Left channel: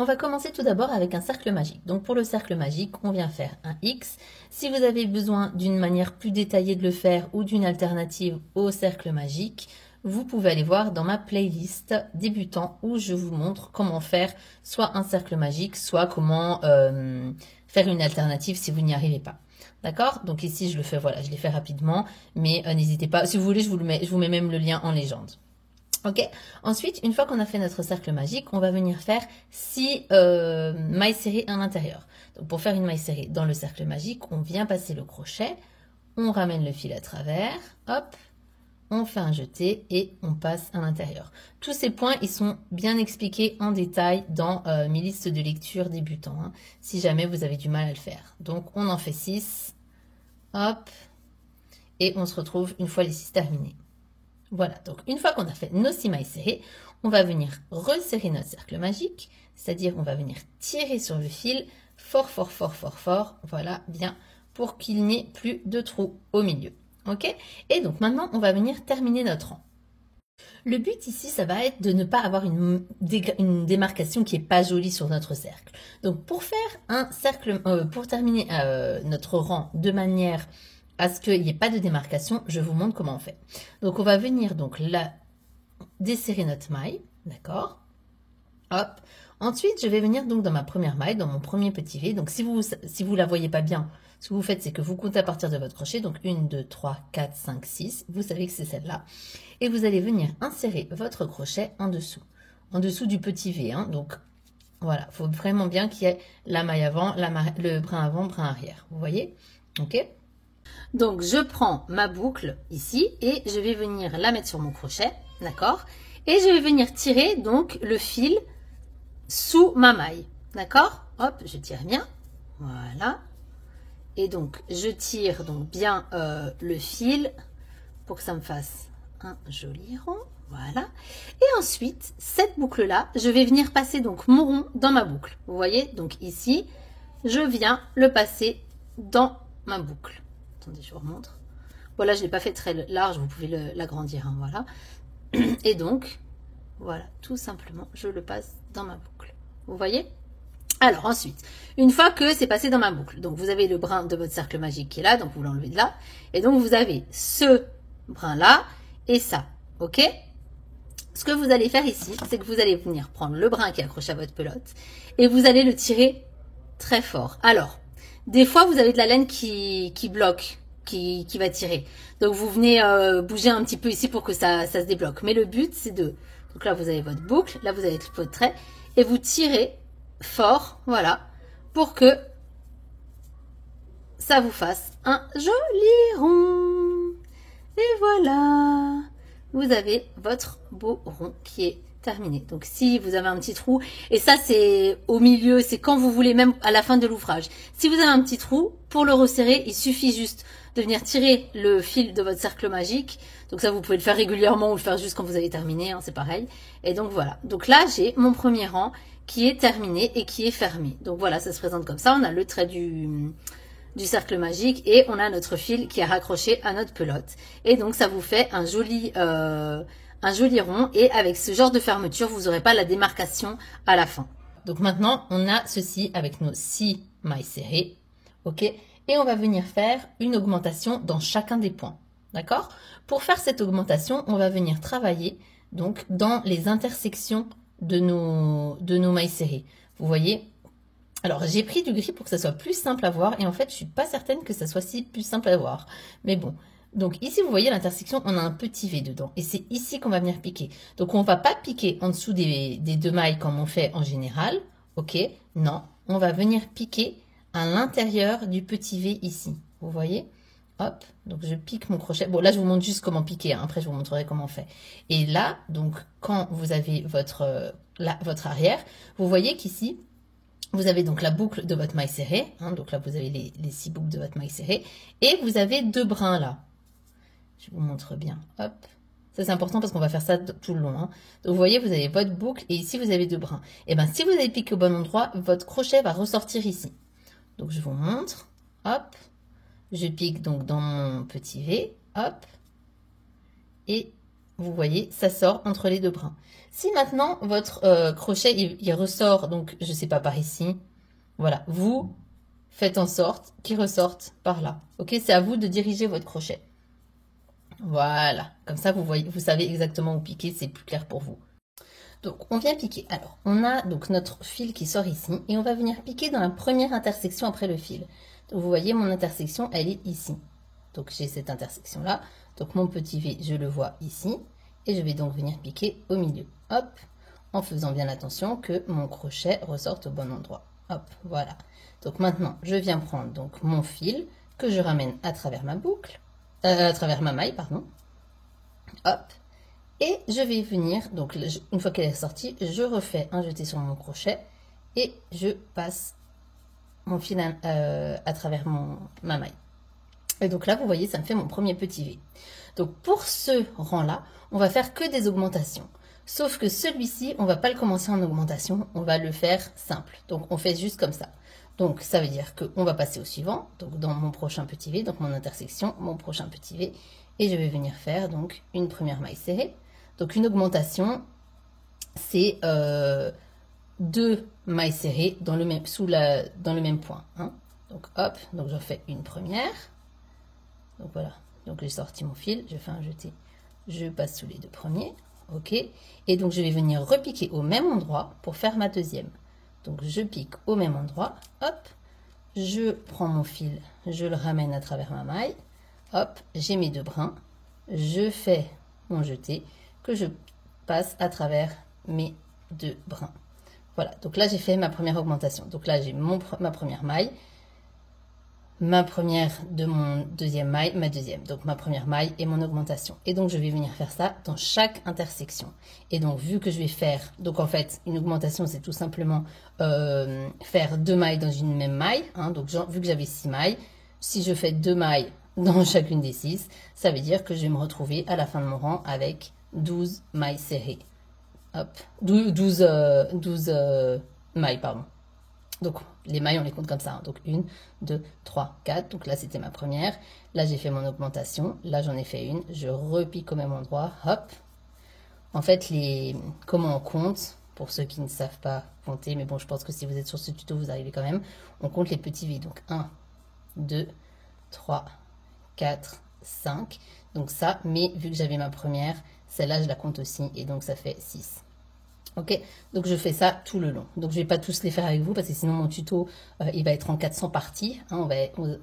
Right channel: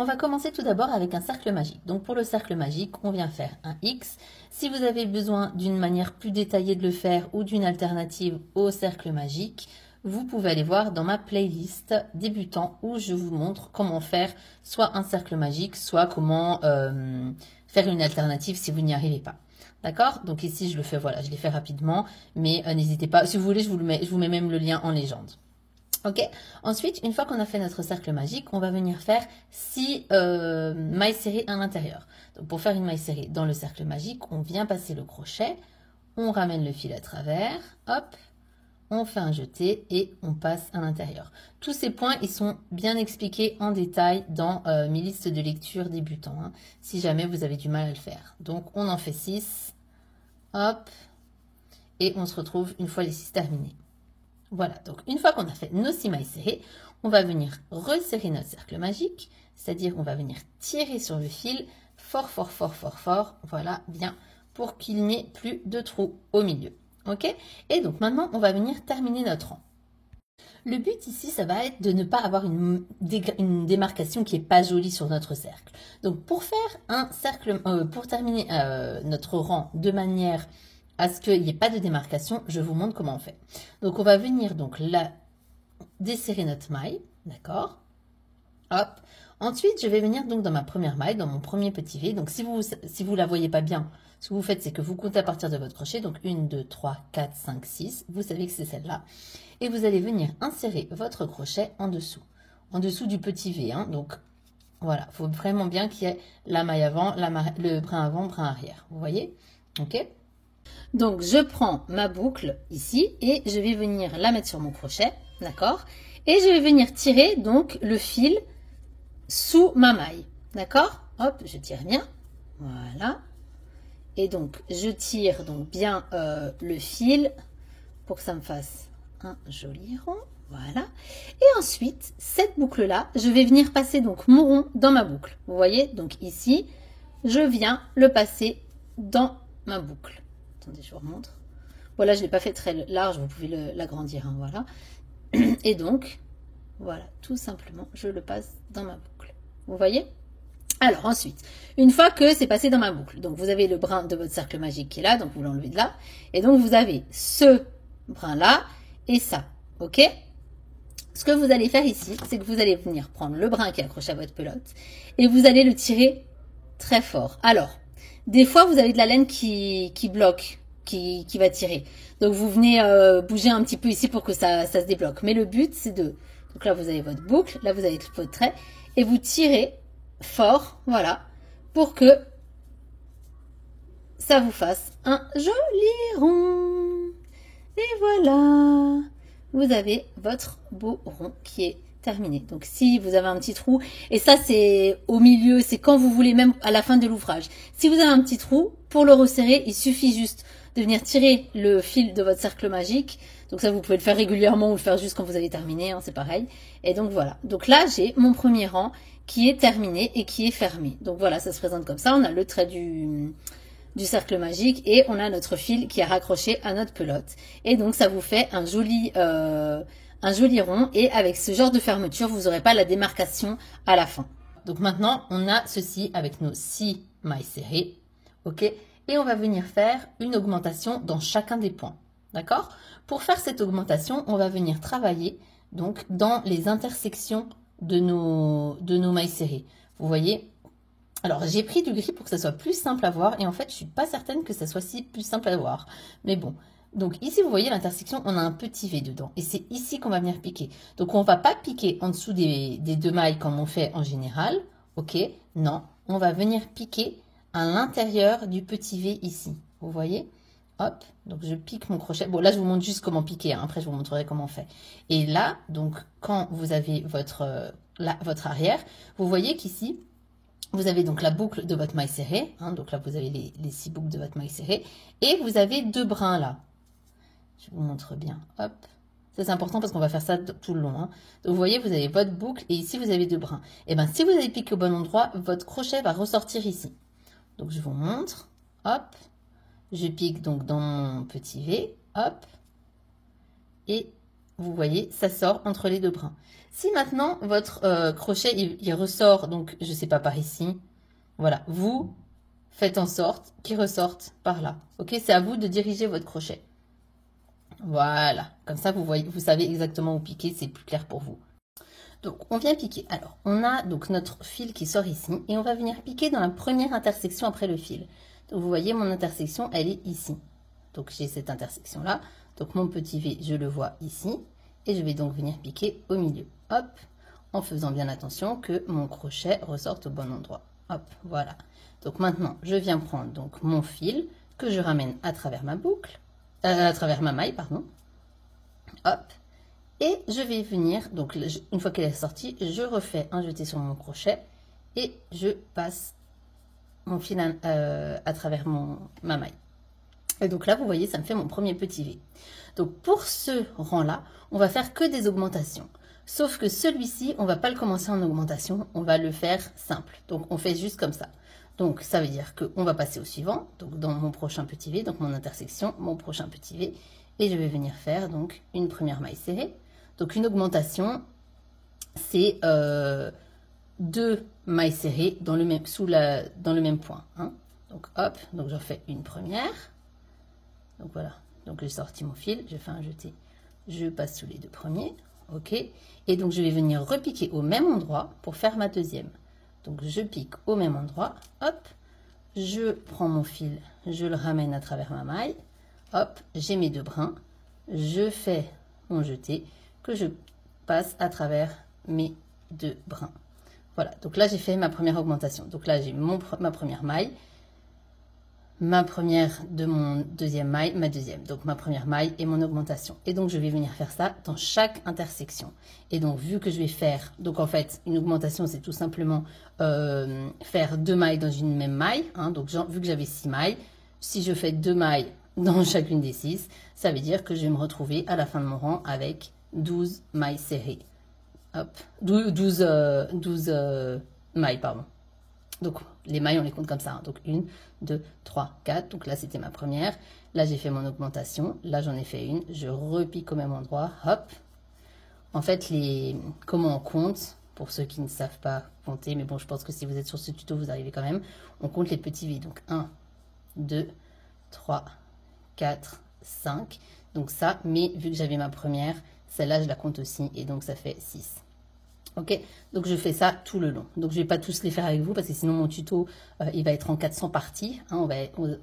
On va commencer tout d'abord avec un cercle magique. Donc pour le cercle magique, on vient faire un X. Si vous avez besoin d'une manière plus détaillée de le faire ou d'une alternative au cercle magique, vous pouvez aller voir dans ma playlist débutant où je vous montre comment faire soit un cercle magique, soit comment faire une alternative si vous n'y arrivez pas. D'accord? Donc ici, je le fais, voilà, je l'ai fait rapidement, mais n'hésitez pas, si vous voulez, je vous mets même le lien en légende. Ok. Ensuite, une fois qu'on a fait notre cercle magique, on va venir faire 6 mailles serrées à l'intérieur. Donc pour faire une maille serrée dans le cercle magique, on vient passer le crochet, on ramène le fil à travers, hop, on fait un jeté et on passe à l'intérieur. Tous ces points, ils sont bien expliqués en détail dans mes listes de lecture débutants, hein, si jamais vous avez du mal à le faire. Donc on en fait 6, hop, et on se retrouve une fois les 6 terminés. Voilà, donc une fois qu'on a fait nos 6 mailles serrées, on va venir resserrer notre cercle magique, c'est-à-dire on va venir tirer sur le fil fort, fort, fort, fort, fort, voilà, bien, pour qu'il n'y ait plus de trous au milieu. Ok? Et donc maintenant, on va venir terminer notre rang. Le but ici, ça va être de ne pas avoir une démarcation qui n'est pas jolie sur notre cercle. Donc pour faire un cercle, pour terminer notre rang de manière à ce qu'il n'y ait pas de démarcation, je vous montre comment on fait. Donc on va venir donc là desserrer notre maille, d'accord? Hop. Ensuite, je vais venir donc dans ma première maille, dans mon premier petit V. Donc si vous la voyez pas bien, ce que vous faites, c'est que vous comptez à partir de votre crochet. Donc 1, 2, 3, 4, 5, 6. Vous savez que c'est celle-là. Et vous allez venir insérer votre crochet en dessous du petit V. Hein. Donc voilà, il faut vraiment bien qu'il y ait la maille avant, le brin avant, brin arrière. Vous voyez? Ok? Donc, je prends ma boucle ici et je vais venir la mettre sur mon crochet, d'accord? Et je vais venir tirer donc le fil sous ma maille, d'accord? Hop, je tire bien, voilà. Et donc, je tire donc bien le fil pour que ça me fasse un joli rond, voilà. Et ensuite, cette boucle-là, je vais venir passer donc mon rond dans ma boucle. Vous voyez? Donc ici, je viens le passer dans ma boucle. Attendez, je vous remontre. Voilà, je ne l'ai pas fait très large, vous pouvez l'agrandir, hein, voilà. Et donc, voilà, tout simplement, je le passe dans ma boucle. Vous voyez? Alors ensuite, une fois que c'est passé dans ma boucle, donc vous avez le brin de votre cercle magique qui est là, donc vous l'enlevez de là. Et donc vous avez ce brin-là et ça, ok? Ce que vous allez faire ici, c'est que vous allez venir prendre le brin qui est accroché à votre pelote et vous allez le tirer très fort. Alors, des fois, vous avez de la laine qui bloque, qui va tirer. Donc, vous venez bouger un petit peu ici pour que ça se débloque. Mais le but, c'est de... Donc là, vous avez votre boucle, là, vous avez votre trait. Et vous tirez fort, voilà, pour que ça vous fasse un joli rond. Et voilà, vous avez votre beau rond qui est terminé. Donc si vous avez un petit trou, et ça c'est au milieu, c'est quand vous voulez, même à la fin de l'ouvrage. Si vous avez un petit trou, pour le resserrer, il suffit juste de venir tirer le fil de votre cercle magique. Donc ça, vous pouvez le faire régulièrement ou le faire juste quand vous avez terminé, hein, c'est pareil. Et donc voilà. Donc là, j'ai mon premier rang qui est terminé et qui est fermé. Donc voilà, ça se présente comme ça. On a le trait du cercle magique et on a notre fil qui est raccroché à notre pelote. Et donc ça vous fait un joli rond, et avec ce genre de fermeture, vous n'aurez pas la démarcation à la fin. Donc maintenant, on a ceci avec nos 6 mailles serrées, ok? Et on va venir faire une augmentation dans chacun des points, d'accord? Pour faire cette augmentation, on va venir travailler donc dans les intersections de nos mailles serrées. Vous voyez? Alors, j'ai pris du gris pour que ça soit plus simple à voir, et en fait, je ne suis pas certaine que ça soit si plus simple à voir. Mais bon. Donc ici, vous voyez l'intersection, on a un petit V dedans. Et c'est ici qu'on va venir piquer. Donc, on ne va pas piquer en dessous des 2 mailles comme on fait en général. Ok? Non, on va venir piquer à l'intérieur du petit V ici. Vous voyez? Hop, donc je pique mon crochet. Bon, là, je vous montre juste comment piquer. Hein. Après, je vous montrerai comment on fait. Et là, donc, quand vous avez votre arrière, vous voyez qu'ici, vous avez donc la boucle de votre maille serrée. Hein, donc là, vous avez les 6 boucles de votre maille serrée. Et vous avez 2 brins là. Je vous montre bien. Hop. Ça, c'est important parce qu'on va faire ça tout le long. Hein. Donc, vous voyez, vous avez votre boucle et ici, vous avez 2 brins. Et bien, si vous avez piqué au bon endroit, votre crochet va ressortir ici. Donc, je vous montre. Hop. Je pique donc dans mon petit V. Hop. Et vous voyez, ça sort entre les deux brins. Si maintenant votre crochet, il ressort, donc je ne sais pas, par ici, voilà, vous faites en sorte qu'il ressorte par là. Ok, c'est à vous de diriger votre crochet. Voilà, comme ça vous voyez, vous savez exactement où piquer, c'est plus clair pour vous. Donc on vient piquer. Alors on a donc notre fil qui sort ici et on va venir piquer dans la première intersection après le fil. Donc vous voyez mon intersection, elle est ici. Donc j'ai cette intersection là. Donc mon petit V, je le vois ici et je vais donc venir piquer au milieu. Hop, en faisant bien attention que mon crochet ressorte au bon endroit. Hop, voilà. Donc maintenant je viens prendre donc mon fil que je ramène à travers ma boucle. À travers ma maille, pardon. Hop. Et je vais venir, donc une fois qu'elle est sortie, je refais un jeté sur mon crochet et je passe mon fil à travers ma maille. Et donc là, vous voyez, ça me fait mon premier petit V. Donc pour ce rang-là, on va faire que des augmentations. Sauf que celui-ci, on ne va pas le commencer en augmentation, on va le faire simple. Donc on fait juste comme ça. Donc, ça veut dire qu'on va passer au suivant, donc dans mon prochain petit V, donc mon intersection, mon prochain petit V, et je vais venir faire donc une première maille serrée. Donc, une augmentation, c'est 2 mailles serrées dans le même point. Hein. Donc, hop, donc j'en fais une première. Donc, voilà. Donc, j'ai sorti mon fil, je fais un jeté, je passe sous les 2 premiers. OK. Et donc, je vais venir repiquer au même endroit pour faire ma deuxième. Donc, je pique au même endroit, hop, je prends mon fil, je le ramène à travers ma maille, hop, j'ai mes 2 brins, je fais mon jeté que je passe à travers mes 2 brins. Voilà, donc là, j'ai fait ma première augmentation. Donc là, j'ai ma première maille, ma première de mon deuxième maille, ma deuxième. Donc ma première maille et mon augmentation. Et donc je vais venir faire ça dans chaque intersection. Et donc vu que je vais faire, donc en fait une augmentation c'est tout simplement faire 2 mailles dans une même maille. Hein, donc vu que j'avais 6 mailles, si je fais 2 mailles dans chacune des 6, ça veut dire que je vais me retrouver à la fin de mon rang avec 12 mailles serrées. Hop, 12 mailles, pardon. Donc, les mailles, on les compte comme ça. Hein. Donc, 1, 2, 3, 4. Donc là, c'était ma première. Là, j'ai fait mon augmentation. Là, j'en ai fait une. Je repique au même endroit. Hop. En fait, comment on compte, pour ceux qui ne savent pas compter, mais bon, je pense que si vous êtes sur ce tuto, vous arrivez quand même. On compte les petits V. Donc, 1, 2, 3, 4, 5. Donc ça, mais vu que j'avais ma première, celle-là, je la compte aussi. Et donc, ça fait 6. Ok, donc je fais ça tout le long. Donc je ne vais pas tous les faire avec vous parce que sinon mon tuto il va être en 400 parties. Hein,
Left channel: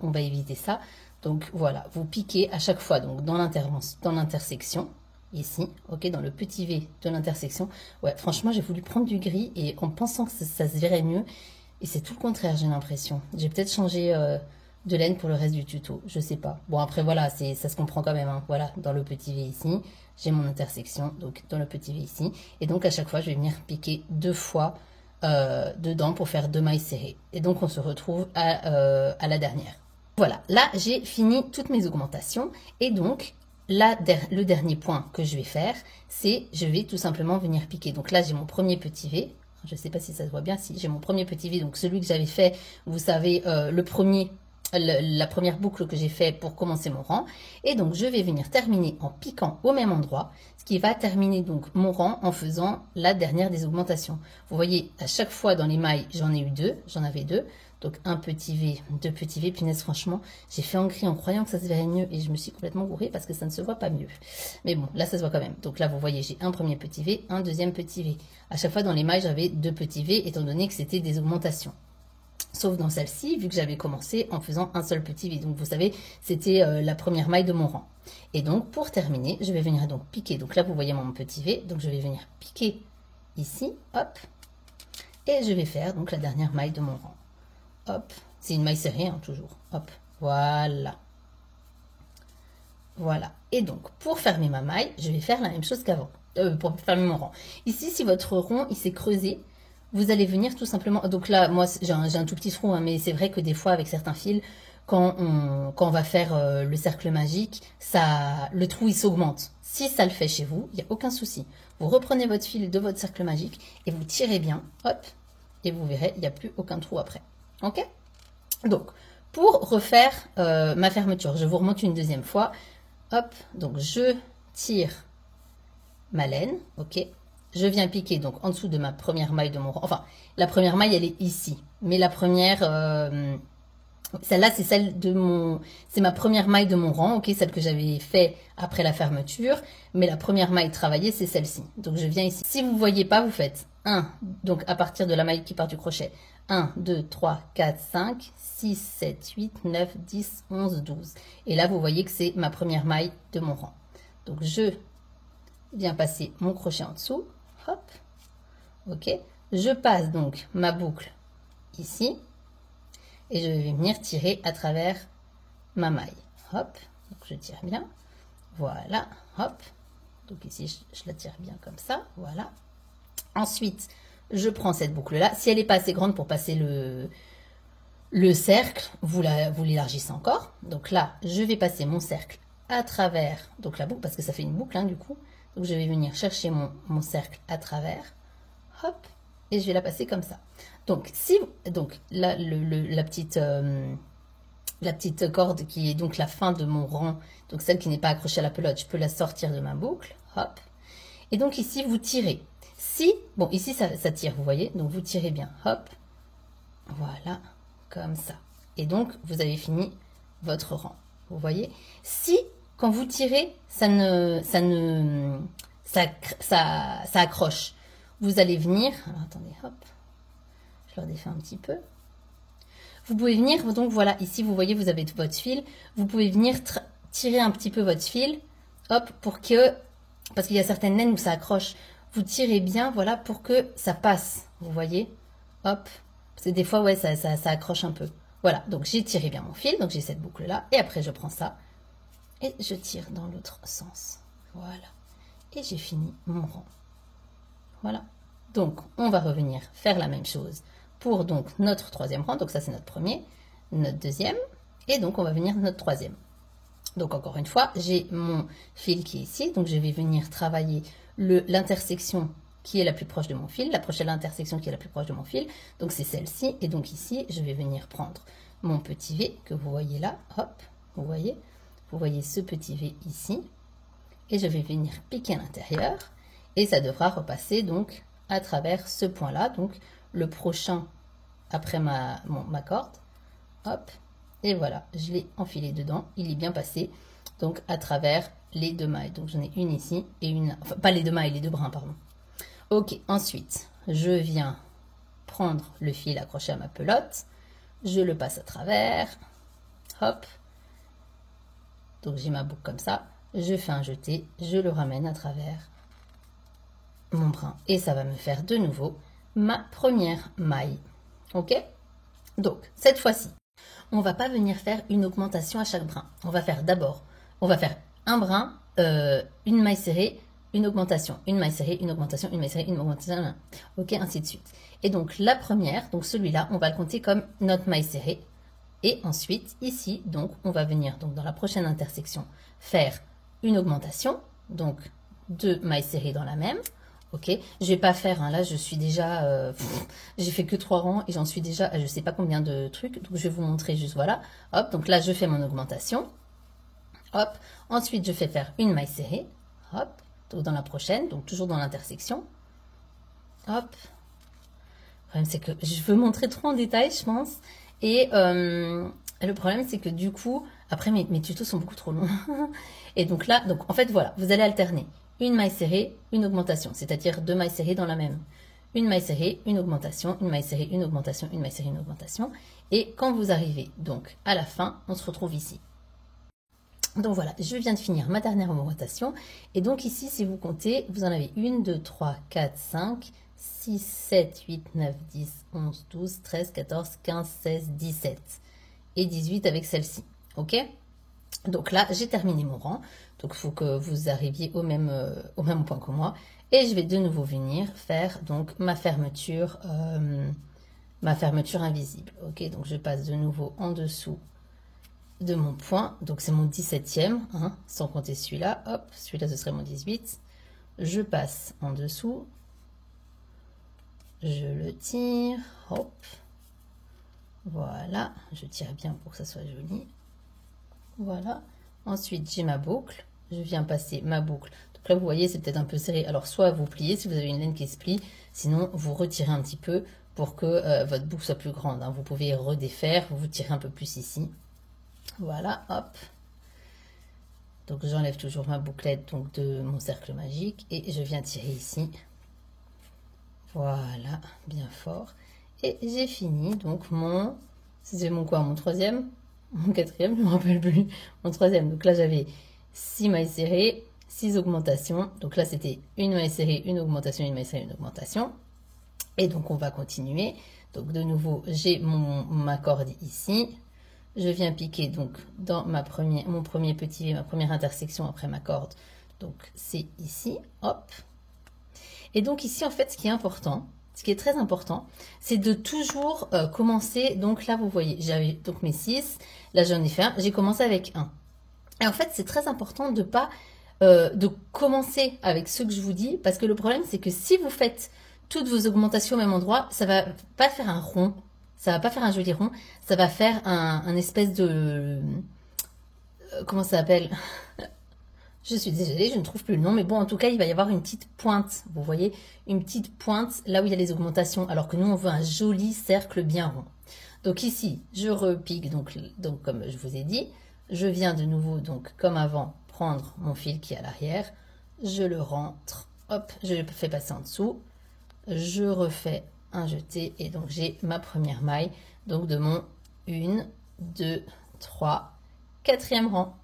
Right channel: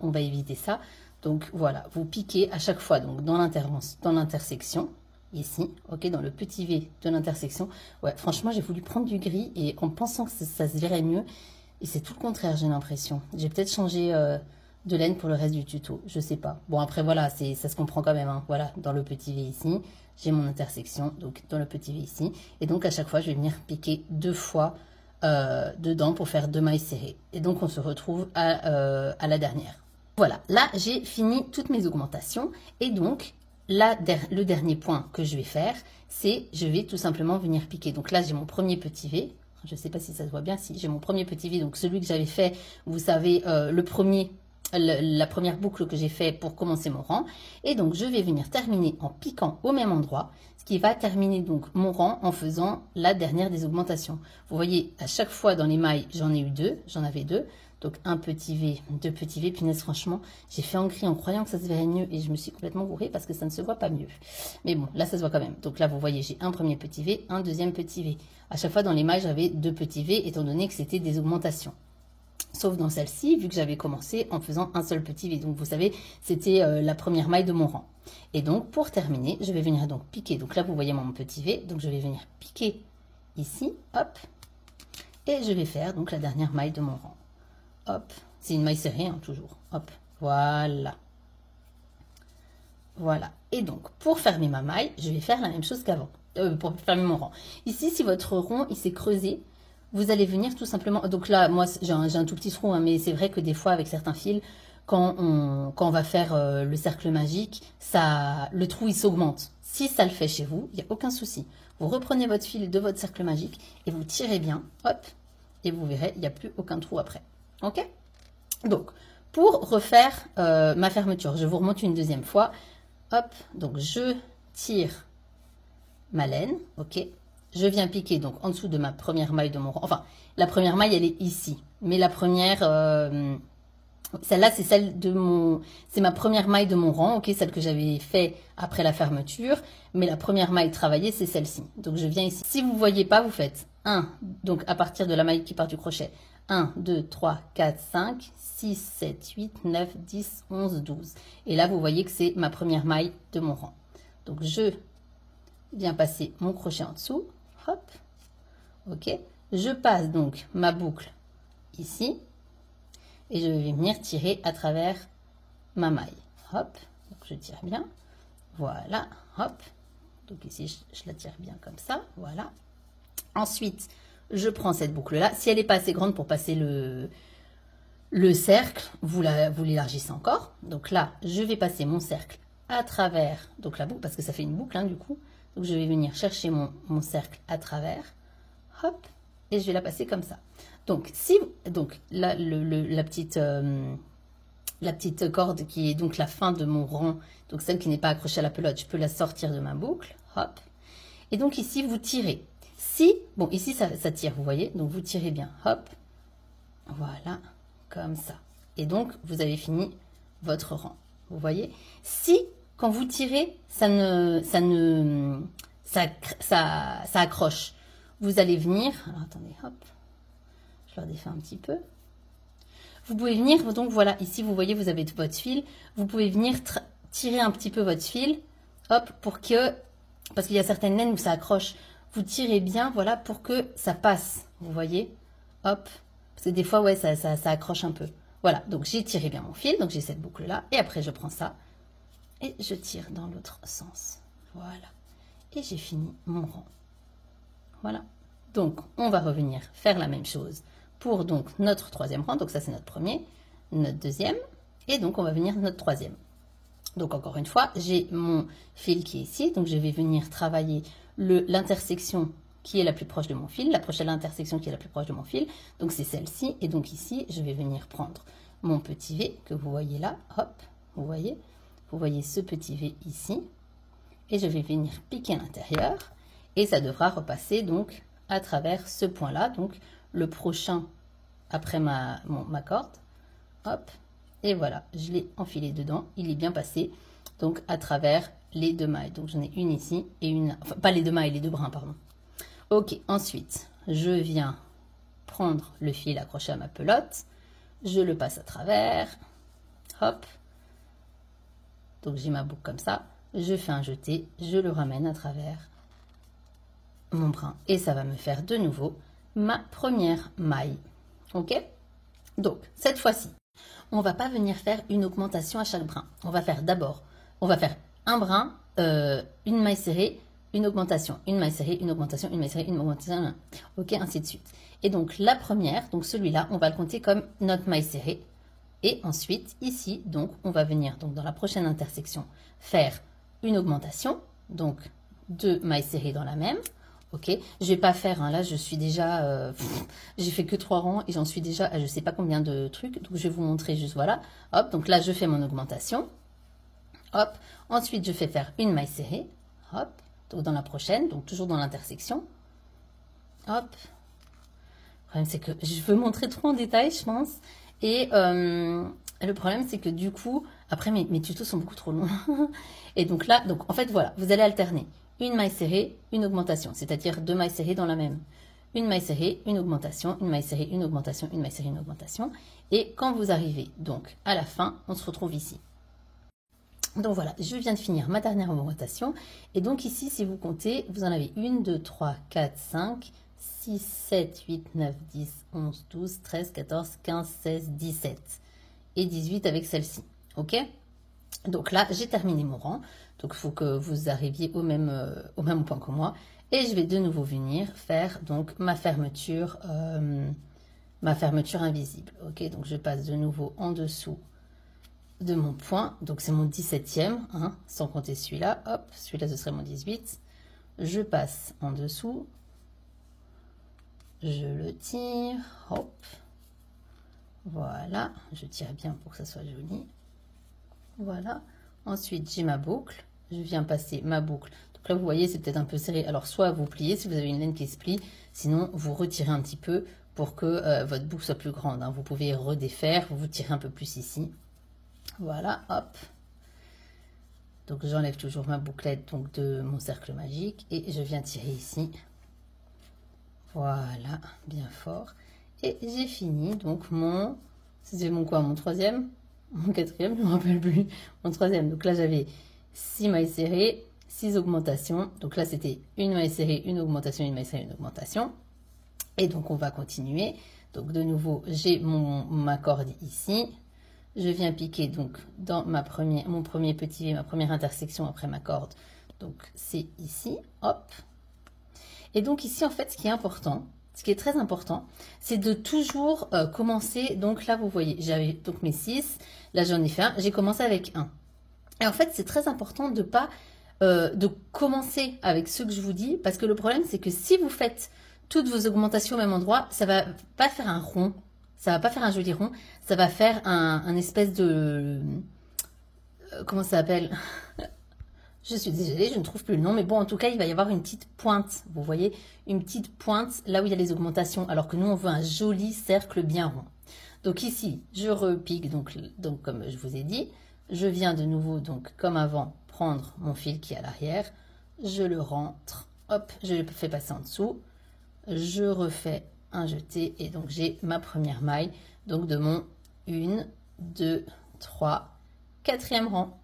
on va éviter ça. Donc voilà, vous piquez à chaque fois donc dans l'intersection ici, ok, dans le petit V de l'intersection. Ouais, franchement j'ai voulu prendre du gris et en pensant que ça se verrait mieux et c'est tout le contraire j'ai l'impression. J'ai peut-être changé de laine pour le reste du tuto, je sais pas. Bon après voilà, ça se comprend quand même. Hein, voilà, dans le petit V ici. J'ai mon intersection, donc dans le petit V ici. Et donc, à chaque fois, je vais venir piquer 2 fois dedans pour faire 2 mailles serrées. Et donc, on se retrouve à la dernière. Voilà, là, j'ai fini toutes mes augmentations. Et donc, le dernier point que je vais faire, c'est je vais tout simplement venir piquer. Donc là, j'ai mon premier petit V. Je ne sais pas si ça se voit bien. Si j'ai mon premier petit V, donc celui que j'avais fait, vous savez, la première boucle que j'ai fait pour commencer mon rang. Et donc, je vais venir terminer en piquant au même endroit, ce qui va terminer donc mon rang en faisant la dernière des augmentations. Vous voyez, à chaque fois dans les mailles, j'en avais deux. Donc, un petit V, 2 petits V. Punaise, franchement, j'ai fait en gris en croyant que ça se verrait mieux et je me suis complètement gourée parce que ça ne se voit pas mieux. Mais bon, là, ça se voit quand même. Donc là, vous voyez, j'ai un premier petit V, un deuxième petit V. À chaque fois dans les mailles, j'avais 2 petits V étant donné que c'était des augmentations. Sauf dans celle-ci, vu que j'avais commencé en faisant un seul petit V. Donc, vous savez, c'était la première maille de mon rang. Et donc, pour terminer, je vais venir donc piquer. Donc là, vous voyez mon petit V. Donc, je vais venir piquer ici, hop. Et je vais faire donc la dernière maille de mon rang. Hop. C'est une maille serrée, hein, toujours. Hop. Voilà. Voilà. Et donc, pour fermer ma maille, je vais faire la même chose qu'avant. Pour fermer mon rang. Ici, si votre rond, il s'est creusé, vous allez venir tout simplement... Donc là, moi, j'ai un tout petit trou, hein, mais c'est vrai que des fois, avec certains fils, quand on va faire le cercle magique, le trou, il s'augmente. Si ça le fait chez vous, il n'y a aucun souci. Vous reprenez votre fil de votre cercle magique et vous tirez bien, hop, et vous verrez, il n'y a plus aucun trou après. Ok? Donc, pour refaire ma fermeture, je vous remonte une deuxième fois. Hop, donc je tire ma laine, ok. Je viens piquer donc en dessous de ma première maille de mon rang. Enfin, la première maille, elle est ici. Mais la première, celle-là, c'est celle de mon, c'est ma première maille de mon rang, ok, celle que j'avais fait après la fermeture. Mais la première maille travaillée, c'est celle-ci. Donc, je viens ici. Si vous ne voyez pas, vous faites 1, donc à partir de la maille qui part du crochet. 1, 2, 3, 4, 5, 6, 7, 8, 9, 10, 11, 12. Et là, vous voyez que c'est ma première maille de mon rang. Donc, je viens passer mon crochet en dessous. Hop. Ok. Je passe donc ma boucle ici. Et je vais venir tirer à travers ma maille. Hop. Donc, je tire bien. Voilà. Hop. Donc, ici, je la tire bien comme ça. Voilà. Ensuite, je prends cette boucle-là. Si elle n'est pas assez grande pour passer le cercle, vous l'élargissez encore. Donc là, je vais passer mon cercle à travers donc la boucle, parce que ça fait une boucle, hein, du coup. Donc, je vais venir chercher mon cercle à travers. Hop. Et je vais la passer comme ça. Donc, là, la petite corde qui est donc la fin de mon rang, donc celle qui n'est pas accrochée à la pelote, je peux la sortir de ma boucle. Hop. Et donc, ici, vous tirez. Si, bon, ici, ça tire, vous voyez. Donc, vous tirez bien. Hop. Voilà. Comme ça. Et donc, vous avez fini votre rang. Vous voyez. Si, quand vous tirez, ça accroche. Vous allez venir. Alors, attendez, hop. Je le redéfais un petit peu. Vous pouvez venir, donc voilà, ici, vous voyez, vous avez votre fil. Vous pouvez venir tirer un petit peu votre fil. Hop, pour que, parce qu'il y a certaines laines où ça accroche. Vous tirez bien, voilà, pour que ça passe. Vous voyez. Hop. Parce que des fois, ouais, ça accroche un peu. Voilà, donc j'ai tiré bien mon fil. Donc j'ai cette boucle-là. Et après, je prends ça. Et je tire dans l'autre sens. Voilà. Et j'ai fini mon rang. Voilà. Donc, on va revenir faire la même chose pour donc notre troisième rang. Donc ça, c'est notre premier, notre deuxième. Et donc, on va venir notre troisième. Donc, encore une fois, j'ai mon fil qui est ici. Donc, je vais venir travailler l'intersection qui est la plus proche de mon fil. La prochaine intersection qui est la plus proche de mon fil. Donc, c'est celle-ci. Et donc, ici, je vais venir prendre mon petit V que vous voyez là. Hop, vous voyez ce petit V ici. Et je vais venir piquer à l'intérieur. Et ça devra repasser donc à travers ce point-là. Donc, le prochain après ma corde. Hop. Et voilà, je l'ai enfilé dedans. Il est bien passé. Donc, à travers les deux mailles. Donc, j'en ai une ici et une... Enfin, pas les deux mailles, les deux brins, pardon. Ok, ensuite, je viens prendre le fil accroché à ma pelote. Je le passe à travers. Hop. Donc, j'ai ma boucle comme ça. Je fais un jeté. Je le ramène à travers mon brin. Et ça va me faire de nouveau ma première maille. Ok? Donc, cette fois-ci, on va pas venir faire une augmentation à chaque brin. On va faire d'abord, on va faire un brin, une maille serrée, une augmentation, une maille serrée, une augmentation, une maille serrée, une augmentation, ok, ainsi de suite. Et donc, la première, donc celui-là, on va le compter comme notre maille serrée. Et ensuite, ici, donc, on va venir, donc dans la prochaine intersection, faire une augmentation, donc 2 mailles serrées dans la même. Ok, je vais pas faire, hein, là je suis déjà, j'ai fait que 3 rangs et j'en suis déjà à je sais pas combien de trucs, donc je vais vous montrer juste, voilà, hop, donc là je fais mon augmentation, hop, ensuite je fais faire une maille serrée, hop, donc dans la prochaine, donc toujours dans l'intersection, hop, le problème c'est que je veux montrer trop en détail je pense, et le problème c'est que du coup, après mes tutos sont beaucoup trop longs, et donc là, donc en fait voilà, vous allez alterner. Une maille serrée, une augmentation, c'est-à-dire 2 mailles serrées dans la même. Une maille serrée, une augmentation, une maille serrée, une augmentation, une maille serrée, une augmentation. Et quand vous arrivez donc à la fin, on se retrouve ici. Donc voilà, je viens de finir ma dernière augmentation. Et donc ici, si vous comptez, vous en avez 1, 2, 3, 4, 5, 6, 7, 8, 9, 10, 11, 12, 13, 14, 15, 16, 17. Et 18 avec celle-ci. Ok ? Donc là, j'ai terminé mon rang. Donc, il faut que vous arriviez au même point que moi. Et je vais de nouveau venir faire donc ma fermeture invisible. Ok, donc je passe de nouveau en dessous de mon point. Donc, c'est mon 17e, hein, sans compter celui-là. Hop, celui-là, ce serait mon 18. Je passe en dessous. Je le tire. Hop. Voilà. Je tire bien pour que ça soit joli. Voilà. Ensuite, j'ai ma boucle. Je viens passer ma boucle. Donc là, vous voyez, c'est peut-être un peu serré. Alors, soit vous pliez si vous avez une laine qui se plie, sinon vous retirez un petit peu pour que votre boucle soit plus grande. Hein. Vous pouvez redéfaire, vous tirez un peu plus ici. Voilà, hop. Donc j'enlève toujours ma bouclette donc, de mon cercle magique et je viens tirer ici. Voilà, bien fort. Et j'ai fini donc mon... C'était mon quoi? Mon troisième? Mon quatrième, je ne me rappelle plus. Mon troisième. Donc là j'avais 6 mailles serrées, 6 augmentations. Donc là c'était une maille serrée, une augmentation, une maille serrée, une augmentation. Et donc on va continuer. Donc de nouveau j'ai ma corde ici. Je viens piquer donc dans mon premier petit V, ma première intersection après ma corde. Donc c'est ici, hop. Et donc ici en fait ce qui est important, ce qui est très important, c'est de toujours commencer. Donc là vous voyez, j'avais donc mes 6, là j'en ai fait un, j'ai commencé avec 1. Et en fait c'est très important de pas de commencer avec ce que je vous dis, parce que le problème c'est que si vous faites toutes vos augmentations au même endroit, ça va pas faire un rond. Ça va pas faire un joli rond, ça va faire un espèce de... comment ça s'appelle? Je suis désolée, je ne trouve plus le nom, mais bon, en tout cas, il va y avoir une petite pointe, vous voyez? Une petite pointe là où il y a les augmentations, alors que nous, on veut un joli cercle bien rond. Donc ici, je repique, donc comme je vous ai dit, je viens de nouveau, donc comme avant, prendre mon fil qui est à l'arrière, je le rentre, hop, je le fais passer en dessous, je refais un jeté et donc j'ai ma première maille donc de mon 1, 2, 3, quatrième rang.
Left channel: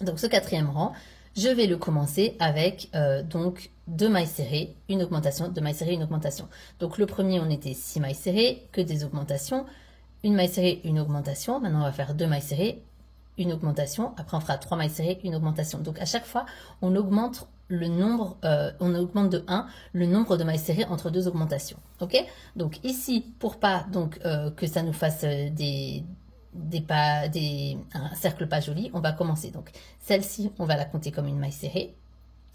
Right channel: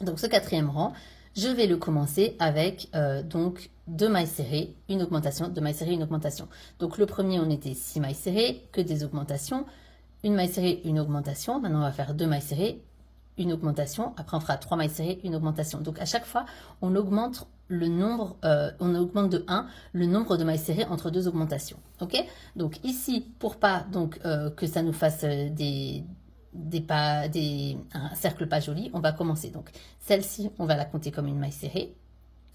Donc ce quatrième rang, je vais le commencer avec donc 2 mailles serrées, une augmentation, 2 mailles serrées, une augmentation. Donc le premier on était 6 mailles serrées, que des augmentations, une maille serrée, une augmentation. Maintenant on va faire 2 mailles serrées, une augmentation, après on fera 3 mailles serrées, une augmentation. Donc à chaque fois on augmente le nombre, on augmente de 1 le nombre de mailles serrées entre 2 augmentations. Ok? Donc ici, pour pas donc que ça nous fasse un cercle pas joli, on va commencer. Donc celle-ci, on va la compter comme une maille serrée.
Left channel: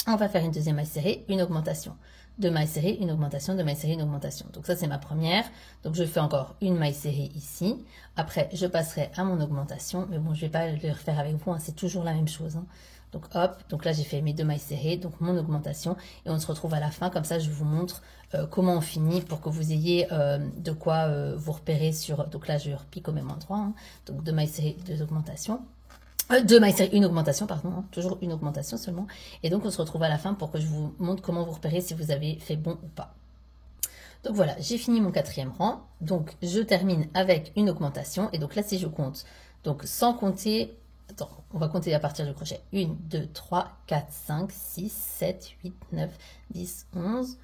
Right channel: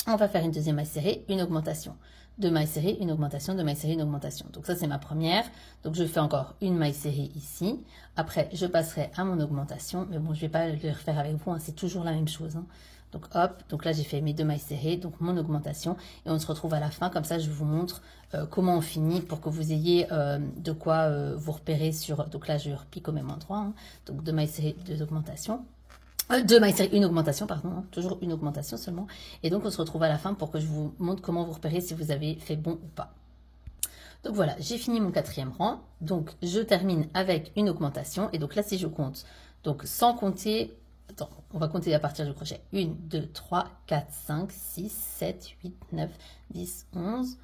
On va faire une deuxième maille serrée, une augmentation. 2 mailles serrées, une augmentation, 2 mailles serrées, une augmentation. Donc ça c'est ma première. Donc je fais encore une maille serrée ici. Après je passerai à mon augmentation, mais bon je vais pas le refaire avec vous, hein, c'est toujours la même chose. Hein. Donc hop, donc là j'ai fait mes 2 mailles serrées, donc mon augmentation, et on se retrouve à la fin, comme ça je vous montre comment on finit pour que vous ayez de quoi vous repérer sur, donc là je repique au même endroit, hein. Donc 2 mailles serrées, 2 augmentations, 2 mailles serrées, une augmentation, pardon, hein, toujours une augmentation seulement, et donc on se retrouve à la fin pour que je vous montre comment vous repérez si vous avez fait bon ou pas. Donc voilà, j'ai fini mon quatrième rang, donc je termine avec une augmentation, et donc là si je compte, donc sans compter... Attends, on va compter à partir du crochet. 1, 2, 3, 4, 5, 6, 7, 8, 9, 10, 11,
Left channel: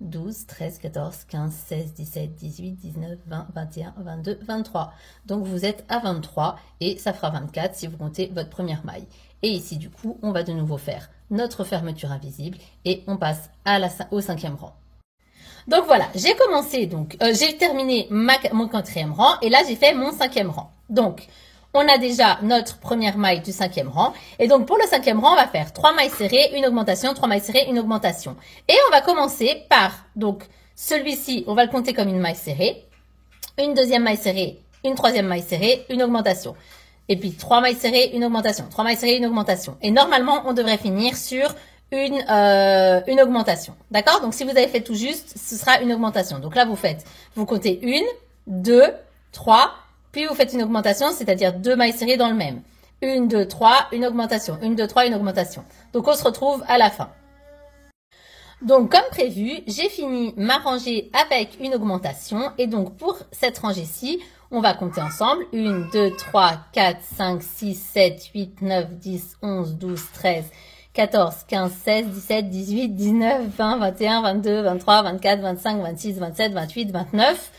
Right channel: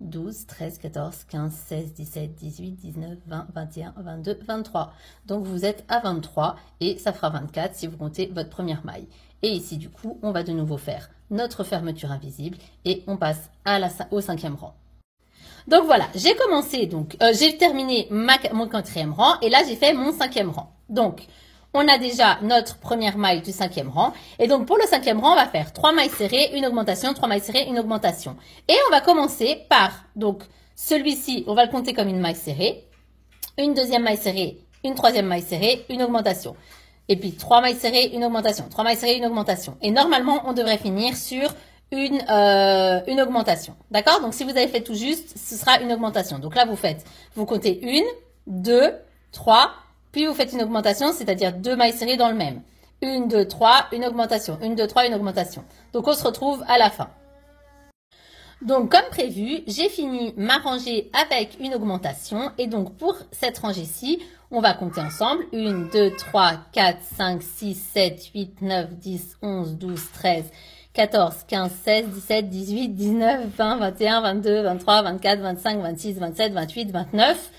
12, 13, 14, 15, 16, 17, 18, 19, 20, 21, 22, 23. Donc vous êtes à 23 et ça fera 24 si vous comptez votre première maille. Et ici du coup, on va de nouveau faire notre fermeture invisible et on passe au 5e rang. Donc voilà, j'ai commencé, donc j'ai terminé mon 4e rang et là j'ai fait mon 5e rang. Donc on a déjà notre première maille du 5e rang. Et donc, pour le 5e rang, on va faire 3 mailles serrées, une augmentation, 3 mailles serrées, une augmentation. Et on va commencer par, donc, celui-ci, on va le compter comme une maille serrée, une deuxième maille serrée, une troisième maille serrée, une augmentation. Et puis, 3 mailles serrées, une augmentation, 3 mailles serrées, une augmentation. Et normalement, on devrait finir sur une augmentation. D'accord? Donc, si vous avez fait tout juste, ce sera une augmentation. Donc là, vous comptez 1, 2, 3, puis vous faites une augmentation, c'est-à-dire 2 mailles serrées dans le même. 1, 2, 3, une augmentation. 1, 2, 3, une augmentation. Donc on se retrouve à la fin. Donc comme prévu, j'ai fini ma rangée avec une augmentation. Et donc pour cette rangée-ci, on va compter ensemble. 1, 2, 3, 4, 5, 6, 7, 8, 9, 10, 11, 12, 13, 14, 15, 16, 17, 18, 19, 20, 21, 22, 23, 24, 25, 26, 27, 28, 29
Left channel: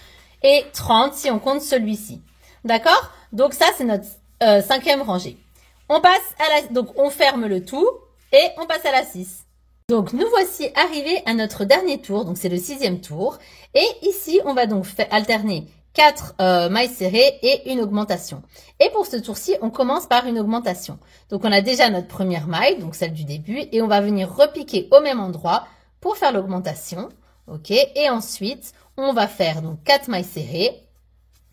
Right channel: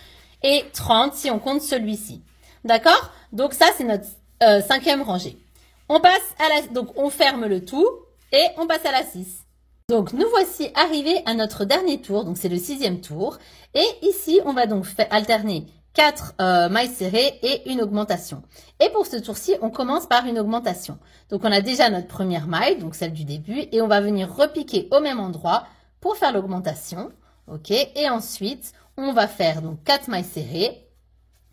et 30 si on compte celui-ci. D'accord? Donc ça, c'est notre 5e rangée. On passe donc on ferme le tout et on passe à la 6. Donc nous voici arrivés à notre dernier tour, donc c'est le 6e tour. Et ici, on va donc alterner 4 mailles serrées et une augmentation. Et pour ce tour-ci, on commence par une augmentation. Donc on a déjà notre première maille, donc celle du début, et on va venir repiquer au même endroit pour faire l'augmentation. Ok? Et ensuite, on va faire donc 4 mailles serrées.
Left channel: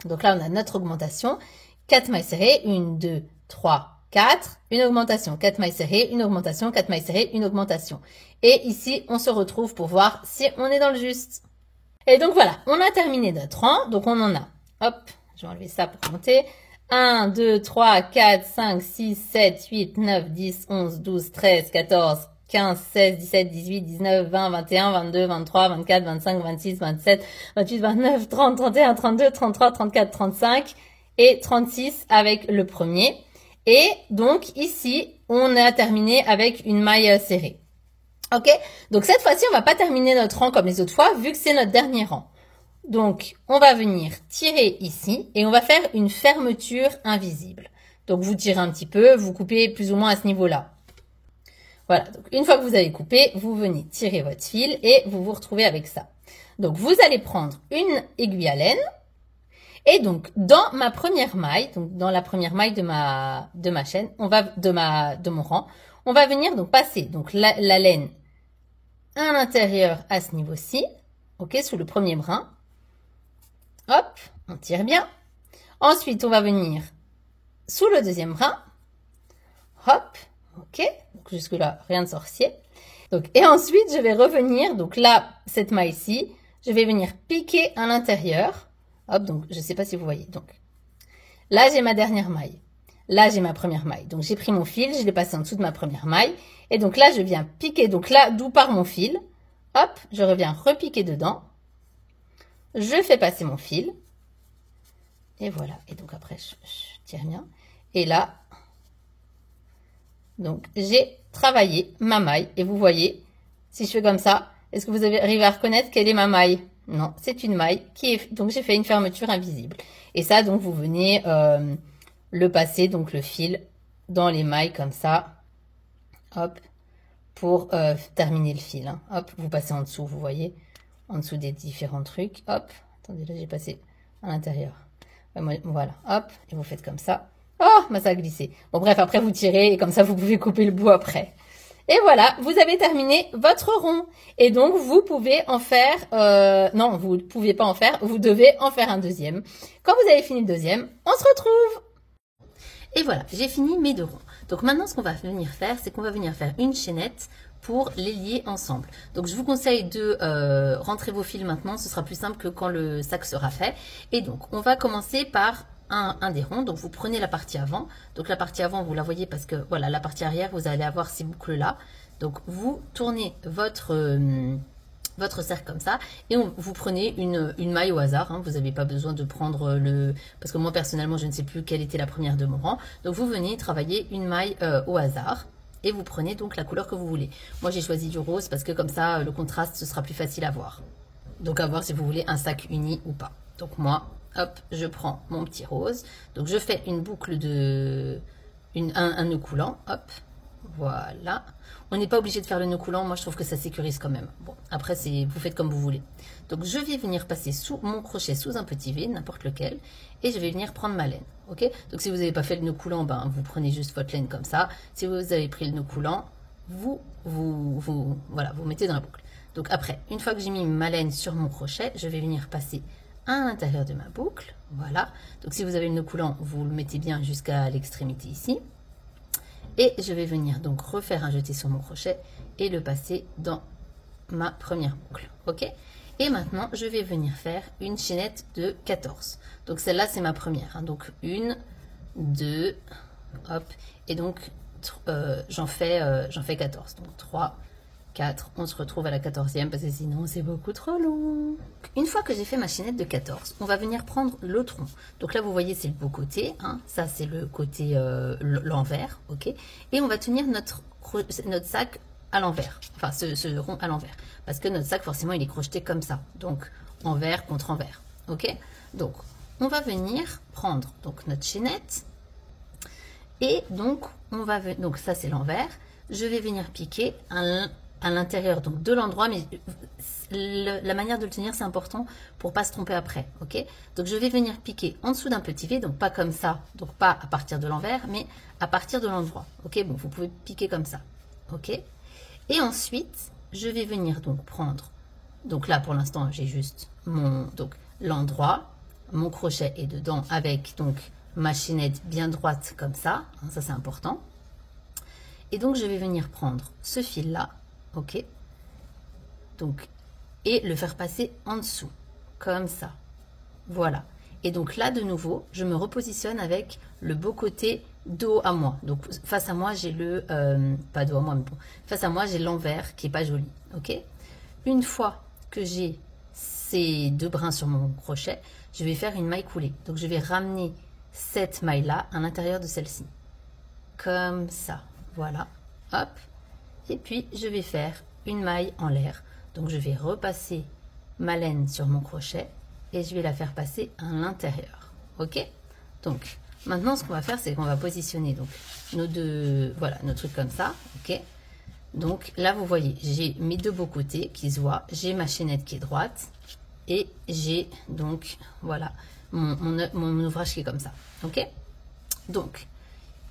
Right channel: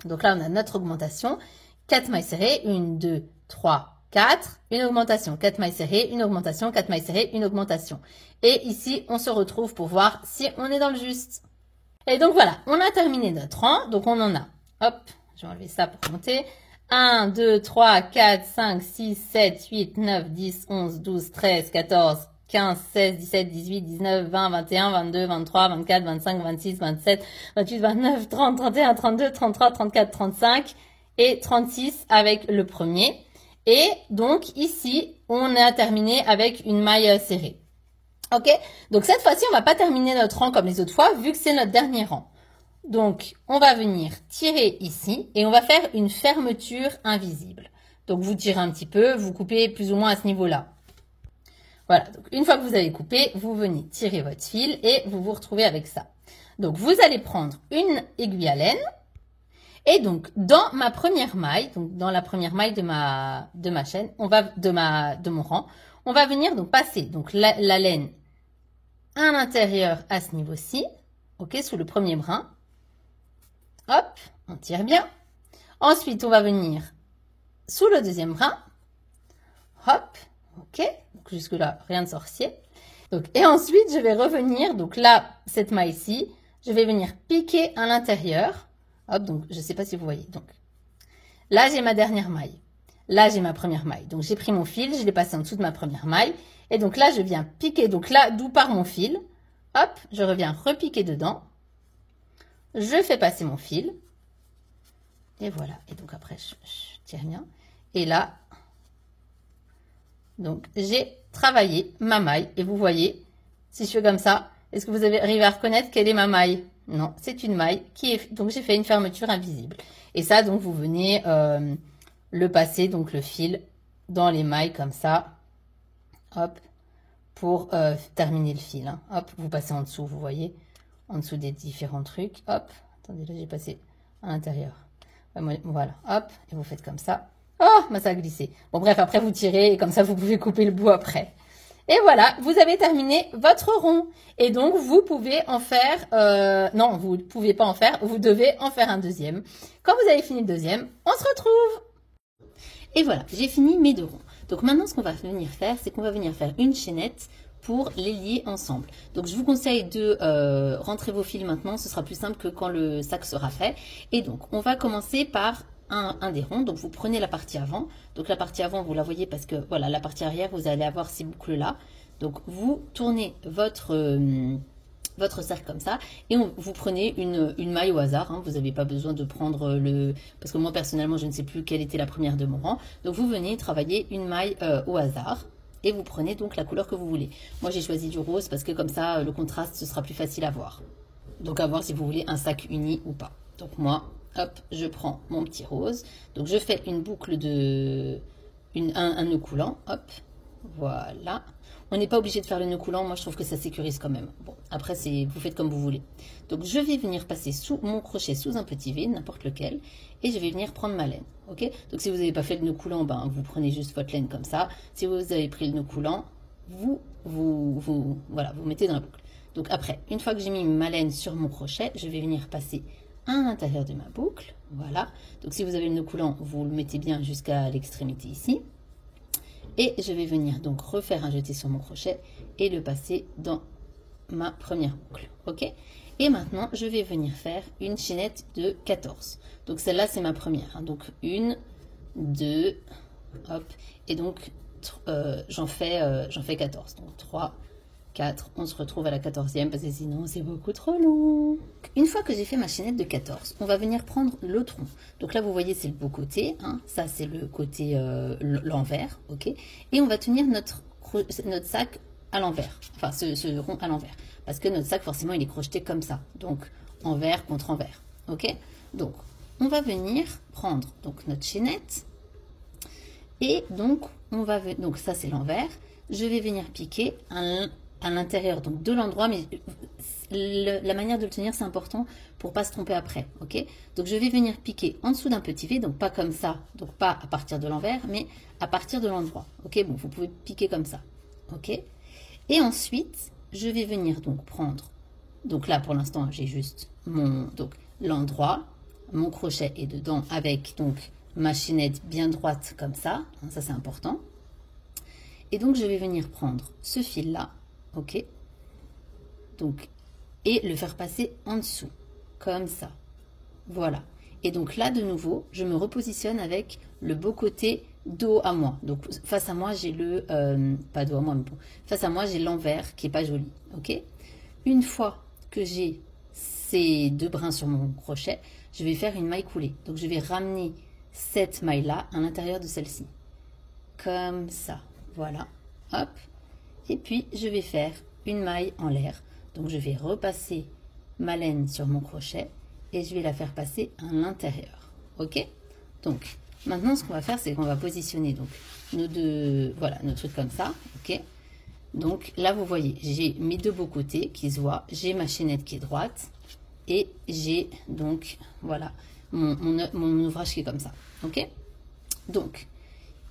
Donc là, on a notre augmentation. 4 mailles serrées. 1, 2, 3, 4, une augmentation, 4 mailles serrées, une augmentation, 4 mailles serrées, une augmentation. Et ici, on se retrouve pour voir si on est dans le juste. Et donc voilà, on a terminé notre rang. Donc on en a, hop, je vais enlever ça pour compter. 1, 2, 3, 4, 5, 6, 7, 8, 9, 10, 11, 12, 13, 14, 15, 16, 17, 18, 19, 20, 21, 22, 23, 24, 25, 26, 27, 28, 29, 30, 31, 32, 33, 34, 35 et 36 avec le premier. Et donc ici, on a terminé avec une maille serrée. Ok, donc cette fois-ci, on va pas terminer notre rang comme les autres fois, vu que c'est notre dernier rang. Donc, on va venir tirer ici et on va faire une fermeture invisible. Donc, vous tirez un petit peu, vous coupez plus ou moins à ce niveau-là. Voilà, donc une fois que vous avez coupé, vous venez tirer votre fil et vous vous retrouvez avec ça. Donc, vous allez prendre une aiguille à laine et donc, dans ma première maille, donc dans la première maille de ma chaîne, de mon rang, on va venir donc passer donc la laine à l'intérieur à ce niveau-ci, ok, sous le premier brin. Hop, on tire bien. Ensuite, on va venir sous le deuxième brin. Hop, ok, donc jusque-là, rien de sorcier. Donc, et ensuite, je vais revenir, donc là, cette maille-ci, je vais venir piquer à l'intérieur. Hop, donc je ne sais pas si vous voyez. Donc, là, j'ai ma dernière maille. Là, j'ai ma première maille. Donc, j'ai pris mon fil, je l'ai passé en dessous de ma première maille. Et donc là, je viens piquer. Donc là, d'où part mon fil. Hop, je reviens repiquer dedans. Je fais passer mon fil. Et voilà. Et donc après, je tire bien. Et là, donc j'ai travaillé ma maille. Et vous voyez, si je fais comme ça, est-ce que vous arrivez à reconnaître quelle est ma maille? Non, c'est une maille qui est... Donc j'ai fait une fermeture invisible. Et ça, donc vous venez le passer, donc le fil, dans les mailles comme ça. Hop, pour terminer le fil. Hein. Hop, vous passez en dessous, vous voyez, en dessous des différents trucs. Hop, attendez, là j'ai passé à l'intérieur. Voilà, hop, et vous faites comme ça. Oh, bah, ça a glissé. Bon, bref, après vous tirez et comme ça vous pouvez couper le bout après. Et voilà, vous avez terminé votre rond. Et donc, vous pouvez en faire... non, vous ne pouvez pas en faire, vous devez en faire un deuxième. Quand vous avez fini le deuxième, on se retrouve. Et voilà, j'ai fini mes 2 ronds. Donc maintenant, ce qu'on va venir faire, c'est qu'on va venir faire une chaînette pour les lier ensemble. Donc, je vous conseille de rentrer vos fils maintenant. Ce sera plus simple que quand le sac sera fait. Et donc, on va commencer par un des ronds. Donc, vous prenez la partie avant. Donc, la partie avant, vous la voyez parce que, voilà, la partie arrière, vous allez avoir ces boucles-là. Donc, vous tournez votre cercle comme ça et vous prenez une maille au hasard. Hein. Vous n'avez pas besoin de prendre le... Parce que moi, personnellement, je ne sais plus quelle était la première de mon rang. Donc, vous venez travailler une maille au hasard et vous prenez donc la couleur que vous voulez. Moi, j'ai choisi du rose parce que comme ça, le contraste, ce sera plus facile à voir. Donc, à voir si vous voulez un sac uni ou pas. Donc, moi, hop, je prends mon petit rose. Donc, je fais une boucle de... un nœud coulant. Hop, voilà. On n'est pas obligé de faire le nœud coulant. Moi, je trouve que ça sécurise quand même. Bon, après, vous faites comme vous voulez. Donc, je vais venir passer sous mon crochet sous un petit vide, n'importe lequel. Et je vais venir prendre ma laine. Ok? Donc, si vous n'avez pas fait le nœud coulant, ben, vous prenez juste votre laine comme ça. Si vous avez pris le nœud coulant, voilà, vous mettez dans la boucle. Donc, après, une fois que j'ai mis ma laine sur mon crochet, je vais venir passer à l'intérieur de ma boucle. Voilà. Donc, si vous avez le nœud coulant, vous le mettez bien jusqu'à l'extrémité ici. Et je vais venir donc refaire un jeté sur mon crochet et le passer dans ma première boucle. Ok? Et maintenant, je vais venir faire une chaînette de 14. Donc, celle-là, c'est ma première. Hein. Donc, 1, 2, hop. Et donc, j'en fais 14. Donc, 3, 4. On se retrouve à la 14e parce que sinon, c'est beaucoup trop long. Une fois que j'ai fait ma chaînette de 14, on va venir prendre l'autre rond. Donc là, vous voyez, c'est le beau côté. Hein. Ça, c'est le côté l'envers. Ok? Et on va tenir notre sac à l'envers. Enfin, ce rond à l'envers. Parce que notre sac, forcément, il est crocheté comme ça. Donc, envers contre envers. Ok? Donc, on va venir prendre donc, notre chaînette. Et donc, donc ça, c'est l'envers. Je vais venir piquer à l'intérieur donc de l'endroit, mais la manière de le tenir, c'est important pour pas se tromper après. Ok? Donc, je vais venir piquer en dessous d'un petit V, donc pas comme ça. Donc, pas à partir de l'envers, mais à partir de l'endroit. Ok? Bon, vous pouvez piquer comme ça. Ok? Et ensuite, je vais venir donc prendre, donc là pour l'instant j'ai juste l'endroit, mon crochet est dedans avec donc ma chaînette bien droite comme ça, hein, ça c'est important. Et donc, je vais venir prendre ce fil-là, ok? Donc, et le faire passer en dessous, comme ça. Voilà. Et donc là, de nouveau, je me repositionne avec le beau côté dos à moi. Donc, face à moi, j'ai le... pas dos à moi, mais bon. Face à moi, j'ai l'envers qui n'est pas joli, ok? Une fois que j'ai ces deux brins sur mon crochet, je vais faire une maille coulée. Donc, je vais ramener cette maille-là à l'intérieur de celle-ci. Comme ça. Voilà. Hop. Et puis, je vais faire une maille en l'air. Donc, je vais repasser ma laine sur mon crochet et je vais la faire passer à l'intérieur. Ok? Donc, maintenant, ce qu'on va faire, c'est qu'on va positionner donc, nos deux, voilà, nos trucs comme ça. Ok? Donc, là, vous voyez, j'ai mes deux beaux côtés qui se voient. J'ai ma chaînette qui est droite et j'ai donc, voilà, mon ouvrage qui est comme ça. Ok? Donc,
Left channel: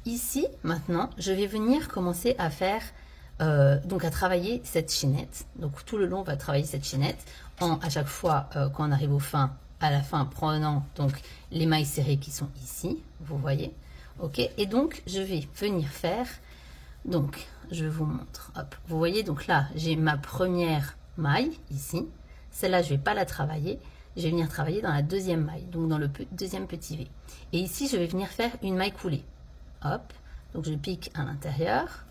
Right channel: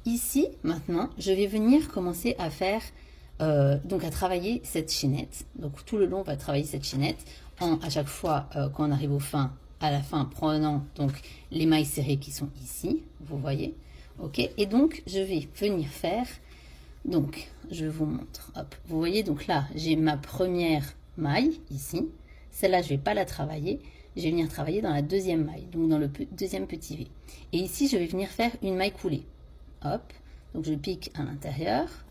ici, maintenant, je vais venir commencer à faire, donc à travailler cette chaînette. Donc, tout le long, on va travailler cette chaînette. À chaque fois, quand on arrive à la fin, prenant donc les mailles serrées qui sont ici, vous voyez. Ok, et donc, je vais venir faire, donc, je vous montre. Hop, vous voyez, donc là, j'ai ma première maille ici. Celle-là, je ne vais pas la travailler. Je vais venir travailler dans la deuxième maille, donc dans le deuxième petit V. Et ici, je vais venir faire une maille coulée. Hop, donc je pique à l'intérieur.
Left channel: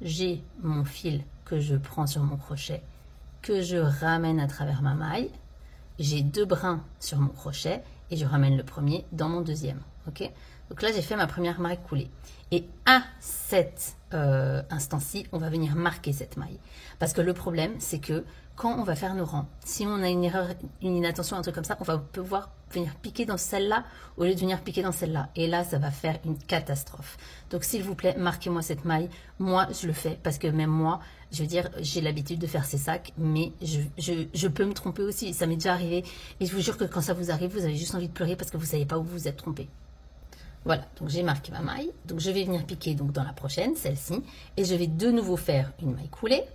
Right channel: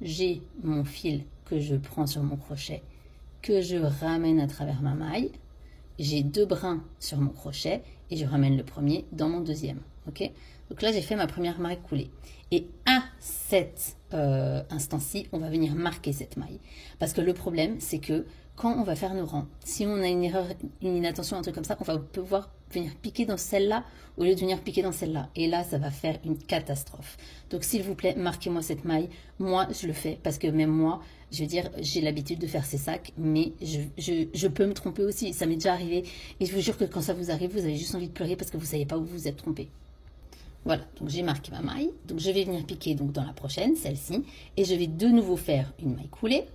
J'ai mon fil que je prends sur mon crochet, que je ramène à travers ma maille. J'ai deux brins sur mon crochet et je ramène le premier dans mon deuxième. Ok, donc là, j'ai fait ma première maille coulée. Et à cet instant-ci, on va venir marquer cette maille. Parce que le problème, c'est que quand on va faire nos rangs, si on a une erreur, une inattention, un truc comme ça, on va pouvoir venir piquer dans celle-là au lieu de venir piquer dans celle-là. Et là, ça va faire une catastrophe. Donc, s'il vous plaît, marquez-moi cette maille. Moi, je le fais parce que même moi, je veux dire, j'ai l'habitude de faire ces sacs, mais je peux me tromper aussi. Ça m'est déjà arrivé. Et je vous jure que quand ça vous arrive, vous avez juste envie de pleurer parce que vous ne savez pas où vous vous êtes trompé. Voilà, donc j'ai marqué ma maille. Donc, je vais venir piquer donc, dans la prochaine, celle-ci. Et je vais de nouveau faire une maille coulée.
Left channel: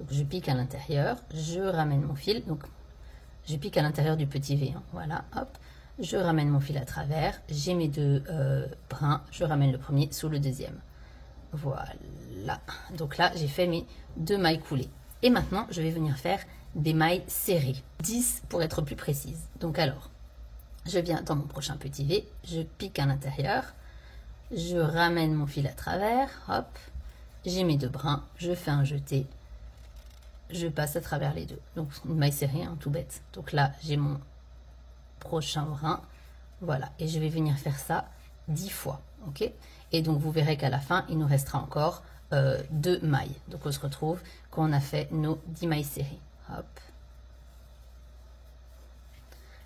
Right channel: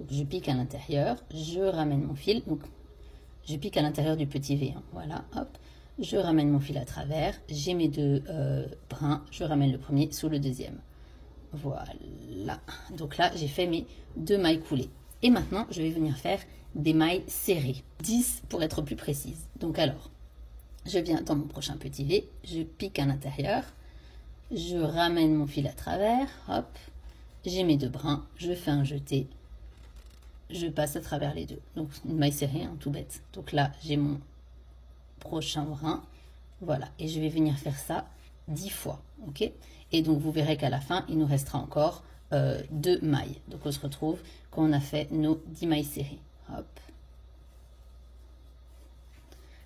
Donc, je pique à l'intérieur, je ramène mon fil. Donc, je pique à l'intérieur du petit V. Hein, voilà, hop. Je ramène mon fil à travers. J'ai mes deux brins. Je ramène le premier sous le deuxième. Voilà. Donc là, j'ai fait mes deux mailles coulées. Et maintenant, je vais venir faire des mailles serrées. 10 pour être plus précise. Donc alors, je viens dans mon prochain petit V. Je pique à l'intérieur. Je ramène mon fil à travers. Hop. J'ai mes deux brins. Je fais un jeté. Je passe à travers les deux. Donc, une maille serrée, hein, tout bête. Donc là, j'ai mon prochain brin. Voilà. Et je vais venir faire ça 10 fois. Ok. Et donc, vous verrez qu'à la fin, il nous restera encore 2 mailles. Donc, on se retrouve quand on a fait nos 10 mailles serrées. Hop.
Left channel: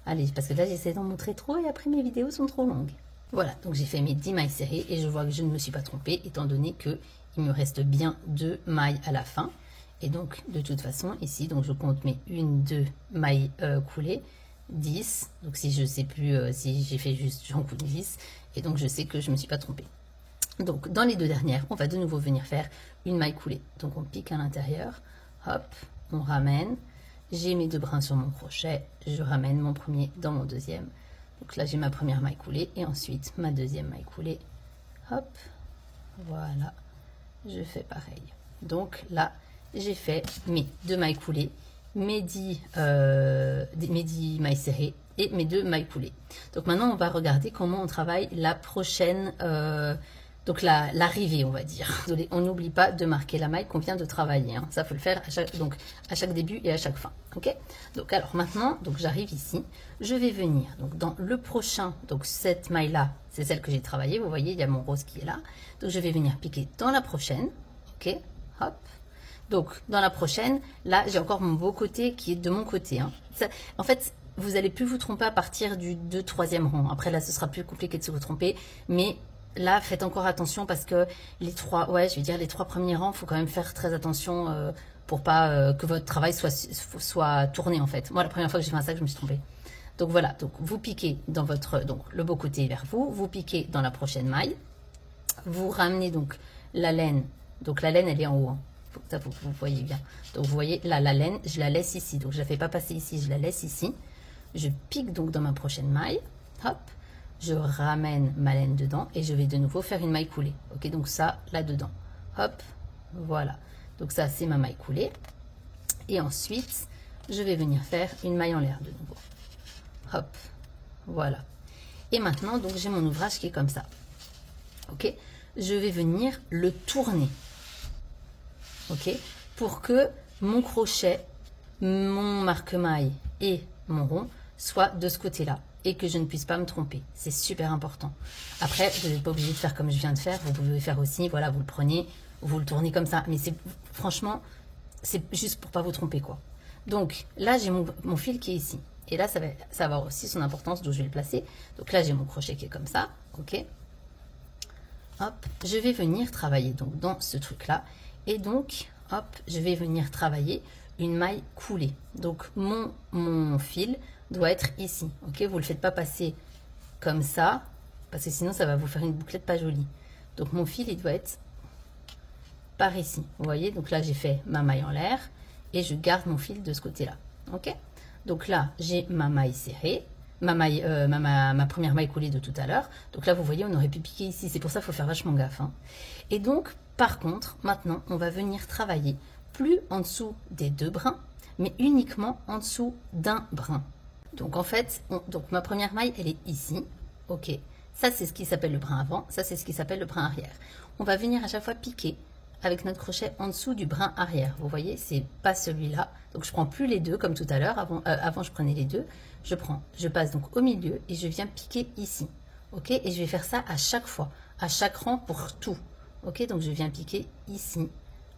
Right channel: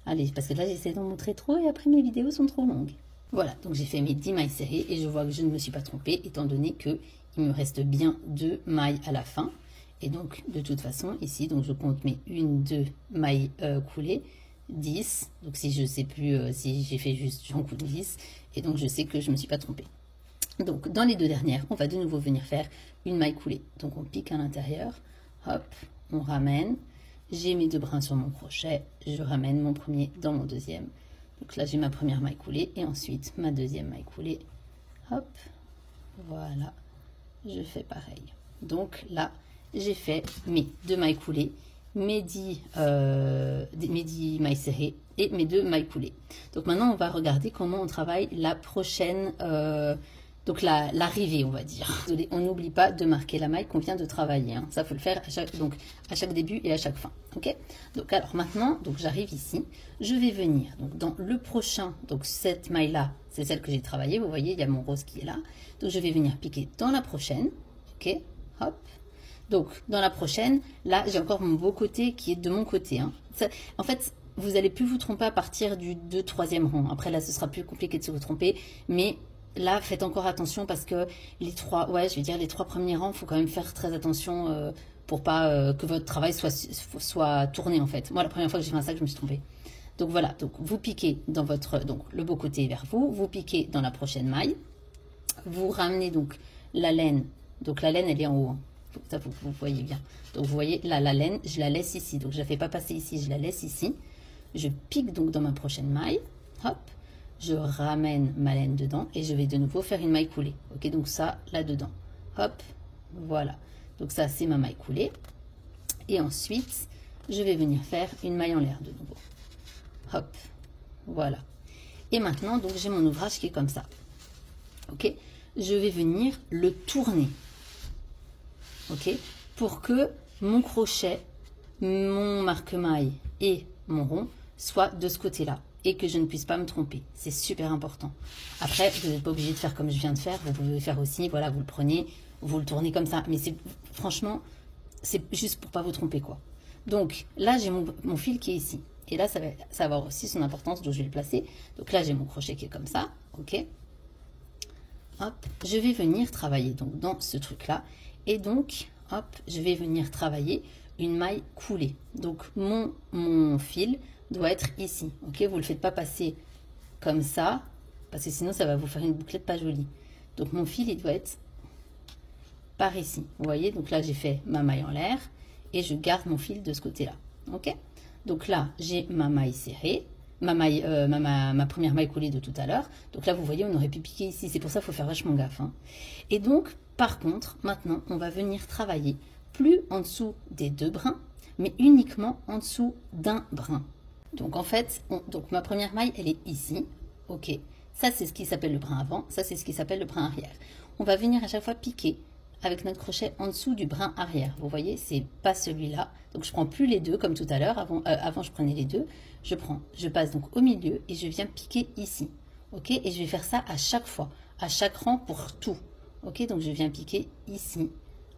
Allez, parce que là, j'essaie d'en montrer trop et après, mes vidéos sont trop longues. Voilà. Donc, j'ai fait mes 10 mailles serrées et je vois que je ne me suis pas trompée étant donné qu'il me reste bien 2 mailles à la fin. Et donc, de toute façon, ici, donc je compte mes 1, 2 mailles coulées, 10. Donc, si je ne sais plus si j'ai fait juste, j'en coule 10. Et donc, je sais que je ne me suis pas trompée. Donc, dans les deux dernières, on va de nouveau venir faire une maille coulée. Donc, on pique à l'intérieur. Hop, on ramène. J'ai mes deux brins sur mon crochet. Je ramène mon premier dans mon deuxième. Donc là, j'ai ma première maille coulée. Et ensuite, ma deuxième maille coulée. Hop, voilà. Je fais pareil. Donc là, j'ai fait mes deux mailles coulées, mes 10 mailles serrées et mes deux mailles coulées. Donc maintenant, on va regarder comment on travaille la prochaine, donc l'arrivée, on va dire. On n'oublie pas de marquer la maille qu'on vient de travailler. Hein. Ça, faut le faire à chaque début et à chaque fin. Ok. Donc alors maintenant, donc j'arrive ici. Je vais venir donc dans le prochain. Donc cette maille-là, c'est celle que j'ai travaillée. Vous voyez, il y a mon rose qui est là. Donc je vais venir piquer dans la prochaine. Ok. Hop. Donc, dans la prochaine, là, j'ai encore mon beau côté qui est de mon côté. Hein. Ça, en fait, vous n'allez plus vous tromper à partir du 2e, 3e rang. Après, là, ce sera plus compliqué de se tromper. Mais là, faites encore attention parce que les 3 premiers rangs, il faut quand même faire très attention pour pas que votre travail soit tourné, en fait. Moi, la première fois que j'ai fait un sac, je me suis trompée. Donc, voilà. Donc, vous piquez dans le beau côté vers vous. Vous piquez dans la prochaine maille. Vous ramenez donc la laine. Donc, la laine, elle est en haut. Hein. Ça, vous voyez bien. Donc, vous voyez, là, la laine, je la laisse ici. Donc, je ne la fais pas passer ici, je la laisse ici. Je pique donc dans ma prochaine maille. Hop. je ramène ma laine dedans et je vais de nouveau faire une maille coulée. Ok, donc ça là-dedans. Hop, voilà. Donc ça, c'est ma maille coulée. Et ensuite, je vais venir faire une maille en l'air de nouveau. Hop, voilà. Et maintenant, donc j'ai mon ouvrage qui est comme ça. Ok, je vais venir le tourner. Ok, pour que mon crochet, mon marque-maille et mon rond soient de ce côté-là et que je ne puisse pas me tromper. C'est super important. Après, vous n'êtes pas obligé de faire comme je viens de faire. Vous pouvez le faire aussi. Voilà, vous le prenez, vous le tournez comme ça. Mais c'est franchement, c'est juste pour pas vous tromper, quoi. Donc là, j'ai mon fil qui est ici. Et là, ça va avoir aussi son importance d'où je vais le placer. Donc là, j'ai mon crochet qui est comme ça. Ok. Hop, je vais venir travailler donc dans ce truc-là. Et donc, hop, je vais venir travailler une maille coulée. Donc, mon fil doit être ici. Ok, vous ne le faites pas passer comme ça, parce que sinon, ça va vous faire une bouclette pas jolie. Donc, mon fil, il doit être par ici. Vous voyez, donc là, j'ai fait ma maille en l'air et je garde mon fil de ce côté-là. Ok, donc là, j'ai ma maille serrée. Ma première maille coulée de tout à l'heure. Donc là, vous voyez, on aurait pu piquer ici. C'est pour ça qu'il faut faire vachement gaffe. Hein. Et donc, par contre, maintenant, on va venir travailler plus en dessous des 2 brins, mais uniquement en dessous d'un brin. Donc, en fait, donc ma première maille, elle est ici. OK. Ça, c'est ce qui s'appelle le brin avant. Ça, c'est ce qui s'appelle le brin arrière. On va venir à chaque fois piquer avec notre crochet en dessous du brin arrière. Vous voyez, c'est pas celui-là. Donc, je prends plus les deux comme tout à l'heure. Avant, je prenais les deux. Je passe donc au milieu et je viens piquer ici. Ok, et je vais faire ça à chaque fois, à chaque rang pour tout. Ok, donc je viens piquer ici,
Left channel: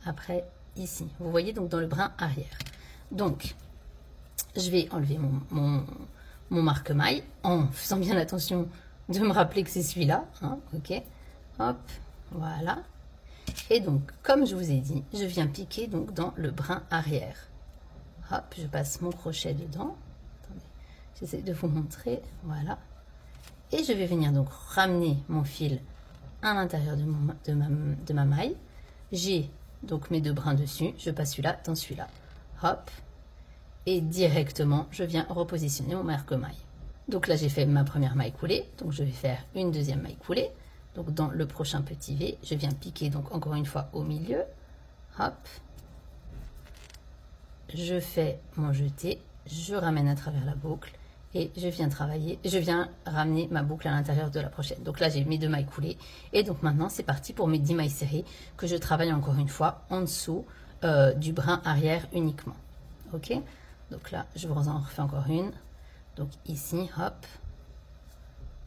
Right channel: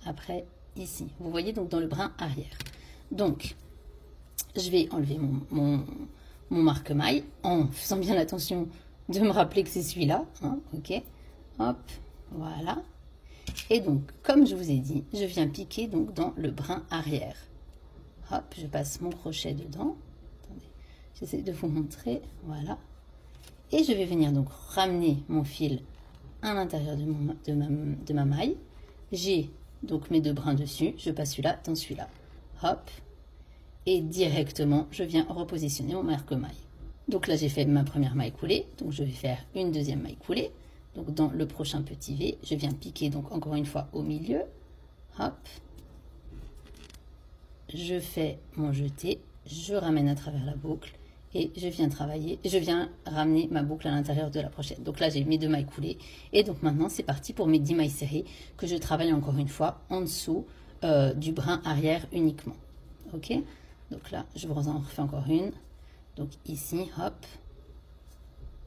après ici. Vous voyez donc dans le brin arrière. Donc, je vais enlever mon marque-maille en faisant bien attention de me rappeler que c'est celui-là. Hein, ok, hop, voilà. Et donc, comme je vous ai dit, je viens piquer donc dans le brin arrière. Hop, je passe mon crochet dedans. J'essaie de vous montrer, voilà. Et je vais venir donc ramener mon fil à l'intérieur de ma maille. J'ai donc mes 2 brins dessus. Je passe celui-là dans celui-là. Hop. Et directement, je viens repositionner mon marque-maille. Donc là, j'ai fait ma première maille coulée. Donc je vais faire une deuxième maille coulée. Donc dans le prochain petit V, je viens piquer donc encore une fois au milieu. Hop. Je fais mon jeté. Je ramène à travers la boucle. Et je viens travailler, je viens ramener ma boucle à l'intérieur de la prochaine. Donc là, j'ai mes 2 mailles coulées. Et donc maintenant, c'est parti pour mes 10 mailles serrées que je travaille encore une fois en dessous du brin arrière uniquement. Ok, donc là, je vous en refais encore une. Donc ici, hop,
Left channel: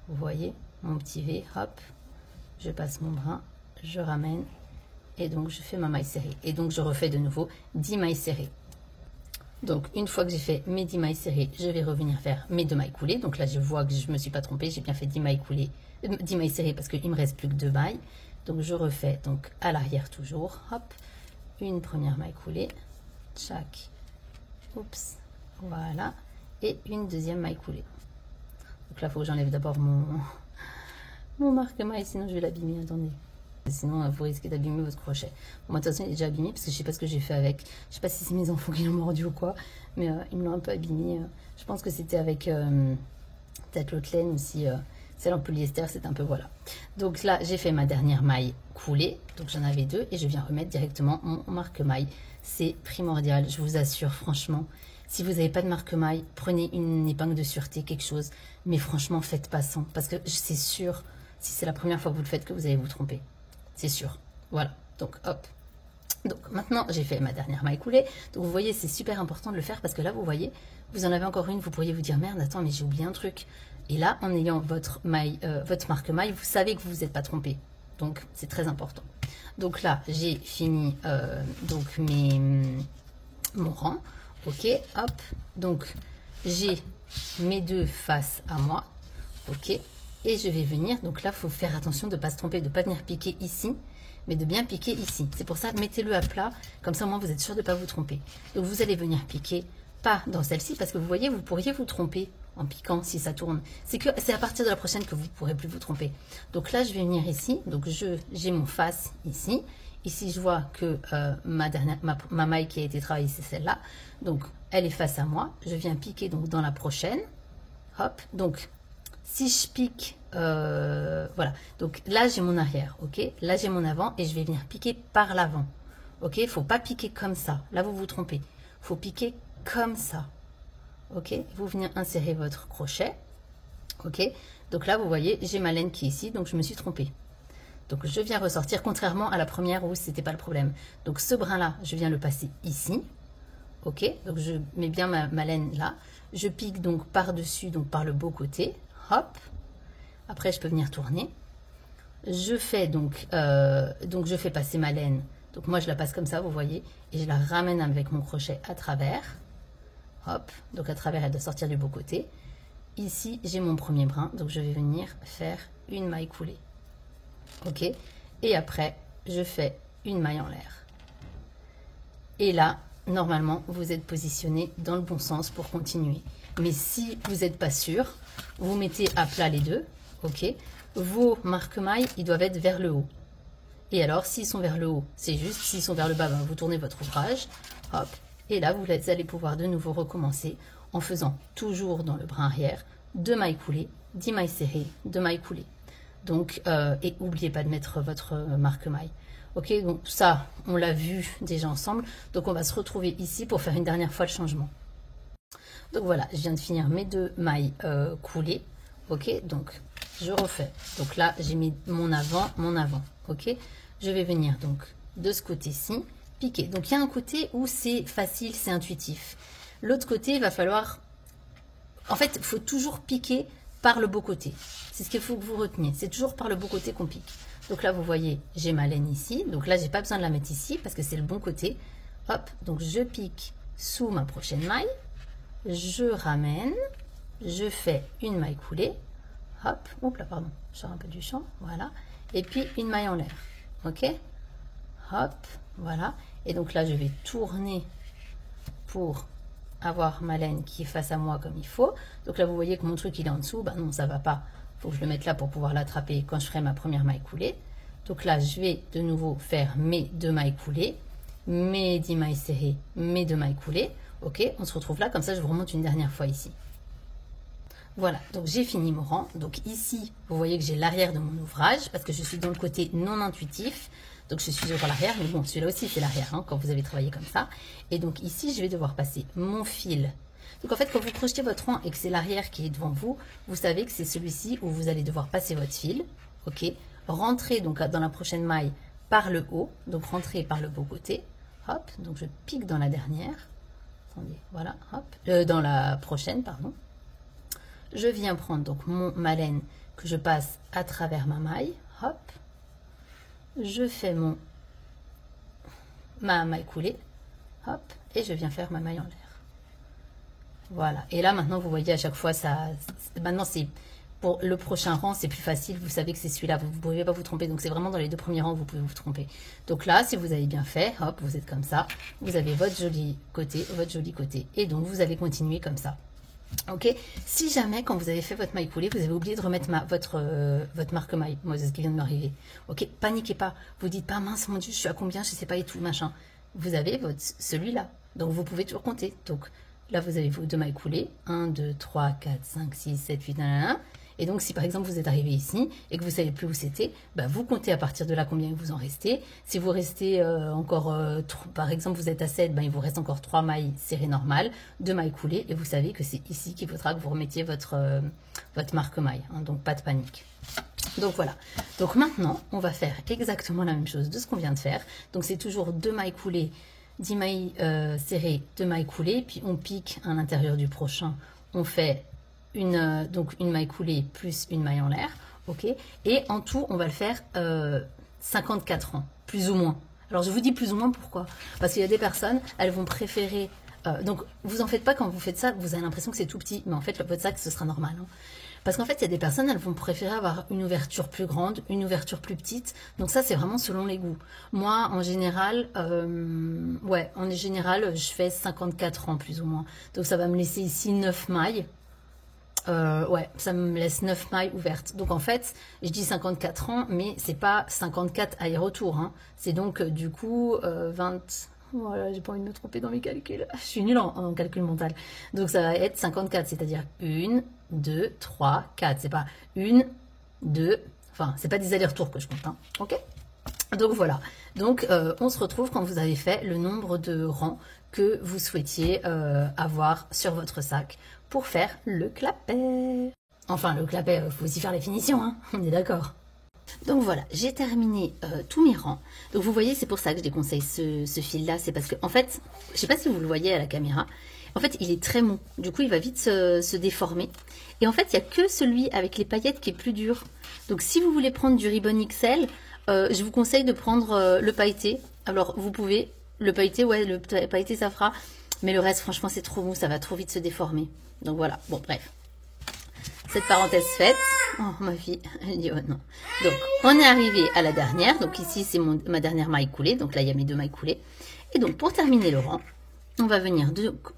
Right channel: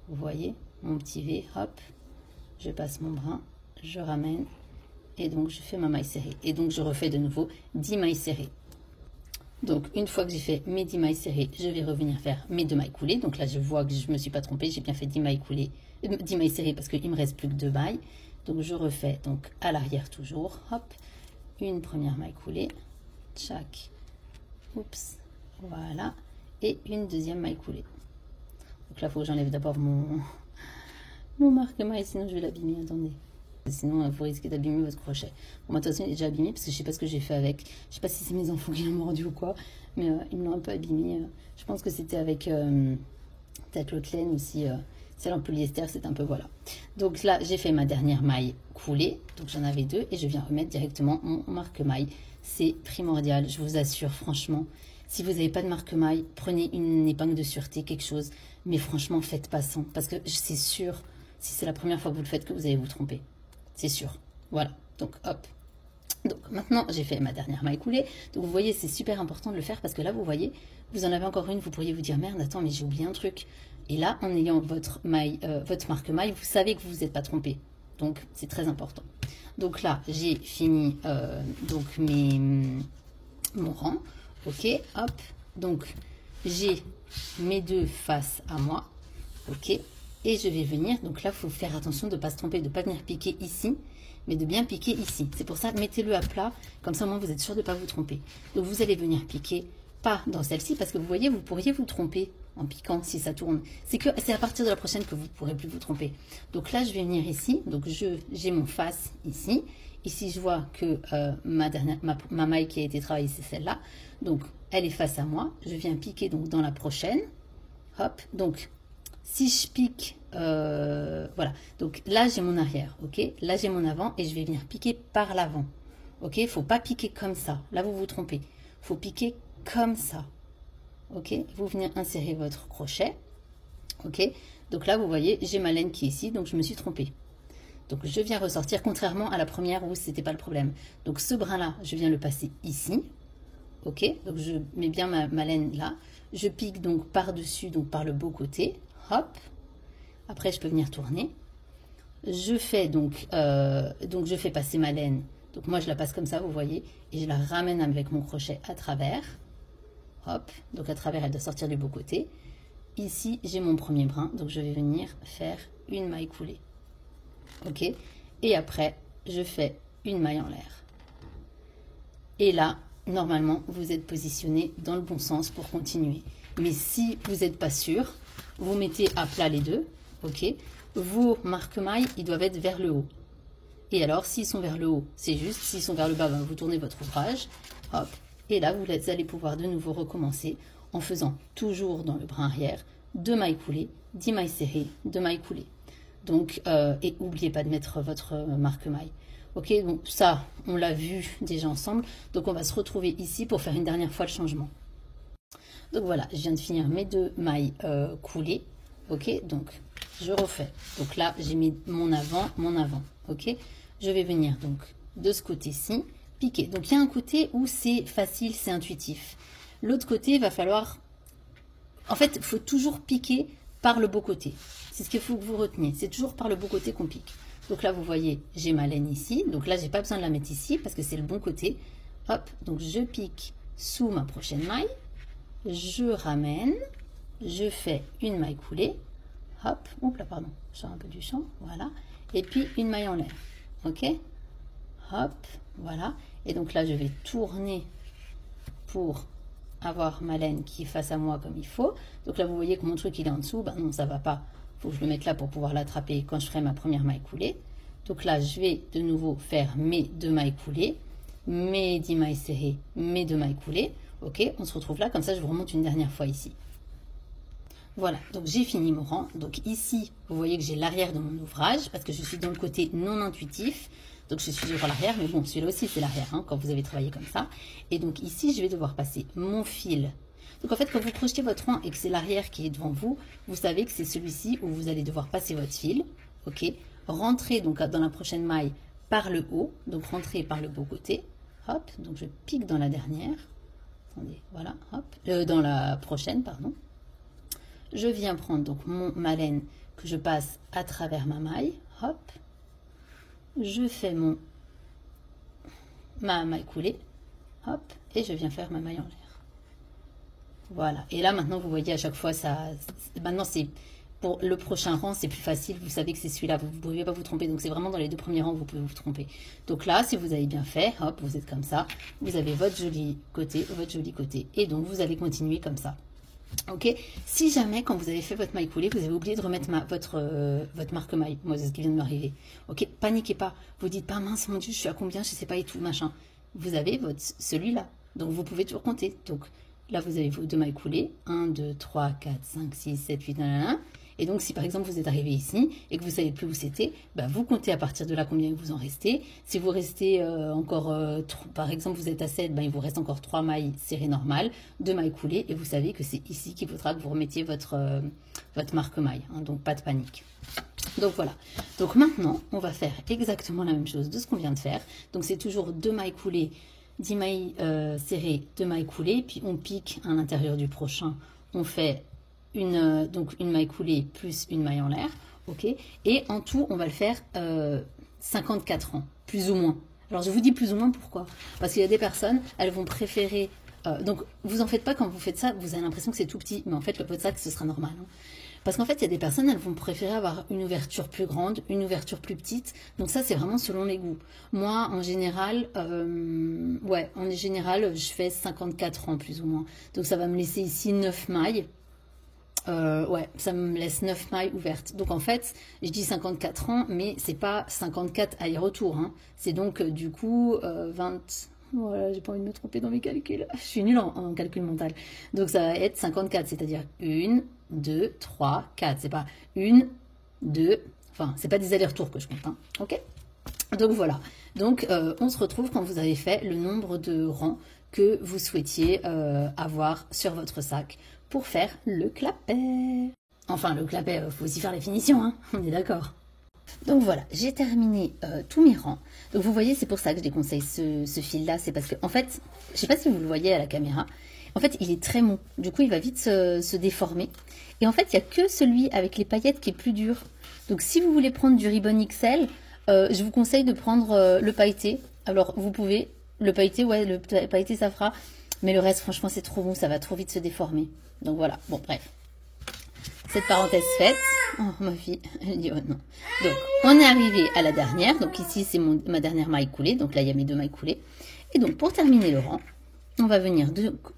vous voyez mon petit V, hop, je passe mon brin, je ramène et donc je fais ma maille serrée. Et donc je refais de nouveau 10 mailles serrées. Donc, une fois que j'ai fait mes 10 mailles serrées, je vais revenir faire mes 2 mailles coulées. Donc là, je vois que je ne me suis pas trompée. J'ai bien fait 10 mailles coulées, 10 mailles serrées parce qu'il ne me reste plus que 2 mailles. Donc, je refais donc à l'arrière toujours. Hop, une première maille coulée. Tchac. Oups. Voilà. Et une deuxième maille coulée. Donc là, il faut que j'enlève d'abord mon marque-maille, sinon je vais l'abîmer. Attendez. Sinon, vous risquez d'abîmer votre crochet. Bon, de toute façon, il est déjà abîmé parce que je ne sais pas ce que j'ai fait avec. Je ne sais pas si c'est mes enfants qui l'ont mordu ou quoi, mais ils me l'ont un peu abîmé. Je pense que c'était avec peut-être l'autre laine ou si celle en polyester, c'est un peu voilà. Donc là, j'ai fait ma dernière maille coulée. Donc j'en avais 2 et je viens remettre directement mon marque-maille. C'est primordial, je vous assure, franchement. Si vous n'avez pas de marque-maille, prenez une épingle de sûreté, quelque chose. Mais franchement, faites pas sans parce que c'est sûr, si c'est la première fois que vous le faites, que vous allez vous tromper. C'est sûr. Voilà. Donc, hop. Donc, maintenant, j'ai fait ma dernière maille coulée. Donc, vous voyez, c'est super important de le faire parce que là, vous voyez, vous en avez encore une. Vous pourriez vous dire, merde, attends, mais j'ai oublié un truc. Et là, en ayant votre marque-maille, vous savez que vous vous êtes pas trompé. Donc, c'est très important. Donc là, j'ai fini donc mon rang. OK, hop. Donc, j'ai mes 2 faces à moi. OK. Et je vais venir, donc là, il faut faire attention de ne pas se tromper, de ne pas venir piquer ici, mais de bien piquer ici. C'est pour ça, mettez-le à plat, comme ça au moins vous êtes sûr de ne pas vous tromper. Donc vous allez venir piquer, pas dans celle-ci, parce que vous voyez, vous pourriez vous tromper en piquant si ça tourne. C'est à partir de la prochaine que vous ne pourrez plus vous tromper. Donc là, je vais venir ici, donc j'ai mon face ici. Ici, je vois que ma maille qui a été travaillée, c'est celle-là. Donc, elle est face à moi. Je viens piquer donc dans la prochaine. Hop, donc... Si je pique voilà. Donc là, j'ai mon arrière, ok? Là, j'ai mon avant et je vais venir piquer par l'avant, ok? Il ne faut pas piquer comme ça. Là, vous vous trompez. Il faut piquer comme ça, ok? Vous venez insérer votre crochet, ok? Donc là, vous voyez, j'ai ma laine qui est ici, donc je me suis trompée. Donc je viens ressortir, contrairement à la première où c'était pas le problème. Donc ce brin-là, je viens le passer ici, ok? Donc je mets bien ma laine là. Je pique donc par-dessus, donc par le beau côté, hop. Après, je peux venir tourner. Je fais donc je fais passer ma laine. Donc moi, je la passe comme ça, vous voyez, et je la ramène avec mon crochet à travers. Hop, donc à travers, elle doit sortir du beau côté. Ici, j'ai mon premier brin, donc je vais venir faire une maille coulée. Ok, et après, je fais une maille en l'air. Et là, normalement, vous êtes positionné dans le bon sens pour continuer. Mais si vous n'êtes pas sûr, vous mettez à plat les deux, ok. Vos marque-mailles, ils doivent être vers le haut. Et alors, s'ils sont vers le haut, c'est juste. S'ils sont vers le bas, ben, vous tournez votre ouvrage. Hop. Et là, vous allez pouvoir de nouveau recommencer en faisant toujours dans le brin arrière 2 mailles coulées, 10 mailles serrées, 2 mailles coulées. Donc, et n'oubliez pas de mettre votre marque-maille. Ok, donc ça, on l'a vu déjà ensemble. Donc, on va se retrouver ici pour faire une dernière fois le changement. Donc voilà, je viens de finir mes 2 mailles coulées. Ok, donc je refais. Donc là, j'ai mis mon avant. Ok, je vais venir donc de ce côté-ci, piquer. Donc il y a un côté où c'est facile, c'est intuitif. L'autre côté, il va falloir... En fait, il faut toujours piquer par le beau côté. C'est ce qu'il faut que vous reteniez. C'est toujours par le beau côté qu'on pique. Donc là, vous voyez, j'ai ma laine ici. Donc là, j'ai pas besoin de la mettre ici parce que c'est le bon côté. Hop, donc je pique sous ma prochaine maille. Je ramène. Je fais une maille coulée. Hop, oups là, pardon, je sors un peu du champ. Voilà. Et puis une maille en l'air. Ok. Hop, voilà. Et donc là, je vais tourner pour avoir ma laine qui est face à moi comme il faut. Donc là, vous voyez que mon truc, il est en dessous. Ben non, ça va pas. Il faut que je le mette là pour pouvoir l'attraper quand je ferai ma première maille coulée. Donc là, je vais de nouveau faire mes 2 mailles coulées, mes 10 mailles serrées, mes 2 mailles coulées. Ok, on se retrouve là. Comme ça, je vous remonte une dernière fois ici. Voilà, donc j'ai fini mon rang. Donc ici, vous voyez que j'ai l'arrière de mon ouvrage parce que je suis dans le côté non intuitif. Donc je suis sur l'arrière, mais bon, celui-là aussi c'est l'arrière hein, quand vous avez travaillé comme ça. Et donc ici, je vais devoir passer mon fil. Donc en fait, quand vous crochetez votre rang et que c'est l'arrière qui est devant vous, vous savez que c'est celui-ci où vous allez devoir passer votre fil. Ok, rentrez donc dans la prochaine maille par le haut, donc rentrez par le beau côté. Hop, donc je pique dans la dernière. Attendez, voilà, hop, dans la prochaine, pardon. Je viens prendre donc ma laine que je passe à travers ma maille. Hop. Je fais ma maille coulée. Hop. Et je viens faire ma maille en l'air. Voilà. Et là, maintenant, vous voyez à chaque fois, maintenant, c'est pour le prochain rang, c'est plus facile. Vous savez que c'est celui-là. Vous ne pouvez pas vous tromper. Donc, c'est vraiment dans les 2 premiers rangs que vous pouvez vous tromper. Donc là, si vous avez bien fait, hop, vous êtes comme ça. Vous avez votre joli côté, votre joli côté. Et donc, vous allez continuer comme ça. Ok, si jamais quand vous avez fait votre maille coulée, vous avez oublié de remettre votre marque maille, moi c'est ce qui vient de m'arriver. Ok, paniquez pas, vous dites pas mince mon dieu, je suis à combien, je sais pas et tout machin. Vous avez celui-là, donc vous pouvez toujours compter. Donc là vous avez vos 2 mailles coulées, 1, 2, 3, 4, 5, 6, 7, 8, 9, et donc si par exemple vous êtes arrivé ici et que vous savez plus où c'était, bah, vous comptez à partir de là combien vous en restez. Si vous restez encore, par exemple vous êtes à 7, bah, il vous reste encore 3 mailles serrées normales, 2 mailles coulées et vous savez que c'est ici qu'il faudra que vous remettiez votre marque maille, hein, donc pas de panique. Donc voilà, donc maintenant on va faire exactement la même chose de ce qu'on vient de faire. Donc c'est toujours 2 mailles coulées, 10 mailles serrées, 2 mailles coulées, puis on pique à l'intérieur du prochain, on fait donc une maille coulée plus une maille en l'air, ok, et en tout on va le faire 54 rangs, plus ou moins. Alors je vous dis plus ou moins pourquoi, parce qu'il y a des personnes, elles vont préférer, donc vous en faites pas quand vous faites ça, vous avez l'impression que c'est tout petit, mais en fait votre sac ce sera normal, hein. Parce qu'en fait, il y a des personnes, elles vont préférer avoir une ouverture plus grande, une ouverture plus petite. Donc ça, c'est vraiment selon les goûts. Moi, en général, je fais 54 rangs plus ou moins. Donc ça va me laisser ici 9 mailles. Ça me laisse 9 mailles ouvertes. Donc en fait, je dis 54 rangs, mais c'est pas 54 aller-retour, hein. C'est donc du coup 20... Voilà, j'ai pas envie de me tromper dans mes calculs. Je suis nulle en calcul mental. Donc ça va être 54, c'est-à-dire 1, 2, 3, 4. C'est pas 1, 2, enfin, c'est pas des allers-retours que je compte, hein, ok? Donc voilà, donc on se retrouve quand vous avez fait le nombre de rangs que vous souhaitiez avoir sur votre sac pour faire le clapet. Enfin, le clapet, il faut aussi faire les finitions, hein, on est d'accord. Donc voilà, j'ai terminé tous mes rangs. Donc vous voyez, c'est pour ça que je déconseille ce fil-là. C'est parce que, en fait, je ne sais pas si vous le voyez à la caméra. En fait, il est très mou. Du coup, il va vite se déformer. Et en fait, il n'y a que celui avec les paillettes qui est plus dur. Donc si vous voulez prendre du ribbon XL, je vous conseille de prendre le pailleté. Alors, vous pouvez, le pailleté, ouais, le pailleté, ça fera. Mais le reste, franchement, c'est trop mou. Ça va trop vite se déformer. Donc voilà, bon, bref. Cette parenthèse faite, oh ma fille, elle dit oh non. Donc on est arrivé à la dernière, donc ici c'est ma dernière maille coulée, donc là il y a mes 2 mailles coulées. Et donc pour terminer le rang, on va venir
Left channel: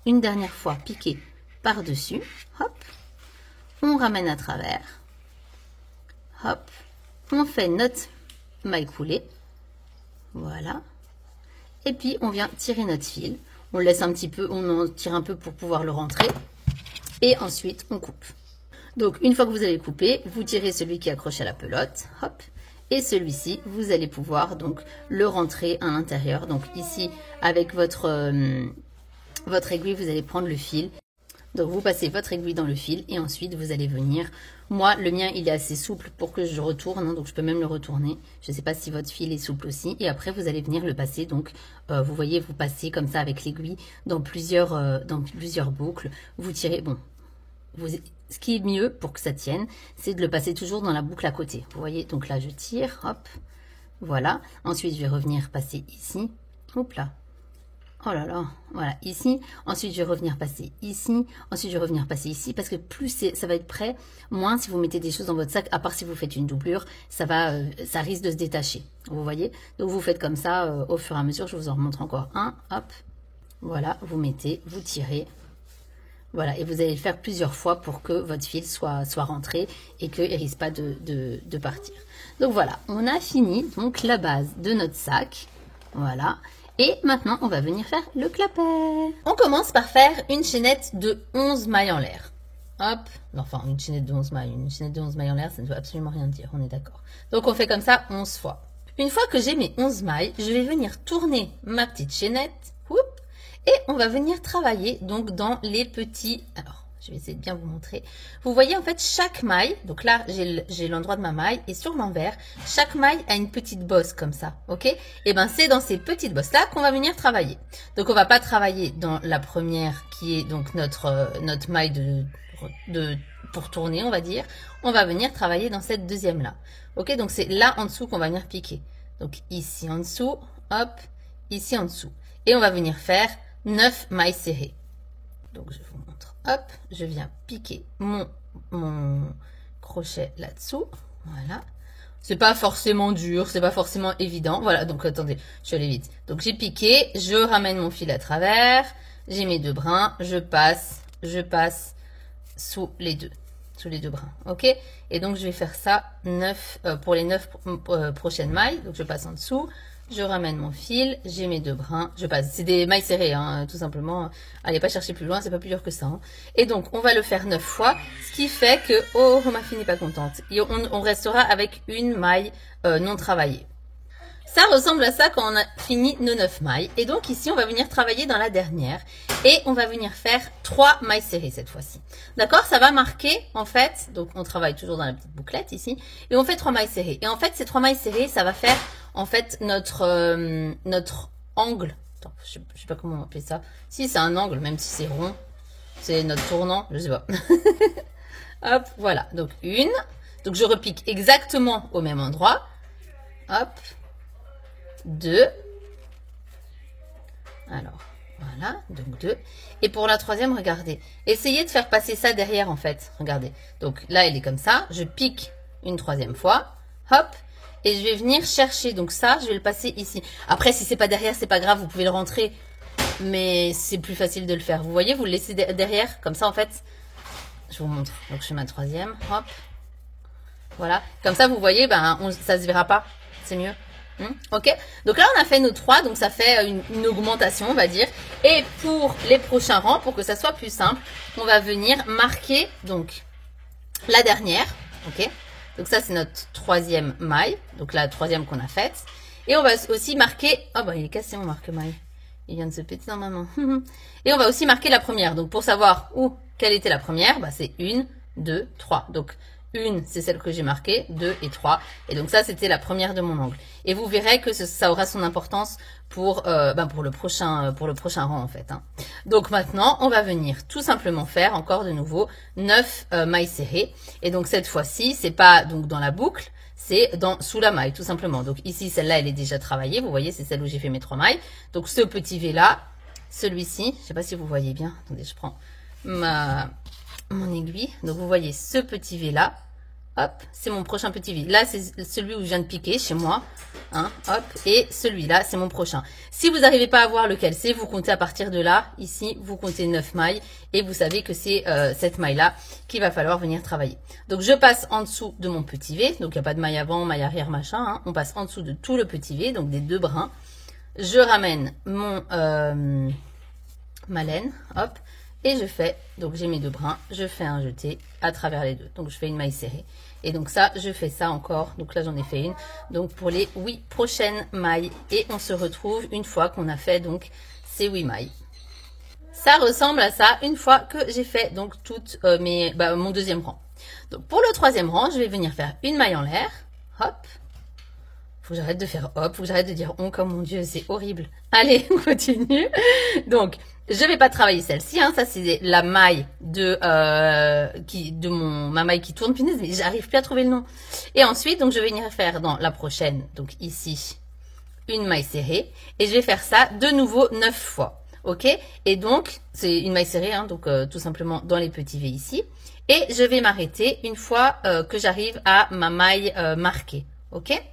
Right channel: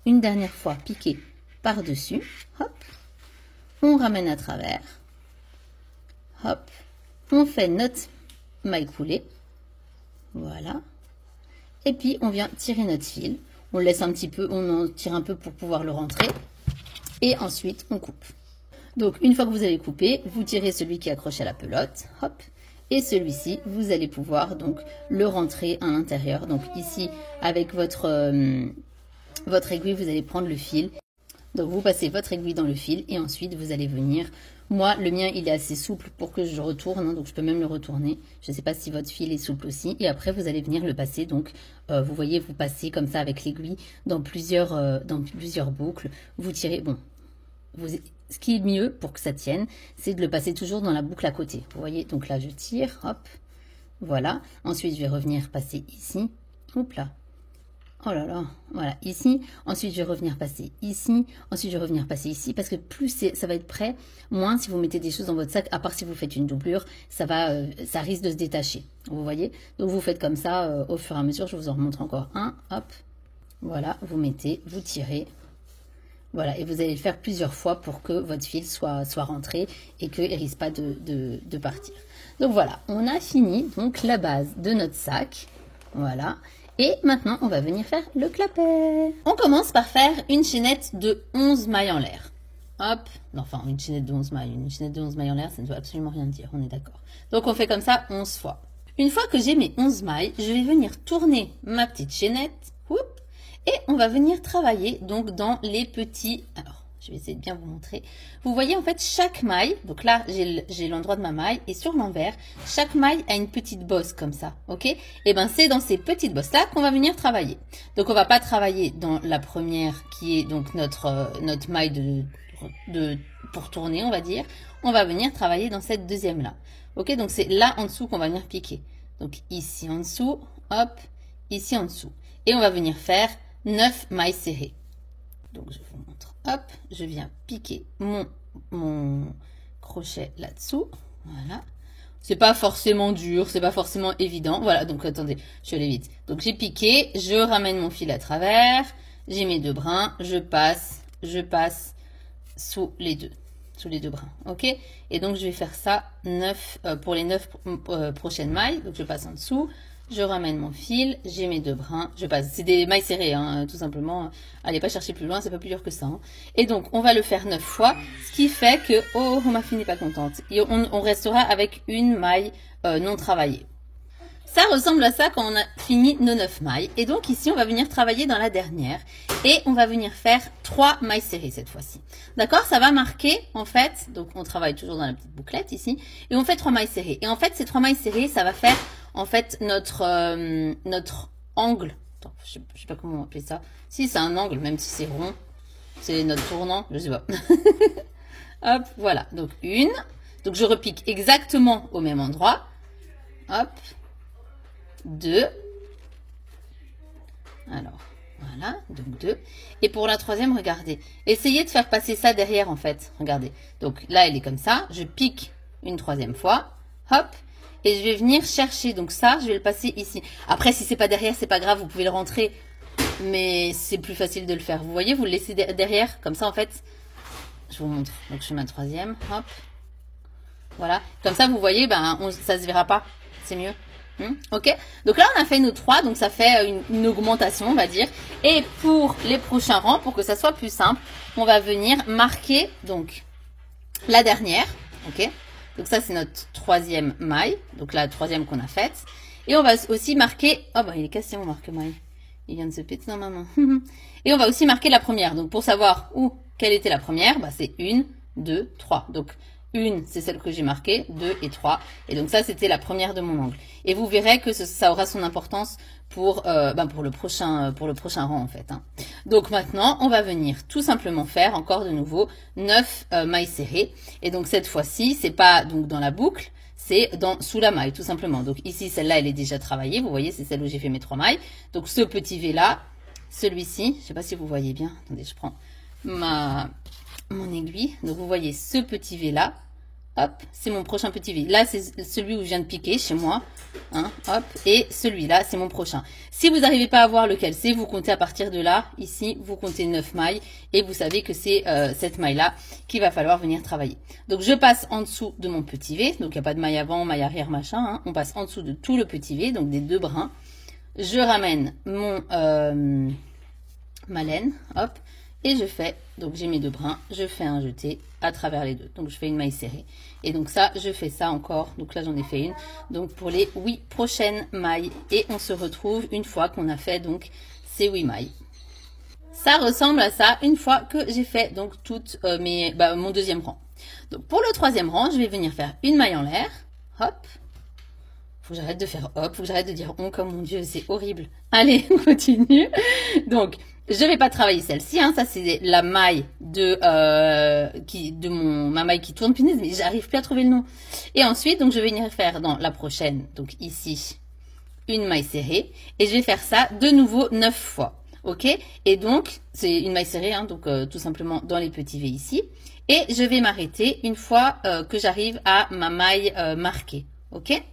une dernière fois piquer par-dessus, hop, on ramène à travers, hop, on fait notre maille coulée, voilà, et puis on vient tirer notre fil, on le laisse un petit peu, on en tire un peu pour pouvoir le rentrer, et ensuite on coupe. Donc, une fois que vous avez coupé, vous tirez celui qui est accroché à la pelote, hop, et celui-ci, vous allez pouvoir donc le rentrer à l'intérieur. Donc ici, avec votre aiguille, vous allez prendre le fil. Donc, vous passez votre aiguille dans le fil et ensuite, vous allez venir. Moi, le mien, il est assez souple pour que je retourne, hein, donc je peux même le retourner. Je ne sais pas si votre fil est souple aussi. Et après, vous allez venir le passer. Donc, vous voyez, vous passez comme ça avec l'aiguille dans plusieurs boucles. Vous tirez, bon. Ce qui est mieux pour que ça tienne, c'est de le passer toujours dans la boucle à côté. Vous voyez, donc là, je tire, hop, voilà. Ensuite, je vais revenir passer ici, hop là. Oh là là, voilà, ici. Ensuite, je vais revenir passer ici. Ensuite, je vais revenir passer ici. Parce que plus ça va être prêt, moins si vous mettez des choses dans votre sac, à part si vous faites une doublure, ça risque de se détacher. Vous voyez? Donc, vous faites comme ça au fur et à mesure. Je vous en remontre encore un, hop. Voilà, vous mettez, vous tirez. Voilà, et vous allez le faire plusieurs fois pour que votre fil soit rentré et qu'il ne risque pas de partir. Donc voilà, on a fini donc la base de notre sac. Voilà. Et maintenant, on va venir faire le clapet. On commence par faire une chaînette de 11 mailles en l'air. Hop, enfin une chaînette de 11 mailles. Une chaînette de 11 mailles en l'air, ça ne veut absolument rien dire, on est d'accord. Donc on fait comme ça 11 fois. Une fois que j'ai mes 11 mailles, je vais venir tourner ma petite chaînette. Oups. Et on va venir travailler donc dans les petits... Alors, je vais essayer de bien vous montrer. Vous voyez en fait chaque maille. Donc là, j'ai l'endroit de ma maille. Et sur l'envers, chaque maille a une petite bosse comme ça. Ok? Et bien, c'est dans ces petites bosses-là qu'on va venir travailler. Donc, on va pas travailler dans la première qui est donc notre maille pour tourner, on va dire. On va venir travailler dans cette deuxième-là. Ok? Donc, c'est là en dessous qu'on va venir piquer. Donc, ici en dessous, hop, ici en dessous. Et on va venir faire 9 mailles serrées. Donc, je vous montre. Hop, je viens piquer mon crochet là-dessous. Voilà. C'est pas forcément dur, c'est pas forcément évident. Voilà, donc attendez, je vais aller vite. Donc, j'ai piqué, je ramène mon fil à travers. J'ai mes 2 brins, je passe sous les deux brins. Ok? Et donc, je vais faire ça pour les 9 prochaines mailles. Donc, je passe en dessous. Je ramène mon fil, j'ai mes 2 brins, je passe. C'est des mailles serrées, hein, tout simplement. Allez pas chercher plus loin, c'est pas plus dur que ça. Hein. Et donc, on va le faire 9 fois, ce qui fait que, oh, ma fille n'est pas contente. Et on restera avec une maille non travaillée. Ça ressemble à ça quand on a fini nos 9 mailles. Et donc, ici, on va venir travailler dans la dernière. Et on va venir faire 3 mailles serrées cette fois-ci. D'accord? Ça va marquer, en fait, donc on travaille toujours dans la petite bouclette ici. Et on fait 3 mailles serrées. Et en fait, ces 3 mailles serrées, ça va faire... En fait, notre angle, attends, je sais pas comment on appelle ça. Si, c'est un angle, même si c'est rond. C'est notre tournant, je sais pas. Hop, voilà. Donc, une. Donc, je repique exactement au même endroit. Hop. 2. Alors, voilà. Donc, 2. Et pour la troisième, regardez. Essayez de faire passer ça derrière, en fait. Regardez. Donc, là, elle est comme ça. Je pique une troisième fois. Hop. Et je vais venir chercher, donc ça, je vais le passer ici. Après, si c'est pas derrière, c'est pas grave, vous pouvez le rentrer. Mais c'est plus facile de le faire. Vous voyez, vous le laissez derrière. Comme ça, en fait, je vous montre. Donc, je fais ma troisième, hop. Voilà. Comme ça, vous voyez, ben, ça se verra pas. C'est mieux. Ok. Donc là, on a fait nos 3. Donc, ça fait une augmentation, on va dire. Et pour les prochains rangs, pour que ça soit plus simple, on va venir marquer, donc, la dernière. Ok. Donc ça, c'est notre troisième maille. Donc la troisième qu'on a faite. Et on va aussi marquer... Oh, bah, il est cassé mon marque-maille. Il vient de se péter dans ma main. Et on va aussi marquer la première. Donc, pour savoir quelle était la première, bah, c'est 1, 2, 3. Donc, 1, c'est celle que j'ai marquée, 2 et 3. Et donc, ça, c'était la première de mon angle. Et vous verrez que ça aura son importance pour le prochain rang, en fait. Hein. Donc, maintenant, on va venir tout simplement faire, encore de nouveau, 9 mailles serrées. Et donc, cette fois-ci, c'est pas donc dans la boucle, c'est sous la maille, tout simplement. Donc ici, celle-là, elle est déjà travaillée. Vous voyez, c'est celle où j'ai fait mes 3 mailles. Donc ce petit V-là, celui-ci, je ne sais pas si vous voyez bien. Attendez, je prends mon aiguille. Donc vous voyez ce petit V-là. Hop, c'est mon prochain petit V. Là, c'est celui où je viens de piquer chez moi. Hein, hop, et celui-là, c'est mon prochain. Si vous n'arrivez pas à voir lequel c'est, vous comptez à partir de là. Ici, vous comptez 9 mailles. Et vous savez que c'est cette maille-là qu'il va falloir venir travailler. Donc, je passe en dessous de mon petit V. Donc, il n'y a pas de maille avant, maille arrière, machin. Hein. On passe en dessous de tout le petit V, donc des 2 brins. Je ramène ma laine. Hop. Et je fais, donc j'ai mes 2 brins, je fais un jeté à travers les deux. Donc je fais une maille serrée. Et donc ça, je fais ça encore. Donc là, j'en ai fait une. Donc pour les 8 prochaines mailles. Et on se retrouve une fois qu'on a fait donc ces 8 mailles. Ça ressemble à ça une fois que j'ai fait donc toutes mon deuxième rang. Donc pour le troisième rang, je vais venir faire une maille en l'air. Hop. Faut que j'arrête de faire hop, faut que j'arrête de dire on comme mon Dieu, c'est horrible. Allez, on continue. Donc, je vais pas travailler celle-ci, hein, ça c'est la maille ma maille qui tourne, punaise, mais j'arrive plus à trouver le nom. Et ensuite, donc je vais venir faire dans la prochaine, donc ici, une maille serrée, et je vais faire ça de nouveau 9 fois, ok? Et donc, c'est une maille serrée, hein, donc tout simplement dans les petits V ici, et je vais m'arrêter une fois que j'arrive à ma maille marquée, ok?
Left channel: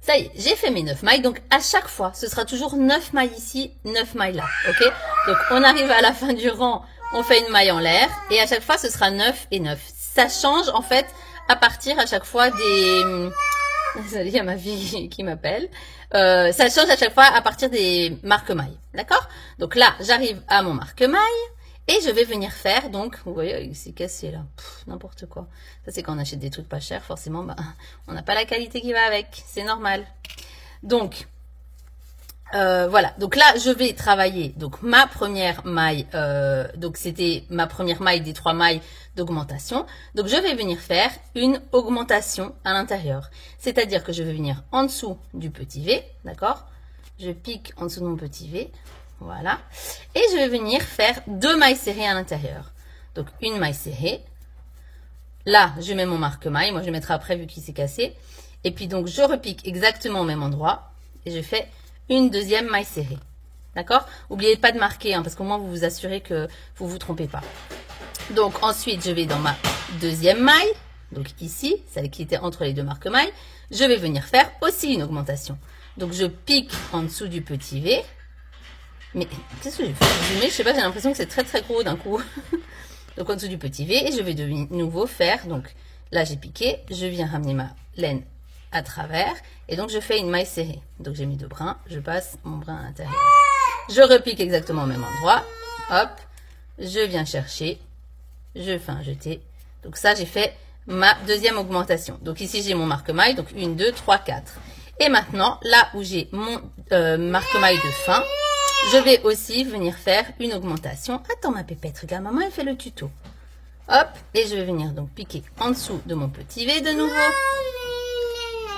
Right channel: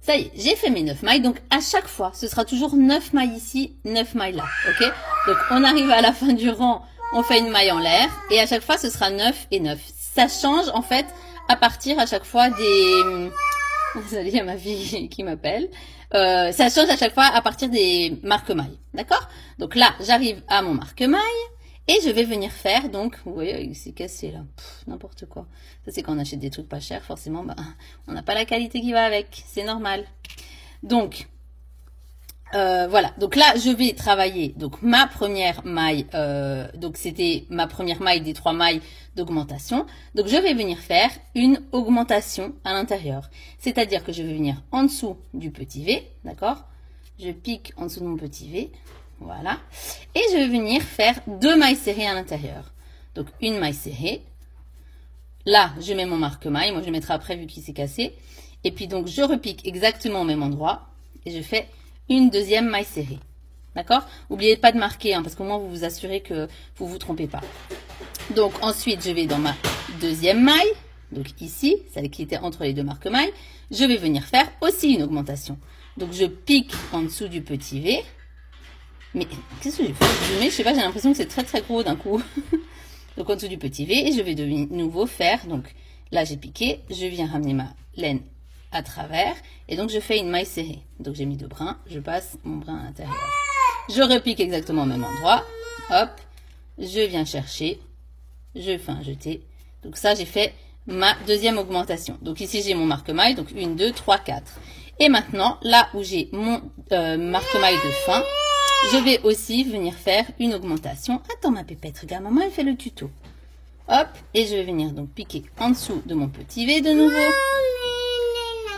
Ça y est, j'ai fait mes 9 mailles. Donc, à chaque fois, ce sera toujours 9 mailles ici, 9 mailles là. Ok? Donc, on arrive à la fin du rang, on fait une maille en l'air. Et à chaque fois, ce sera 9 et 9. Ça change, en fait, à partir à chaque fois des... Désolée, il y a ma fille qui m'appelle. Ça change à chaque fois à partir des marque-mailles. D'accord? Donc là, j'arrive à mon marque-maille. Et je vais venir faire, donc, vous voyez, il s'est cassé là, n'importe quoi. Ça, c'est quand on achète des trucs pas chers, forcément, on n'a pas la qualité qui va avec, c'est normal. Donc, voilà. Donc là, je vais travailler, donc, ma première maille, donc c'était ma première maille des 3 mailles d'augmentation. Donc, je vais venir faire une augmentation à l'intérieur. C'est-à-dire que je vais venir en dessous du petit V, d'accord? Je pique en dessous de mon petit V. Voilà. Et je vais venir faire 2 mailles serrées à l'intérieur. Donc, une maille serrée. Là, je mets mon marque-maille. Moi, je mettrai après vu qu'il s'est cassé. Et puis, donc, je repique exactement au même endroit. Et je fais une deuxième maille serrée. D'accord? N'oubliez pas de marquer, hein, parce qu'au moins, vous vous assurez que vous ne vous trompez pas. Donc, ensuite, je vais dans ma deuxième maille. Donc, ici, celle qui était entre les 2 marque-mailles. Je vais venir faire aussi une augmentation. Donc, je pique en dessous du petit V. Mais qu'est-ce que j'ai fait? Je sais pas, j'ai l'impression que c'est très très gros d'un coup. Donc en dessous du petit V, et je vais de nouveau faire, donc là j'ai piqué, je viens ramener ma laine à travers, et donc je fais une maille serrée. Donc j'ai mis 2 brins, je passe mon brin à l'intérieur. Je repique exactement au même endroit, hop, je viens chercher, je fais un jeté. Donc ça j'ai fait ma deuxième augmentation. Donc ici j'ai mon marque-maille, donc 1, 2, 3, 4. Et maintenant, là où j'ai mon marque-maille de fin, je vais aussi venir faire une augmentation. Attends ma pépette, regarde, maman elle fait le tuto. Hop, et je vais venir donc piquer en dessous de mon petit V de nouveau.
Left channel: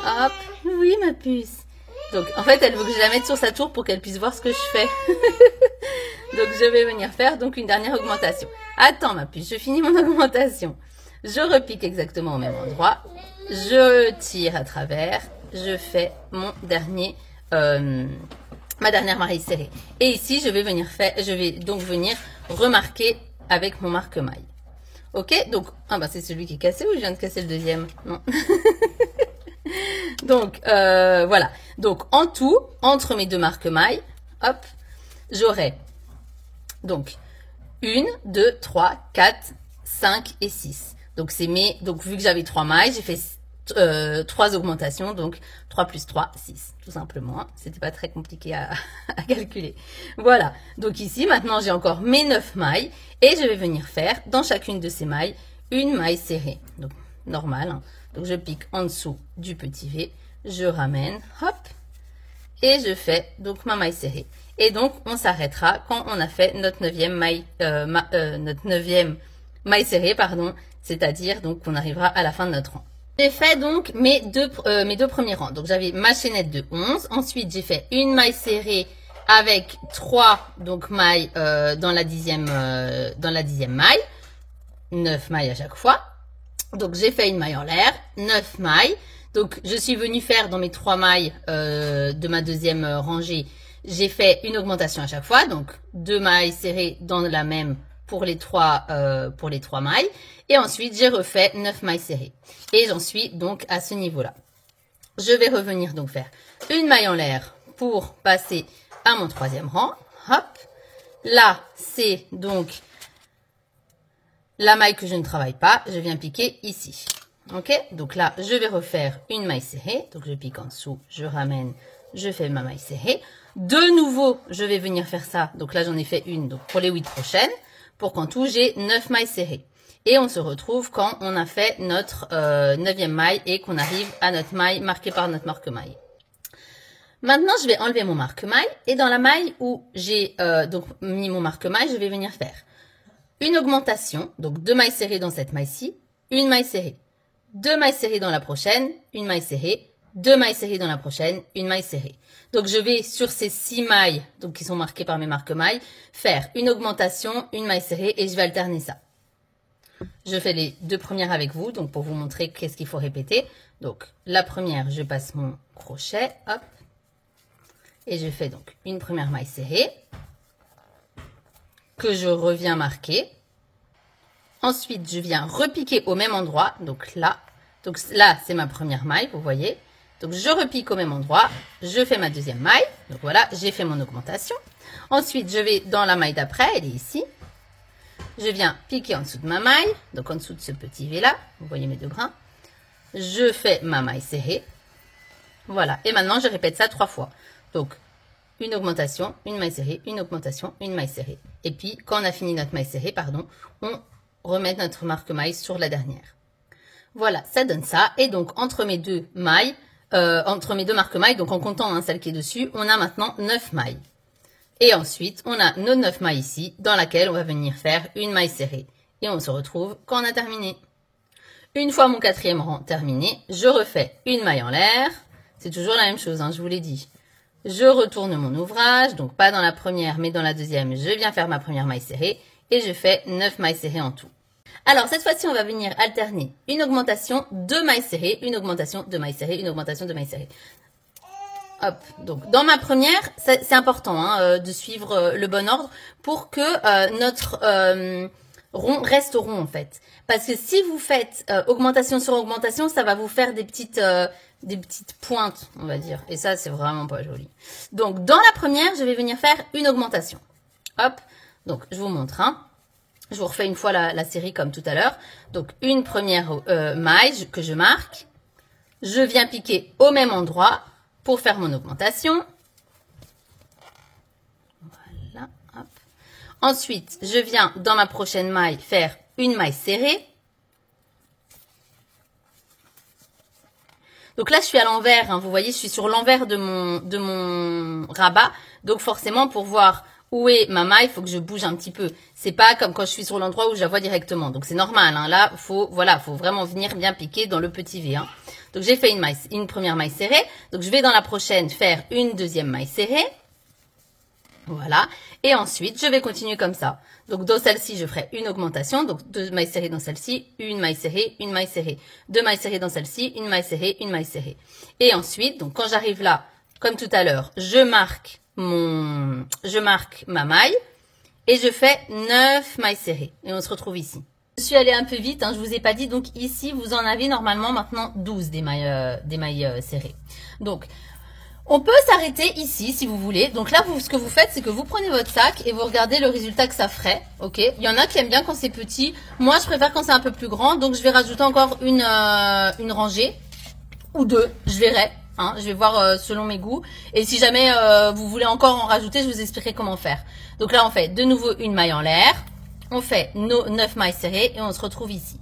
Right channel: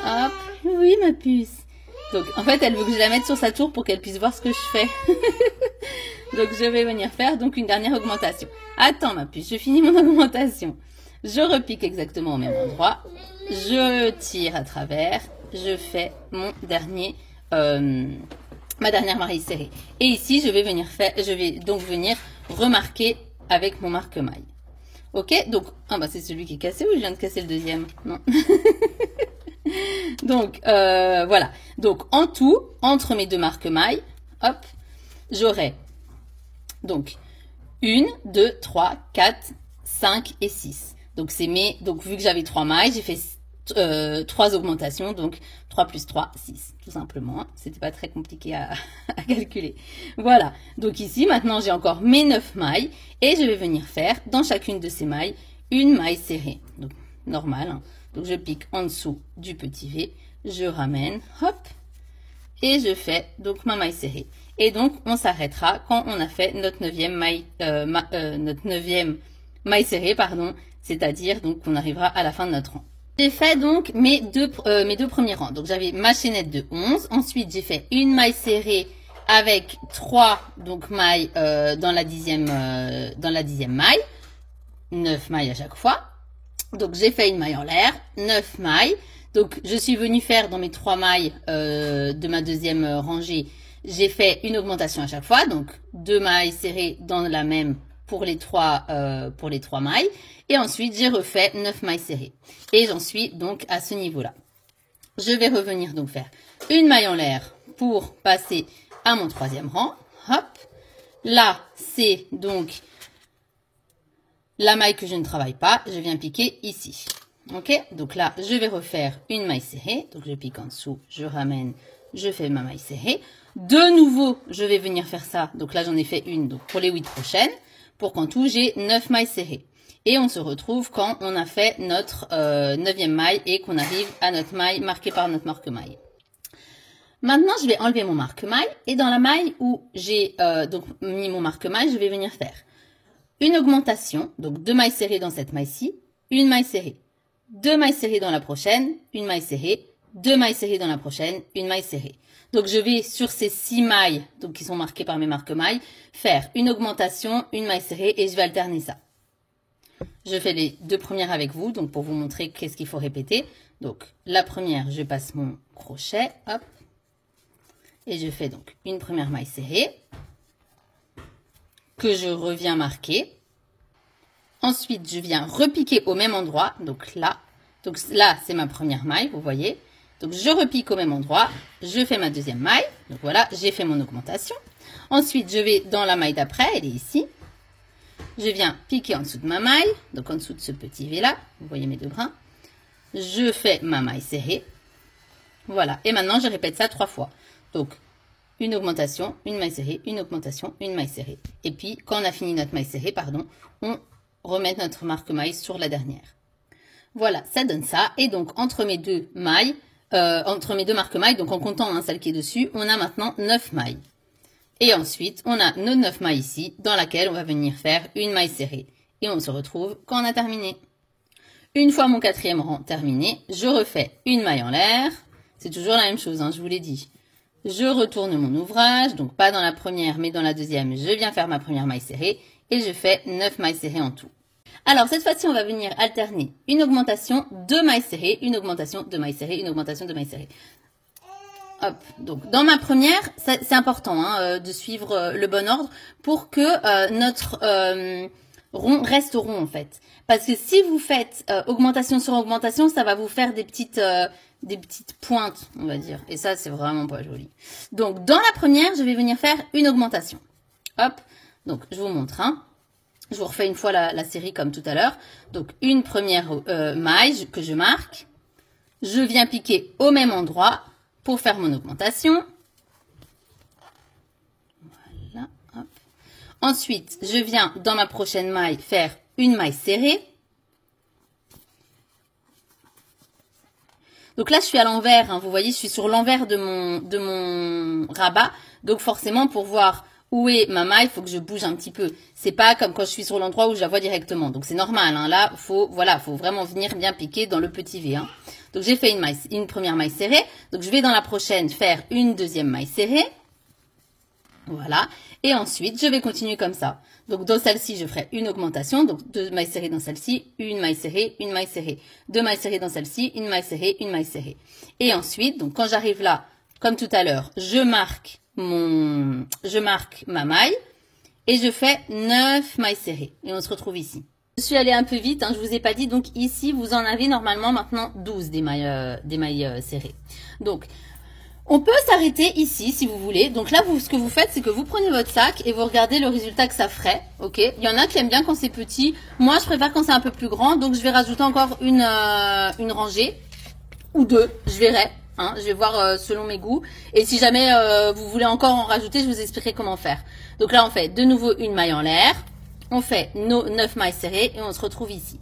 Hop, oui ma puce. Donc en fait elle veut que je la mette sur sa tour pour qu'elle puisse voir ce que je fais. Donc je vais venir faire donc une dernière augmentation. Attends ma puce, je finis mon augmentation. Je repique exactement au même endroit. Je tire à travers. Je fais mon dernier... ma dernière maille serrée. Et ici, je vais donc venir remarquer avec mon marque-maille. Ok, donc, c'est celui qui est cassé ou je viens de casser le deuxième? Non. Donc, voilà. Donc, en tout, entre mes 2 marque-mailles, hop, j'aurai donc 1, 2, 3, 4, 5 et 6. Donc, donc vu que j'avais 3 mailles, j'ai fait 3 augmentations, donc 3 plus 3, 6, tout simplement. C'était pas très compliqué à calculer. Voilà, donc ici, maintenant, j'ai encore mes 9 mailles, et je vais venir faire, dans chacune de ces mailles, une maille serrée. Donc, normal. Hein. Donc, je pique en dessous du petit V, je ramène, hop, et je fais donc ma maille serrée. Et donc, on s'arrêtera quand on a fait notre neuvième maille serrée, pardon, c'est-à-dire donc qu'on arrivera à la fin de notre rang. J'ai fait donc mes deux premiers rangs. Donc, j'avais ma chaînette de 11. Ensuite, j'ai fait une maille serrée avec 3 donc mailles dans la dixième maille. 9 mailles à chaque fois. Donc, j'ai fait une maille en l'air, 9 mailles. Donc, je suis venue faire dans mes 3 mailles de ma deuxième rangée, j'ai fait une augmentation à chaque fois. Donc, 2 mailles serrées dans la même pour les 3 mailles. Et ensuite, j'ai refait 9 mailles serrées. Et j'en suis donc à ce niveau-là. Je vais revenir donc faire une maille en l'air pour passer à mon troisième rang. Hop. Là, c'est donc la maille que je ne travaille pas. Je viens piquer ici. Ok, donc là, je vais refaire une maille serrée. Donc, je pique en dessous, je ramène, je fais ma maille serrée. De nouveau, je vais venir faire ça. Donc là, j'en ai fait une donc pour les 8 prochaines. Pour qu'en tout, j'ai 9 mailles serrées. Et on se retrouve quand on a fait notre 9e maille et qu'on arrive à notre maille marquée par notre marque-maille. Maintenant, je vais enlever mon marque-maille. Et dans la maille où j'ai donc mis mon marque-maille, je vais venir faire une augmentation. Donc 2 mailles serrées dans cette maille-ci, une maille serrée. 2 mailles serrées dans la prochaine, une maille serrée, 2 mailles serrées dans la prochaine, une maille serrée. Donc, je vais sur ces 6 mailles, donc qui sont marquées par mes marque-mailles, faire une augmentation, une maille serrée et je vais alterner ça. Je fais les 2 premières avec vous, donc pour vous montrer qu'est-ce qu'il faut répéter. Donc, la première, je passe mon crochet, hop, et je fais donc une première maille serrée que je reviens marquer. Ensuite, je viens repiquer au même endroit, donc là c'est ma première maille, vous voyez. Donc, je repique au même endroit, je fais ma deuxième maille, donc voilà, j'ai fait mon augmentation. Ensuite, je vais dans la maille d'après, elle est ici. Je viens piquer en dessous de ma maille, donc en dessous de ce petit V là, vous voyez mes 2 brins. Je fais ma maille serrée, voilà. Et maintenant, je répète ça 3 fois. Donc, une augmentation, une maille serrée, une augmentation, une maille serrée. Et puis, quand on a fini notre maille serrée, pardon, on remet notre marque-maille sur la dernière. Voilà, ça donne ça. Et donc, entre mes 2 mailles, entre mes 2 marque-mailles, donc en comptant hein, celle qui est dessus, on a maintenant 9 mailles. Et ensuite, on a nos 9 mailles ici, dans laquelle on va venir faire une maille serrée. Et on se retrouve quand on a terminé. Une fois mon 4e rang terminé, je refais une maille en l'air. C'est toujours la même chose, hein, je vous l'ai dit. Je retourne mon ouvrage, donc pas dans la première, mais dans la deuxième, je viens faire ma première maille serrée. Et je fais 9 mailles serrées en tout. Alors, cette fois-ci, on va venir alterner une augmentation, 2 mailles serrées, une augmentation, 2 mailles serrées, une augmentation, 2 mailles serrées. Hop, donc dans ma première, c'est important hein, de suivre le bon ordre pour que notre rond reste rond en fait. Parce que si vous faites augmentation sur augmentation, ça va vous faire des petites pointes, on va dire. Et ça, c'est vraiment pas joli. Donc, dans la première, je vais venir faire une augmentation. Hop, donc je vous montre. Hein. Je vous refais une fois la série comme tout à l'heure. Donc, une première maille que je marque. Je viens piquer au même endroit pour faire mon augmentation. Voilà. Hop. Ensuite, je viens dans ma prochaine maille faire une maille serrée. Donc là, je suis à l'envers. Hein. Vous voyez, je suis sur l'envers de mon rabat. Donc forcément, pour voir où est ma maille, il faut que je bouge un petit peu. C'est pas comme quand je suis sur l'endroit où je la vois directement. Donc c'est normal. Hein. Là, faut vraiment venir bien piquer dans le petit V. Hein. Donc j'ai fait une première maille serrée. Donc je vais dans la prochaine faire une deuxième maille serrée. Voilà. Et ensuite, je vais continuer comme ça. Donc dans celle-ci, je ferai une augmentation. Donc 2 mailles serrées dans celle-ci, une maille serrée, une maille serrée. 2 mailles serrées dans celle-ci, une maille serrée, une maille serrée. Et ensuite, donc quand j'arrive là, comme tout à l'heure, je marque ma maille et je fais 9 mailles serrées. Et on se retrouve ici. Je suis allée un peu vite, hein, je vous ai pas dit. Donc ici, vous en avez normalement maintenant 12 des mailles serrées. Donc, on peut s'arrêter ici si vous voulez. Donc là, ce que vous faites, c'est que vous prenez votre sac et vous regardez le résultat que ça ferait. Ok. Il y en a qui aiment bien quand c'est petit. Moi, je préfère quand c'est un peu plus grand. Donc, je vais rajouter encore une rangée ou 2. Je verrai. Hein, je vais voir selon mes goûts. Et si jamais vous voulez encore en rajouter, je vous expliquerai comment faire. Donc là, on fait de nouveau une maille en l'air. On fait nos 9 mailles serrées et on se retrouve ici.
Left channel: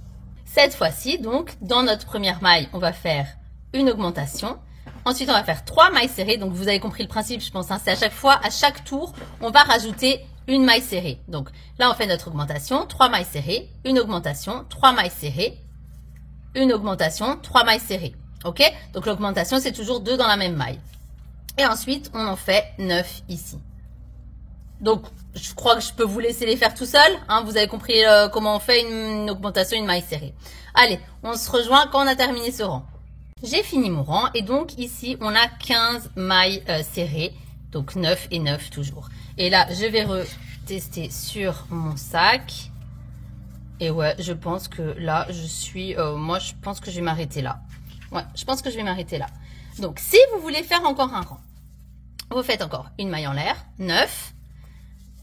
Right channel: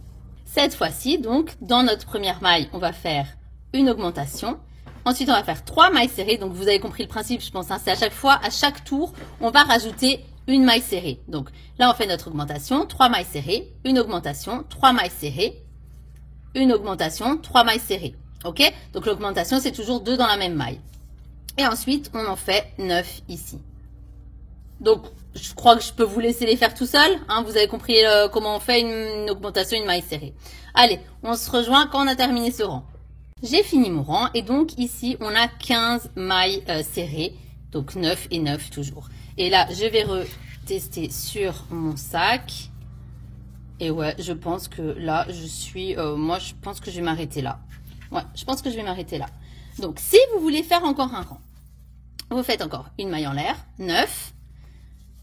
Cette fois-ci, donc, dans notre première maille, on va faire une augmentation. Ensuite, on va faire 3 mailles serrées. Donc, vous avez compris le principe, je pense. Hein, c'est à chaque fois, à chaque tour, on va rajouter une maille serrée. Donc, là, on fait notre augmentation, 3 mailles serrées, une augmentation, 3 mailles serrées, une augmentation, 3 mailles serrées. OK? Donc, l'augmentation, c'est toujours 2 dans la même maille. Et ensuite, on en fait 9 ici. Donc, je crois que je peux vous laisser les faire tout seul. Hein, vous avez compris comment on fait une augmentation, une maille serrée. Allez, on se rejoint quand on a terminé ce rang. J'ai fini mon rang et donc ici, on a 15 mailles serrées. Donc, 9 et 9 toujours. Et là, je vais retester sur mon sac. Et ouais, je pense que là, je suis... moi, je pense que je vais m'arrêter là. Ouais, je pense que je vais m'arrêter là. Donc, si vous voulez faire encore un rang, vous faites encore une maille en l'air, 9.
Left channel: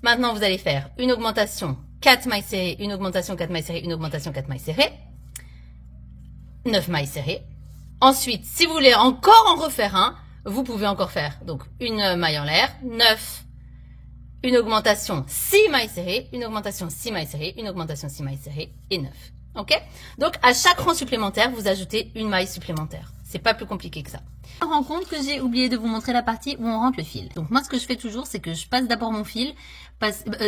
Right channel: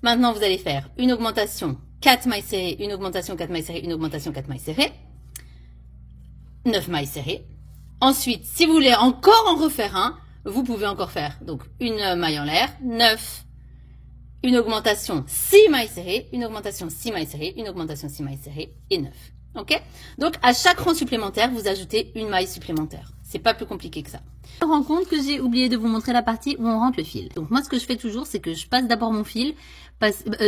Maintenant, vous allez faire une augmentation, 4 mailles serrées, une augmentation, 4 mailles serrées, une augmentation, 4 mailles serrées. 9 mailles serrées. Ensuite, si vous voulez encore en refaire un, vous pouvez encore faire donc une maille en l'air, 9, une augmentation, 6 mailles serrées, une augmentation, 6 mailles serrées, une augmentation, 6 mailles serrées et 9. OK? Donc, à chaque rang supplémentaire, vous ajoutez une maille supplémentaire. C'est pas plus compliqué que ça. Je me rends compte que j'ai oublié de vous montrer la partie où on rentre le fil. Donc, moi, ce que je fais toujours, c'est que je passe d'abord mon fil,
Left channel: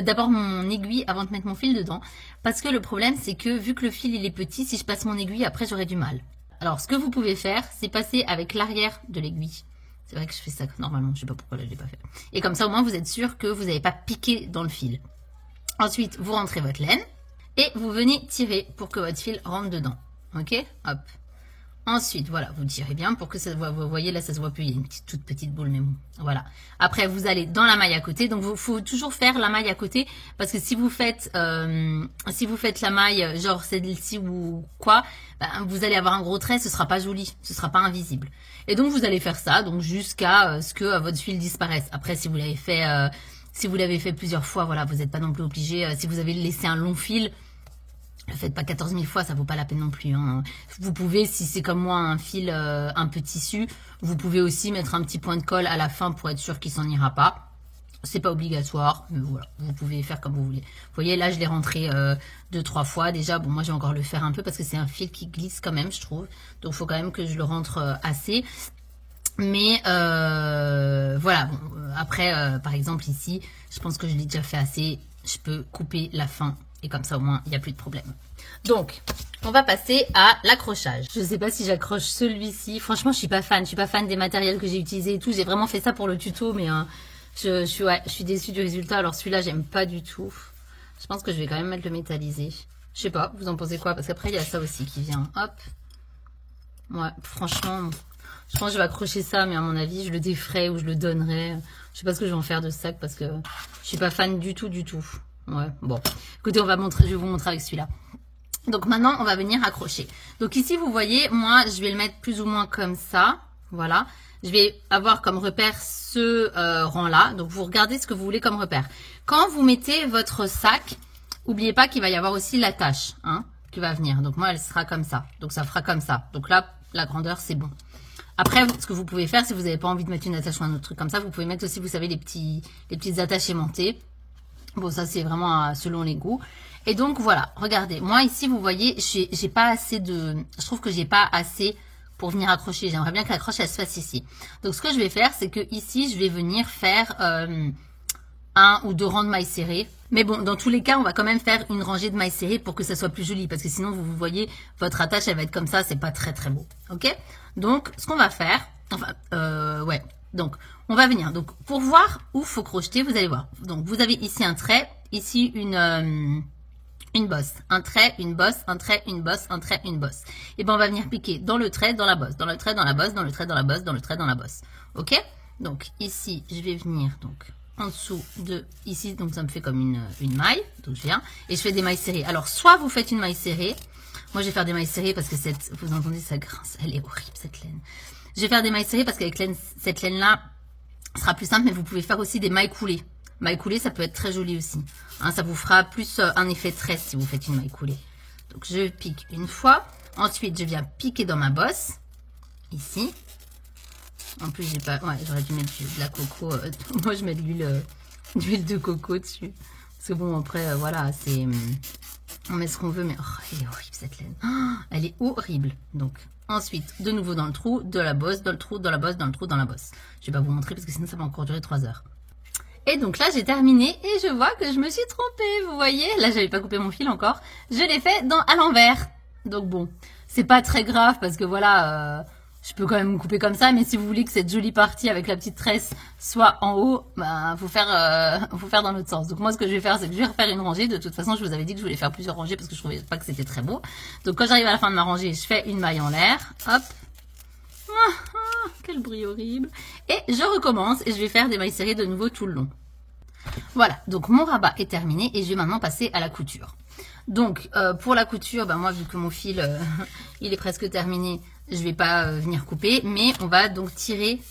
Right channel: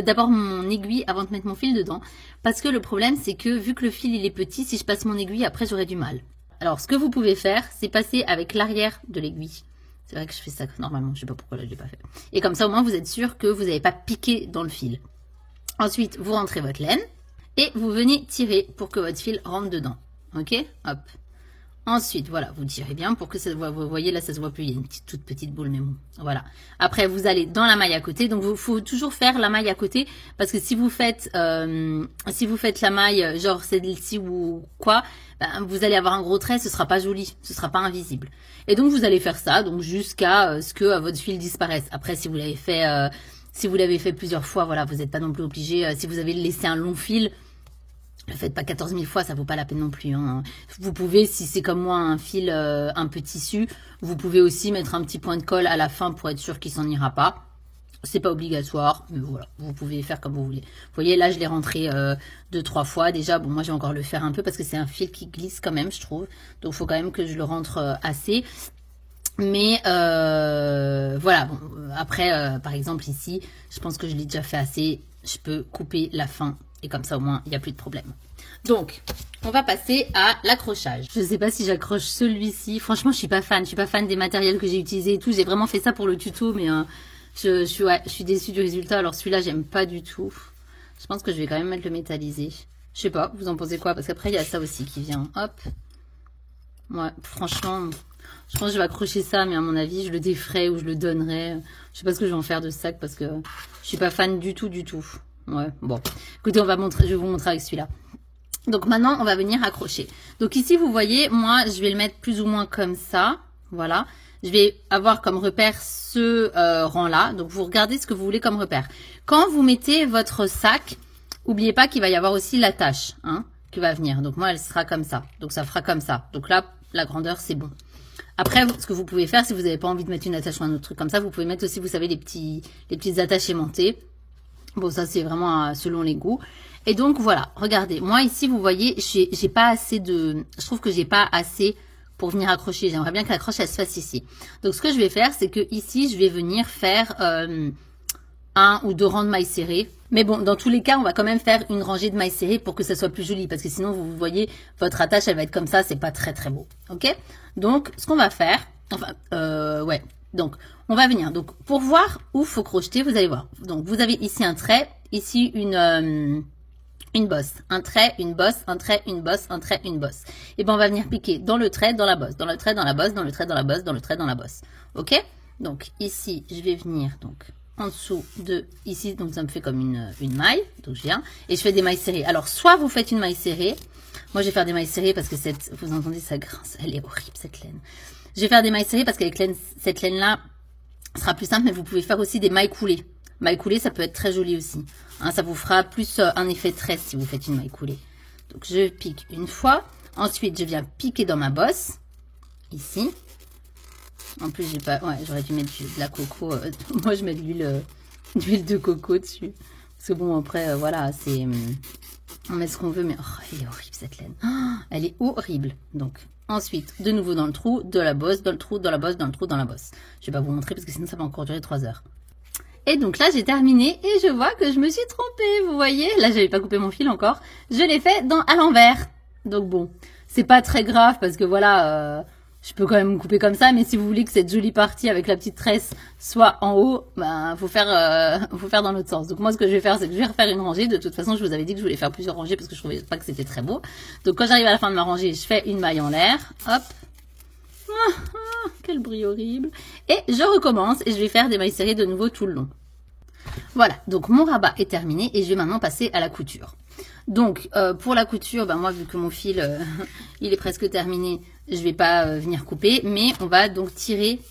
d'abord mon aiguille avant de mettre mon fil dedans. Parce que le problème, c'est que vu que le fil, il est petit, si je passe mon aiguille, après, j'aurai du mal. Alors, ce que vous pouvez faire, c'est passer avec l'arrière de l'aiguille. C'est vrai que je fais ça normalement, je sais pas pourquoi là, je l'ai pas fait. Et comme ça, au moins, vous êtes sûr que vous n'avez pas piqué dans le fil. Ensuite, vous rentrez votre laine. Et vous venez tirer pour que votre fil rentre dedans. Ok? Hop. Ensuite, voilà, vous tirez bien pour que ça se voit. Vous voyez, là, ça se voit plus. Il y a une toute petite boule, mais bon. Voilà. Après, vous allez dans la maille à côté. Donc, il faut toujours faire la maille à côté. Parce que si vous faites la maille, genre celle-ci ou quoi, ben, vous allez avoir un gros trait. Ce sera pas joli. Ce sera pas invisible. Et donc, vous allez faire ça. Donc, jusqu'à ce que votre fil disparaisse. Après, si vous l'avez fait... plusieurs fois, voilà, vous n'êtes pas non plus obligé. Si vous avez laissé un long fil, ne le faites pas 14 000 fois, ça vaut pas la peine non plus. Hein. Vous pouvez, si c'est comme moi, un fil, un peu tissu, vous pouvez aussi mettre un petit point de colle à la fin pour être sûr qu'il s'en ira pas. C'est pas obligatoire, mais voilà, vous pouvez faire comme vous voulez. Vous voyez, là, je l'ai rentré 2-3 fois. Déjà, bon, moi, je vais encore le faire un peu parce que c'est un fil qui glisse quand même, je trouve. Donc, il faut quand même que je le rentre assez. Mais voilà, bon, après, par exemple, ici, je pense que je l'ai déjà fait assez. Je peux couper la fin et comme ça, au moins, il n'y a plus de problème. Donc, on va passer à l'accrochage. Je ne sais pas si j'accroche celui-ci. Franchement, je suis pas fan. Je suis pas fan des matériels que j'ai utilisés et tout. J'ai vraiment fait ça pour le tuto, mais je suis déçue du résultat. Alors, celui-là, j'aime pas du tout. Je pense que je vais quand même mettre le métallisé. Je sais pas, vous en pensez quoi? Parce qu'après, il y a ça aussi qui vient. Hop. Ouais, franchement... Je pense que je vais accrocher ça, mais à mon avis, je le déferai ou je le donnerai. Je sais pas ce que je vais en faire de ce sac parce que je suis pas fan du tout, du tout. Ouais, bon. Écoutez, je vais vous montrer avec celui-là. Donc maintenant, on va venir accrocher. Donc ici, vous voyez, moi, je vais le mettre plus ou moins comme ça. Voilà. Je vais avoir comme repère ce rang-là. Donc vous regardez ce que vous voulez comme repère. Quand vous mettez votre sac, n'oubliez pas qu'il va y avoir aussi l'attache hein, qui va venir. Donc moi, elle sera comme ça. Donc ça fera comme ça. Donc là, la grandeur, c'est bon. Après, ce que vous pouvez faire, si vous n'avez pas envie de mettre une attache ou un autre truc comme ça, vous pouvez mettre aussi, vous savez, les petites attaches aimantées. Bon, ça, c'est vraiment selon les goûts. Et donc, voilà, regardez. Moi, ici, vous voyez, j'ai pas assez de... Je trouve que j'ai pas assez pour venir accrocher. J'aimerais bien que l'accroche, elle se fasse ici. Donc, ce que je vais faire, c'est que ici, je vais venir faire 1 ou 2 rangs de mailles serrées. Mais bon, dans tous les cas, on va quand même faire une rangée de mailles serrées pour que ça soit plus joli. Parce que sinon, vous voyez, votre attache, elle va être comme ça. C'est pas très, très beau. OK? Donc, ce qu'on va faire... Enfin, ouais. Donc, on va venir. Donc, pour voir où faut crocheter, vous allez voir. Donc, vous avez ici un trait. Ici, une bosse. Un trait, une bosse, un trait, une bosse, un trait, une bosse. Et bien, on va venir piquer dans le trait, dans la bosse. Dans le trait, dans la bosse, dans le trait, dans la bosse, dans le trait, dans la bosse. OK? Donc, ici, je vais venir... donc en dessous de ici, donc ça me fait comme une maille, donc je viens, et je fais des mailles serrées. Alors, soit vous faites une maille serrée, moi je vais faire des mailles serrées parce que vous entendez, ça grince, elle est horrible cette laine. Je vais faire des mailles serrées parce qu'avec cette laine-là, sera plus simple, mais vous pouvez faire aussi des mailles coulées. Mailles coulées, ça peut être très joli aussi. Hein, ça vous fera plus un effet tresse si vous faites une maille coulée. Donc, je pique une fois, ensuite je viens piquer dans ma bosse, ici. En plus, j'ai pas... Ouais, j'aurais dû mettre de la coco. Moi, je mets de l'huile de coco dessus. Parce que bon, après, voilà, c'est... On met ce qu'on veut, mais oh, elle est horrible cette laine. Oh, elle est horrible. Donc, ensuite, de nouveau dans le trou, de la bosse, dans le trou, dans la bosse, dans le trou, dans la bosse. Je vais pas vous montrer parce que sinon ça va encore durer 3 heures. Et donc là, j'ai terminé et je vois que je me suis trompée. Vous voyez, là, j'avais pas coupé mon fil encore. Je l'ai fait à l'envers. Donc bon, c'est pas très grave parce que voilà, je peux quand même couper comme ça. Mais si vous voulez que cette jolie partie avec la petite tresse soit en haut, bah, faut faire dans l'autre sens. Donc moi, ce que je vais faire, c'est que je vais refaire une rangée. De toute façon, je vous avais dit que je voulais faire plusieurs rangées parce que je trouvais pas que c'était très beau. Donc quand j'arrive à la fin de ma rangée, je fais une maille en l'air. Hop. Quel bruit horrible. Et je recommence et je vais faire des mailles serrées de nouveau tout le long. Voilà, donc mon rabat est terminé et je vais maintenant passer à la couture. Donc pour la couture, ben moi vu que mon fil il est presque terminé, je ne vais pas venir couper, mais on va donc tirer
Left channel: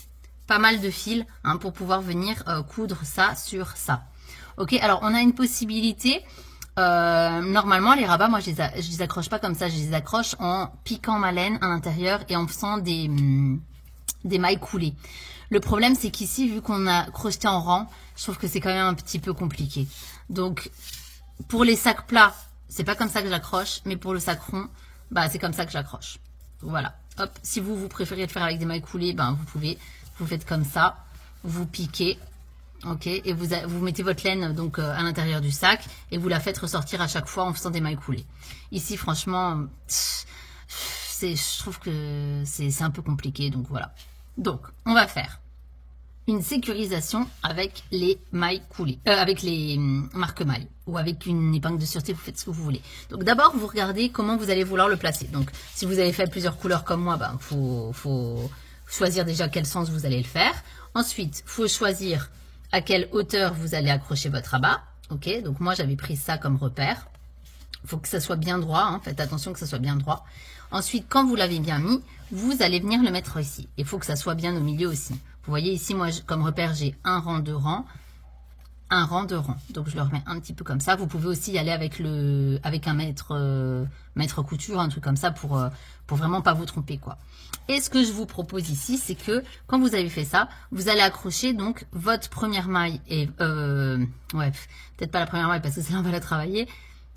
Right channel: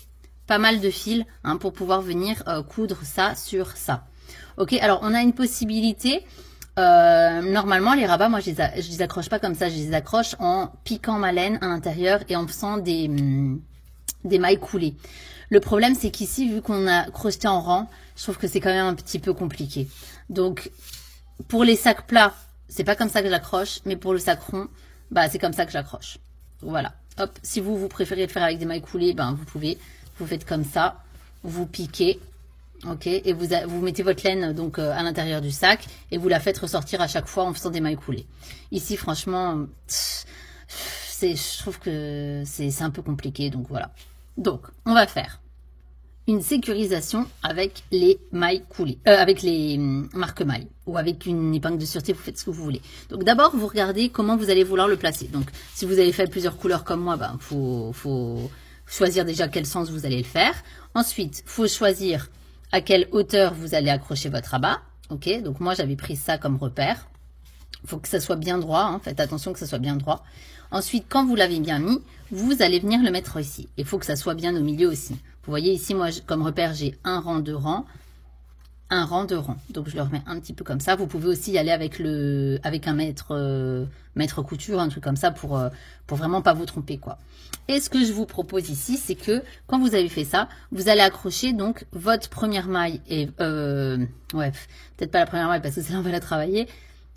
pas mal de fils hein, pour pouvoir venir coudre ça sur ça. Ok, alors on a une possibilité. Normalement les rabats, moi je les accroche pas comme ça, je les accroche en piquant ma laine à l'intérieur et en faisant des mailles coulées. Le problème c'est qu'ici, vu qu'on a crocheté en rang, je trouve que c'est quand même un petit peu compliqué. Donc pour les sacs plats, c'est pas comme ça que j'accroche, mais pour le sac rond, bah c'est comme ça que j'accroche. Voilà. Hop, si vous préférez le faire avec des mailles coulées, ben vous pouvez, vous faites comme ça, vous piquez. Ok, et vous mettez votre laine donc à l'intérieur du sac et vous la faites ressortir à chaque fois en faisant des mailles coulées. Ici, franchement, je trouve que c'est un peu compliqué, donc voilà. Donc, on va faire une sécurisation avec les mailles coulées, avec les marque-mailles ou avec une épingle de sûreté, vous faites ce que vous voulez. Donc d'abord, vous regardez comment vous allez vouloir le placer. Donc, si vous avez fait plusieurs couleurs comme moi, ben faut choisir déjà quel sens vous allez le faire. Ensuite, il faut choisir à quelle hauteur vous allez accrocher votre rabat. Ok, donc moi j'avais pris ça comme repère. Il faut que ça soit bien droit, hein. Faites attention que ça soit bien droit. Ensuite, quand vous l'avez bien mis, vous allez venir le mettre ici. Il faut que ça soit bien au milieu aussi. Vous voyez ici, moi comme repère, j'ai un rang, deux rangs, un rang, deux rangs. Donc je le remets un petit peu comme ça. Vous pouvez aussi y aller avec un maître couture, un truc comme ça pour vraiment pas vous tromper quoi. Et ce que je vous propose ici, c'est que quand vous avez fait ça, vous allez accrocher donc votre première maille et ouais, peut-être pas la première maille parce que celle-là on va la travailler.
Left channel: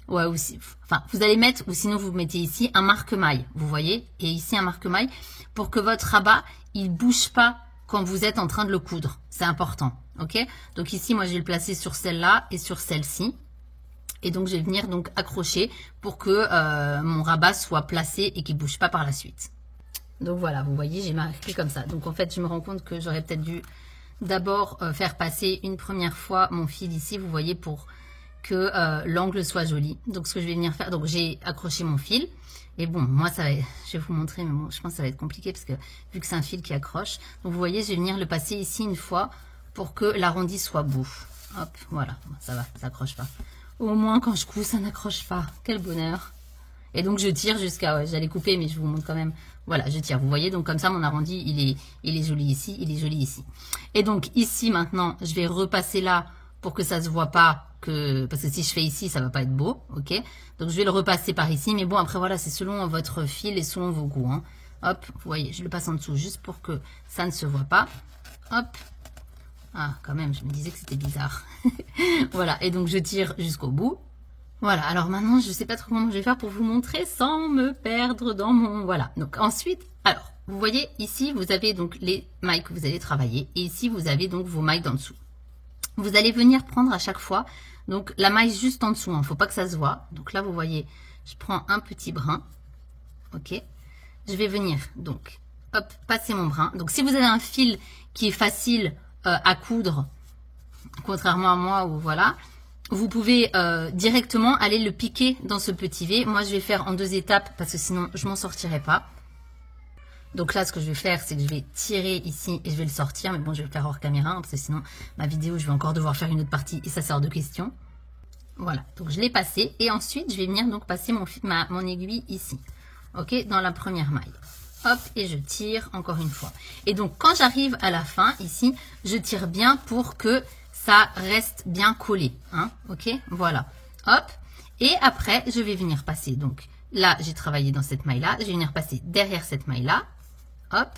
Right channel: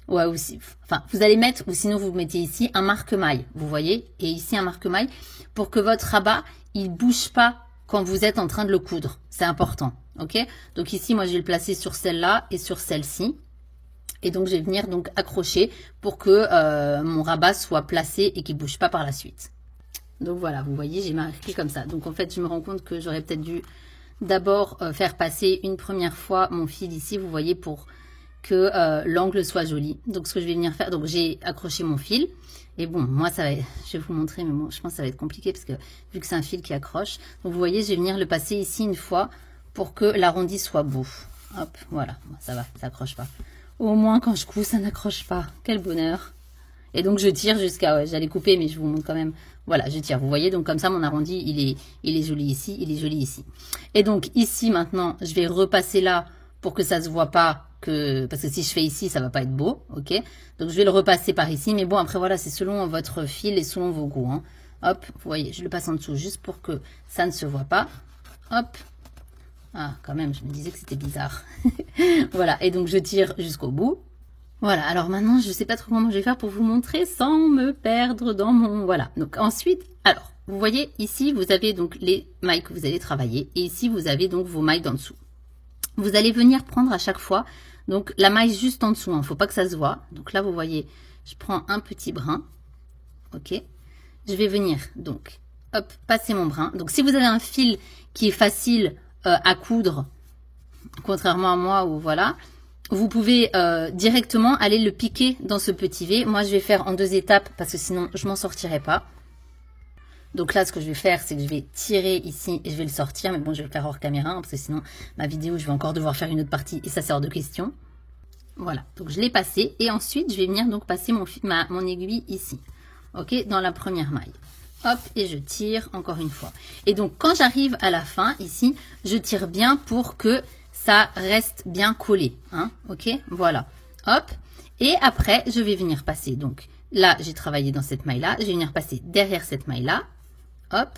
Ouais, aussi. Enfin, vous allez mettre, ou sinon vous mettez ici un marque-maille, vous voyez, et ici un marque-maille pour que votre rabat il bouge pas quand vous êtes en train de le coudre. C'est important, ok? Donc ici, moi je vais le placer sur celle-là et sur celle-ci. Et donc je vais venir donc accrocher pour que mon rabat soit placé et qu'il bouge pas par la suite. Donc voilà, vous voyez, j'ai marqué comme ça. Donc en fait, je me rends compte que j'aurais peut-être dû d'abord faire passer une première fois mon fil ici, vous voyez, pour que l'angle soit joli. Donc ce que je vais venir faire, donc j'ai accroché mon fil. Et bon, moi, ça va être, je vais vous montrer, mais bon, je pense que ça va être compliqué parce que vu que c'est un fil qui accroche. Donc vous voyez, je vais venir le passer ici une fois pour que l'arrondi soit beau. Hop, voilà, ça va, ça accroche pas. Au moins, quand je couds, ça n'accroche pas. Quel bonheur. Et donc je tire jusqu'à, j'allais couper, mais je vous montre quand même. Voilà, je tire. Vous voyez, donc comme ça, mon arrondi, il est joli ici, il est joli ici. Et donc ici, maintenant, je vais repasser là pour que ça se voit pas, parce que si je fais ici, ça va pas être beau, ok? Donc je vais le repasser par ici, mais bon, après voilà, c'est selon votre fil et selon vos goûts, hein. Hop, vous voyez, je le passe en dessous juste pour que ça ne se voit pas. Hop. Ah, quand même, je me disais que c'était bizarre. Voilà, et donc je tire jusqu'au bout. Voilà, alors maintenant, je ne sais pas trop comment je vais faire pour vous montrer sans me perdre dans mon... Voilà, donc ensuite, alors, vous voyez, ici, vous avez donc les mailles que vous allez travailler. Et ici, vous avez donc vos mailles d'en dessous. Vous allez venir prendre à chaque fois, donc la maille juste en dessous, il ne faut pas que ça se voit. Donc là, vous voyez, je prends un petit brin, ok. Je vais venir, donc, hop, passer mon brin. Donc si vous avez un fil qui est facile à coudre, contrairement à moi, ou voilà... Vous pouvez directement aller le piquer dans ce petit V. Moi, je vais faire en 2 étapes parce que sinon, je m'en sortirai pas. Donc là, ce que je vais faire, c'est que je vais tirer ici et je vais le sortir. Mais bon, je vais le faire hors caméra hein, parce que sinon, ma vidéo, je vais encore devoir faire une autre partie et ça, c'est hors de question. Voilà, donc je l'ai passé. Et ensuite, je vais venir donc passer mon aiguille ici. Ok, dans la première maille. Hop, et je tire encore une fois. Et donc, quand j'arrive à la fin, ici, je tire bien pour que... ça reste bien collé, hein, ok, voilà, hop, et après, je vais venir passer, donc, là, j'ai travaillé dans cette maille-là, je vais venir passer derrière cette maille-là, hop,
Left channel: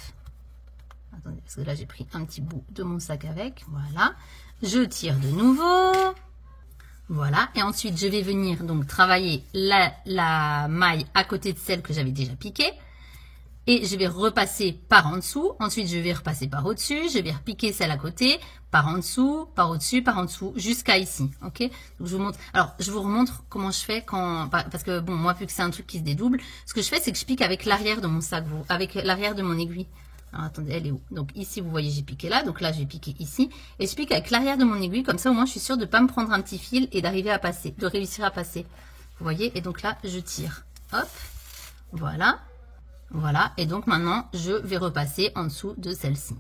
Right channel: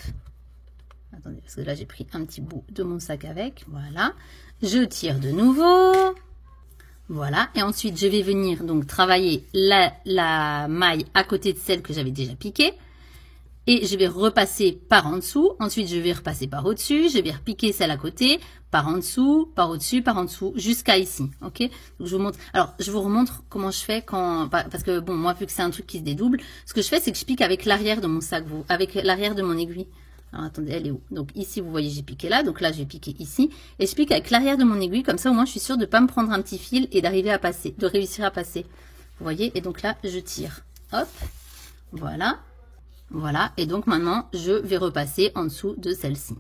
attendez, parce que là, j'ai pris un petit bout de mon sac avec, voilà, je tire de nouveau, Voilà, et ensuite je vais venir donc travailler la maille à côté de celle que j'avais déjà piquée. Et je vais repasser par en dessous. Ensuite, je vais repasser par au-dessus. Je vais repiquer celle à côté, par en dessous, par au-dessus, par en dessous, jusqu'à ici. Ok? Donc, je vous montre. Alors, je vous remontre comment je fais quand, parce que bon, moi, vu que c'est un truc qui se dédouble, ce que je fais, c'est que je pique avec l'arrière de mon sac, avec l'arrière de mon aiguille. Alors, attendez, elle est où? Donc, ici, vous voyez, j'ai piqué là. Donc là, je vais piquer ici. Et je pique avec l'arrière de mon aiguille. Comme ça, au moins, je suis sûre de ne pas me prendre un petit fil et d'arriver à passer, de réussir à passer. Vous voyez? Et donc là, je tire. Hop. Voilà. Voilà, et donc maintenant, je vais repasser en dessous de celle-ci.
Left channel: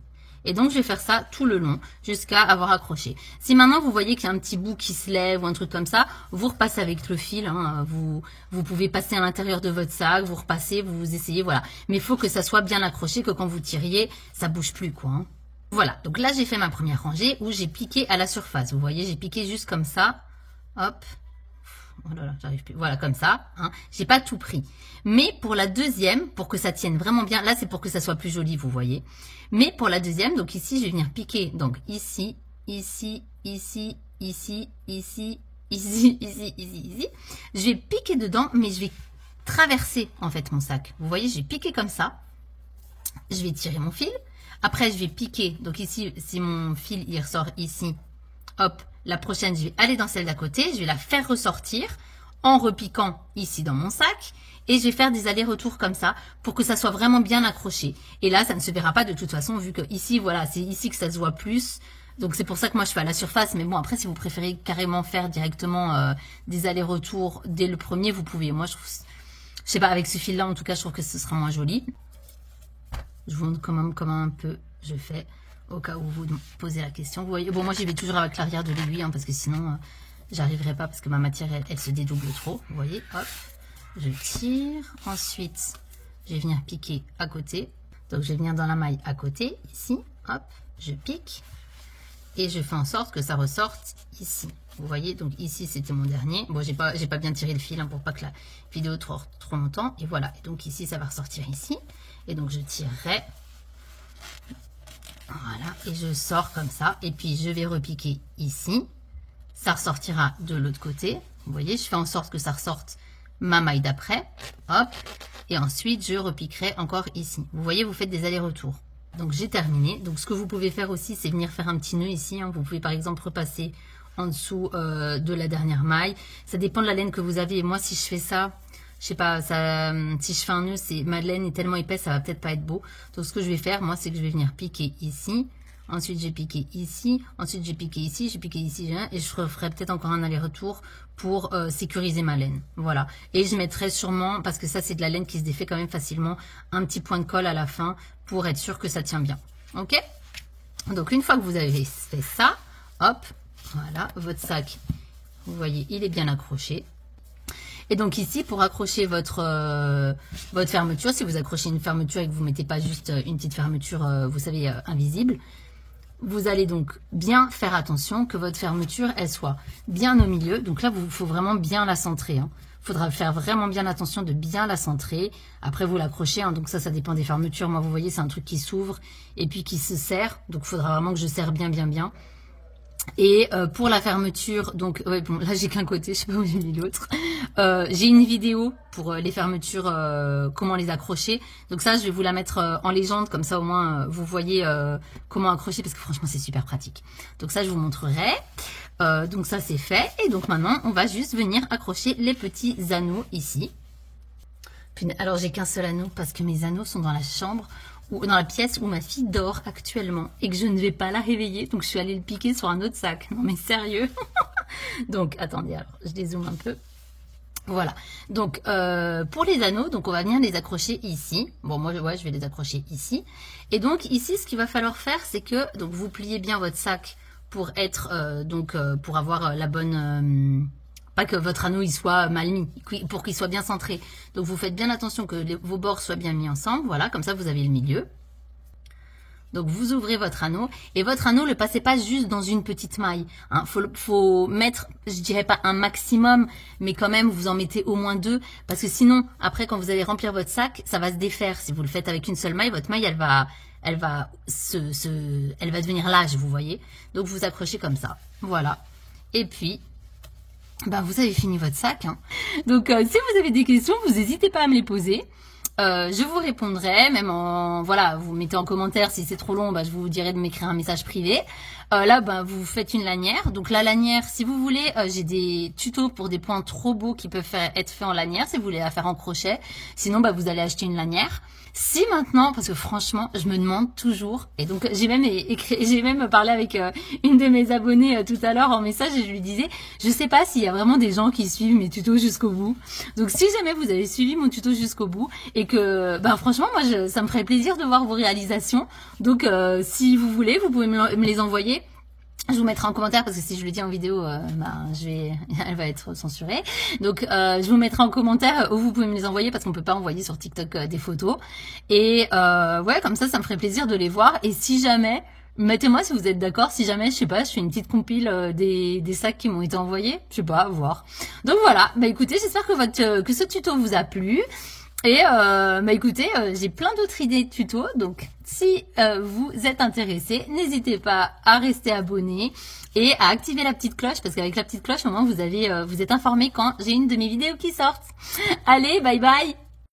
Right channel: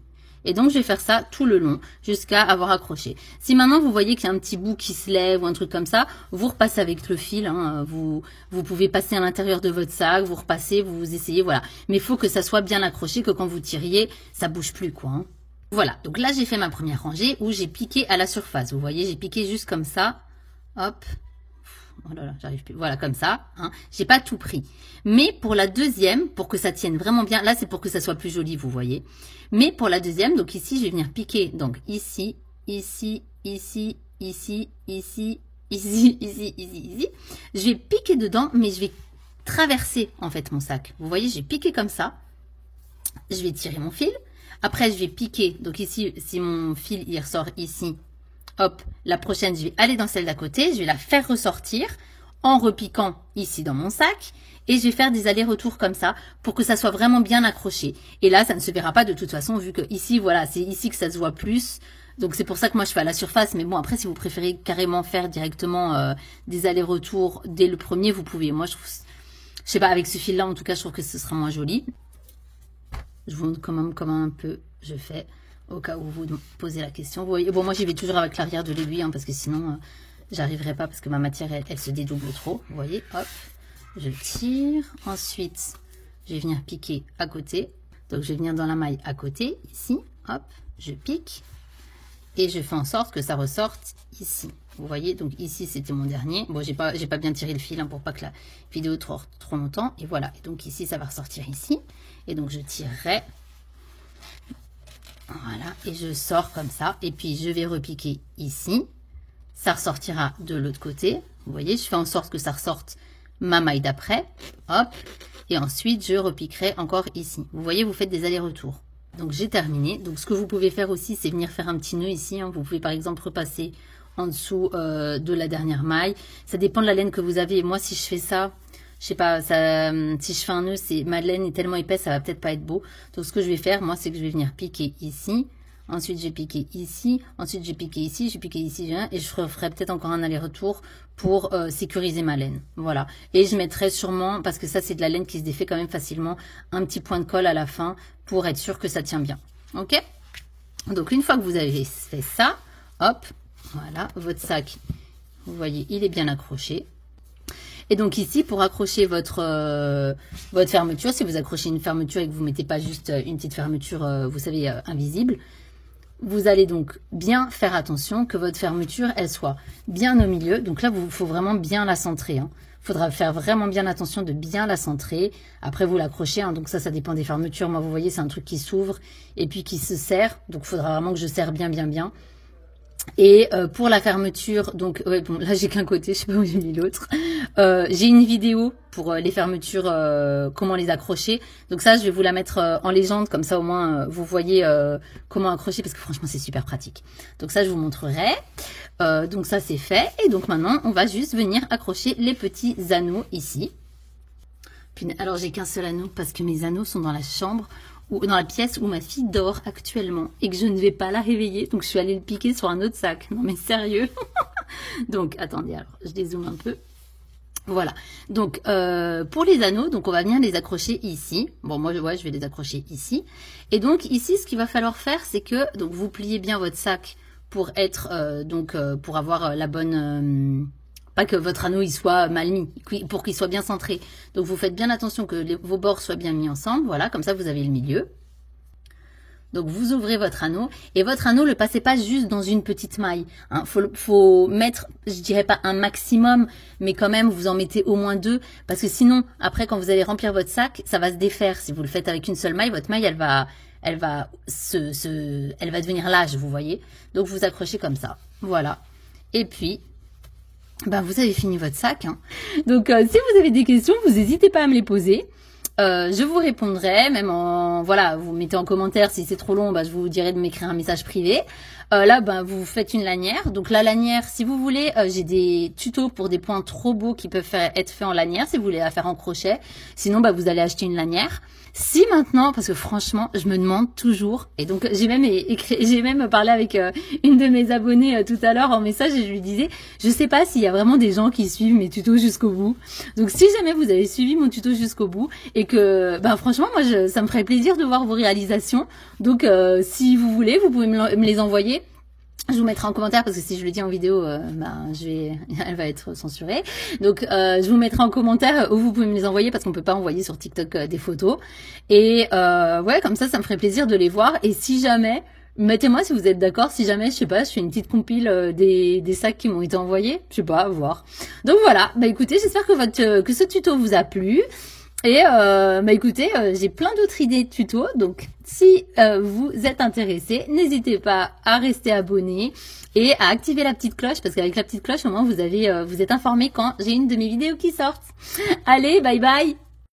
Et donc, je vais faire ça tout le long, jusqu'à avoir accroché. Si maintenant, vous voyez qu'il y a un petit bout qui se lève ou un truc comme ça, vous repassez avec le fil. Hein, vous pouvez passer à l'intérieur de votre sac, vous repassez, vous essayez, voilà. Mais il faut que ça soit bien accroché, que quand vous tiriez, ça bouge plus, quoi. Hein. Voilà, donc là, j'ai fait ma première rangée où j'ai piqué à la surface. Vous voyez, j'ai piqué juste comme ça. Hop. Oh là là, j'arrive plus. Voilà, comme ça. Hein. J'ai pas tout pris. Mais pour la deuxième, pour que ça tienne vraiment bien, là c'est pour que ça soit plus joli, vous voyez. Mais pour la deuxième, donc ici, je vais venir piquer. Donc ici, ici, ici, ici, ici, ici, ici, ici. Je vais piquer dedans, mais je vais traverser en fait mon sac. Vous voyez, je vais piquer comme ça. Je vais tirer mon fil. Après, je vais piquer. Donc ici, si mon fil il ressort ici, hop, la prochaine, je vais aller dans celle d'à côté, je vais la faire ressortir en repiquant ici dans mon sac et je vais faire des allers-retours comme ça pour que ça soit vraiment bien accroché. Et là, ça ne se verra pas de toute façon vu que ici, voilà, c'est ici que ça se voit plus. Donc, c'est pour ça que moi, je fais à la surface. Mais bon, après, si vous préférez carrément faire directement des allers-retours dès le premier, vous pouvez. Moi, je sais pas, avec ce fil-là, en tout cas, je trouve que ce sera moins joli. Je vous montre quand même comment un peu je fais. Au cas où vous posez la question. Vous voyez, bon, moi, j'y vais toujours avec l'arrière de l'aiguille, hein, parce que sinon, j'arriverai pas, parce que ma matière, elle se dédouble trop. Vous voyez, hop, je tire. Ensuite, je vais venir piquer à côté. Donc, je vais venir dans la maille à côté, ici. Hop, je pique. Et je fais en sorte que ça ressorte ici. Vous voyez, donc ici, c'était mon dernier. Bon, j'ai pas bien tiré le fil, hein, pour pas que la vidéo trop longtemps. Et voilà, et donc ici, ça va ressortir ici. Et donc, je tirerai. Voilà, et je sors comme ça. Et puis, je vais repiquer ici. Ça ressortira de l'autre côté. Vous voyez, je fais en sorte que ça ressorte ma maille d'après. Hop. Et ensuite, je repiquerai encore ici. Vous voyez, vous faites des allers-retours. Donc, j'ai terminé. Donc, ce que vous pouvez faire aussi, c'est venir faire un petit nœud ici. Hein. Vous pouvez, par exemple, repasser en dessous de la dernière maille. Ça dépend de la laine que vous avez. Et moi, si je fais ça... Je sais pas, ça, si je fais un nœud, ma laine est tellement épaisse, ça va peut-être pas être beau. Donc, ce que je vais faire, moi, c'est que je vais venir piquer ici. Ensuite, j'ai piqué ici. Ensuite, j'ai piqué ici. J'ai piqué ici. Et je ferai peut-être encore un aller-retour pour sécuriser ma laine. Voilà. Et je mettrai sûrement, parce que ça, c'est de la laine qui se défait quand même facilement, un petit point de colle à la fin pour être sûr que ça tient bien. OK? Donc, une fois que vous avez fait ça, hop, voilà, votre sac, vous voyez, il est bien accroché. Et donc ici, pour accrocher votre fermeture, si vous accrochez une fermeture et que vous ne mettez pas juste une petite fermeture, vous savez, invisible, vous allez donc bien faire attention que votre fermeture, elle soit bien au milieu. Donc là, il faut vraiment bien la centrer. Il faudra faire vraiment bien attention de bien la centrer. Après, vous l'accrochez. Hein, donc ça dépend des fermetures. Moi, vous voyez, c'est un truc qui s'ouvre et puis qui se serre. Donc, il faudra vraiment que je serre bien, bien, bien. Et pour la fermeture, donc ouais, bon, là j'ai qu'un côté, je sais pas où j'ai mis l'autre. J'ai une vidéo pour les fermetures, comment les accrocher. Donc ça, je vais vous la mettre en légende, comme ça au moins vous voyez comment accrocher, parce que franchement c'est super pratique. Donc ça, je vous montrerai. Donc ça c'est fait. Et donc maintenant, on va juste venir accrocher les petits anneaux ici. Puis, alors j'ai qu'un seul anneau parce que mes anneaux sont dans la chambre, ou dans la pièce où ma fille dort actuellement et que je ne vais pas la réveiller, donc je suis allée le piquer sur un autre sac. Non mais sérieux. Donc attendez, alors je dézoome un peu. Voilà, donc pour les anneaux, donc on va venir les accrocher ici. Bon, moi ouais, je vais les accrocher ici. Et donc ici, ce qu'il va falloir faire, c'est que donc vous pliez bien votre sac pour être pour avoir la bonne pas que votre anneau il soit mal mis, pour qu'il soit bien centré. Donc vous faites bien attention que vos bords soient bien mis ensemble. Voilà, comme ça vous avez le milieu. Donc vous ouvrez votre anneau et votre anneau, le passez pas juste dans une petite maille. Hein. Faut mettre, je dirais pas un maximum, mais quand même vous en mettez au moins 2, parce que sinon après quand vous allez remplir votre sac, ça va se défaire. Si vous le faites avec une seule maille, votre maille elle va devenir lâche, vous voyez. Donc vous accrochez comme ça. Voilà. Et puis vous avez fini votre sac. Hein. Donc, si vous avez des questions, vous n'hésitez pas à me les poser. Je vous répondrai, même voilà, vous mettez en commentaire si c'est trop long, je vous dirai de m'écrire un message privé. Là, vous faites une lanière. Donc la lanière, si vous voulez, j'ai des tutos pour des points trop beaux qui peuvent être faits en lanière, si vous voulez la faire en crochet. Sinon, vous allez acheter une lanière. Si maintenant, parce que franchement, je me demande toujours, et donc j'ai même parlé avec une de mes abonnées tout à l'heure en message et je lui disais, je sais pas s'il y a vraiment des gens qui suivent mes tutos jusqu'au bout. Donc si jamais vous avez suivi mon tuto jusqu'au bout et que, franchement, moi, ça me ferait plaisir de voir vos réalisations. Donc si vous voulez, vous pouvez me les envoyer. Je vous mettrai en commentaire parce que si je le dis en vidéo, elle va être censurée. Donc, je vous mettrai en commentaire où vous pouvez me les envoyer parce qu'on peut pas envoyer sur TikTok des photos. Et ouais, comme ça me ferait plaisir de les voir. Et si jamais, mettez-moi si vous êtes d'accord. Si jamais, je sais pas, je fais une petite compile des sacs qui m'ont été envoyés. Je sais pas, à voir. Donc voilà. Écoutez, j'espère que ce tuto vous a plu. Et écoutez, j'ai plein d'autres idées de tutos, donc si vous êtes intéressé, n'hésitez pas à rester abonné et à activer la petite cloche, parce qu'avec la petite cloche, au moins vous êtes informé quand j'ai une de mes vidéos qui sortent. Allez, bye bye!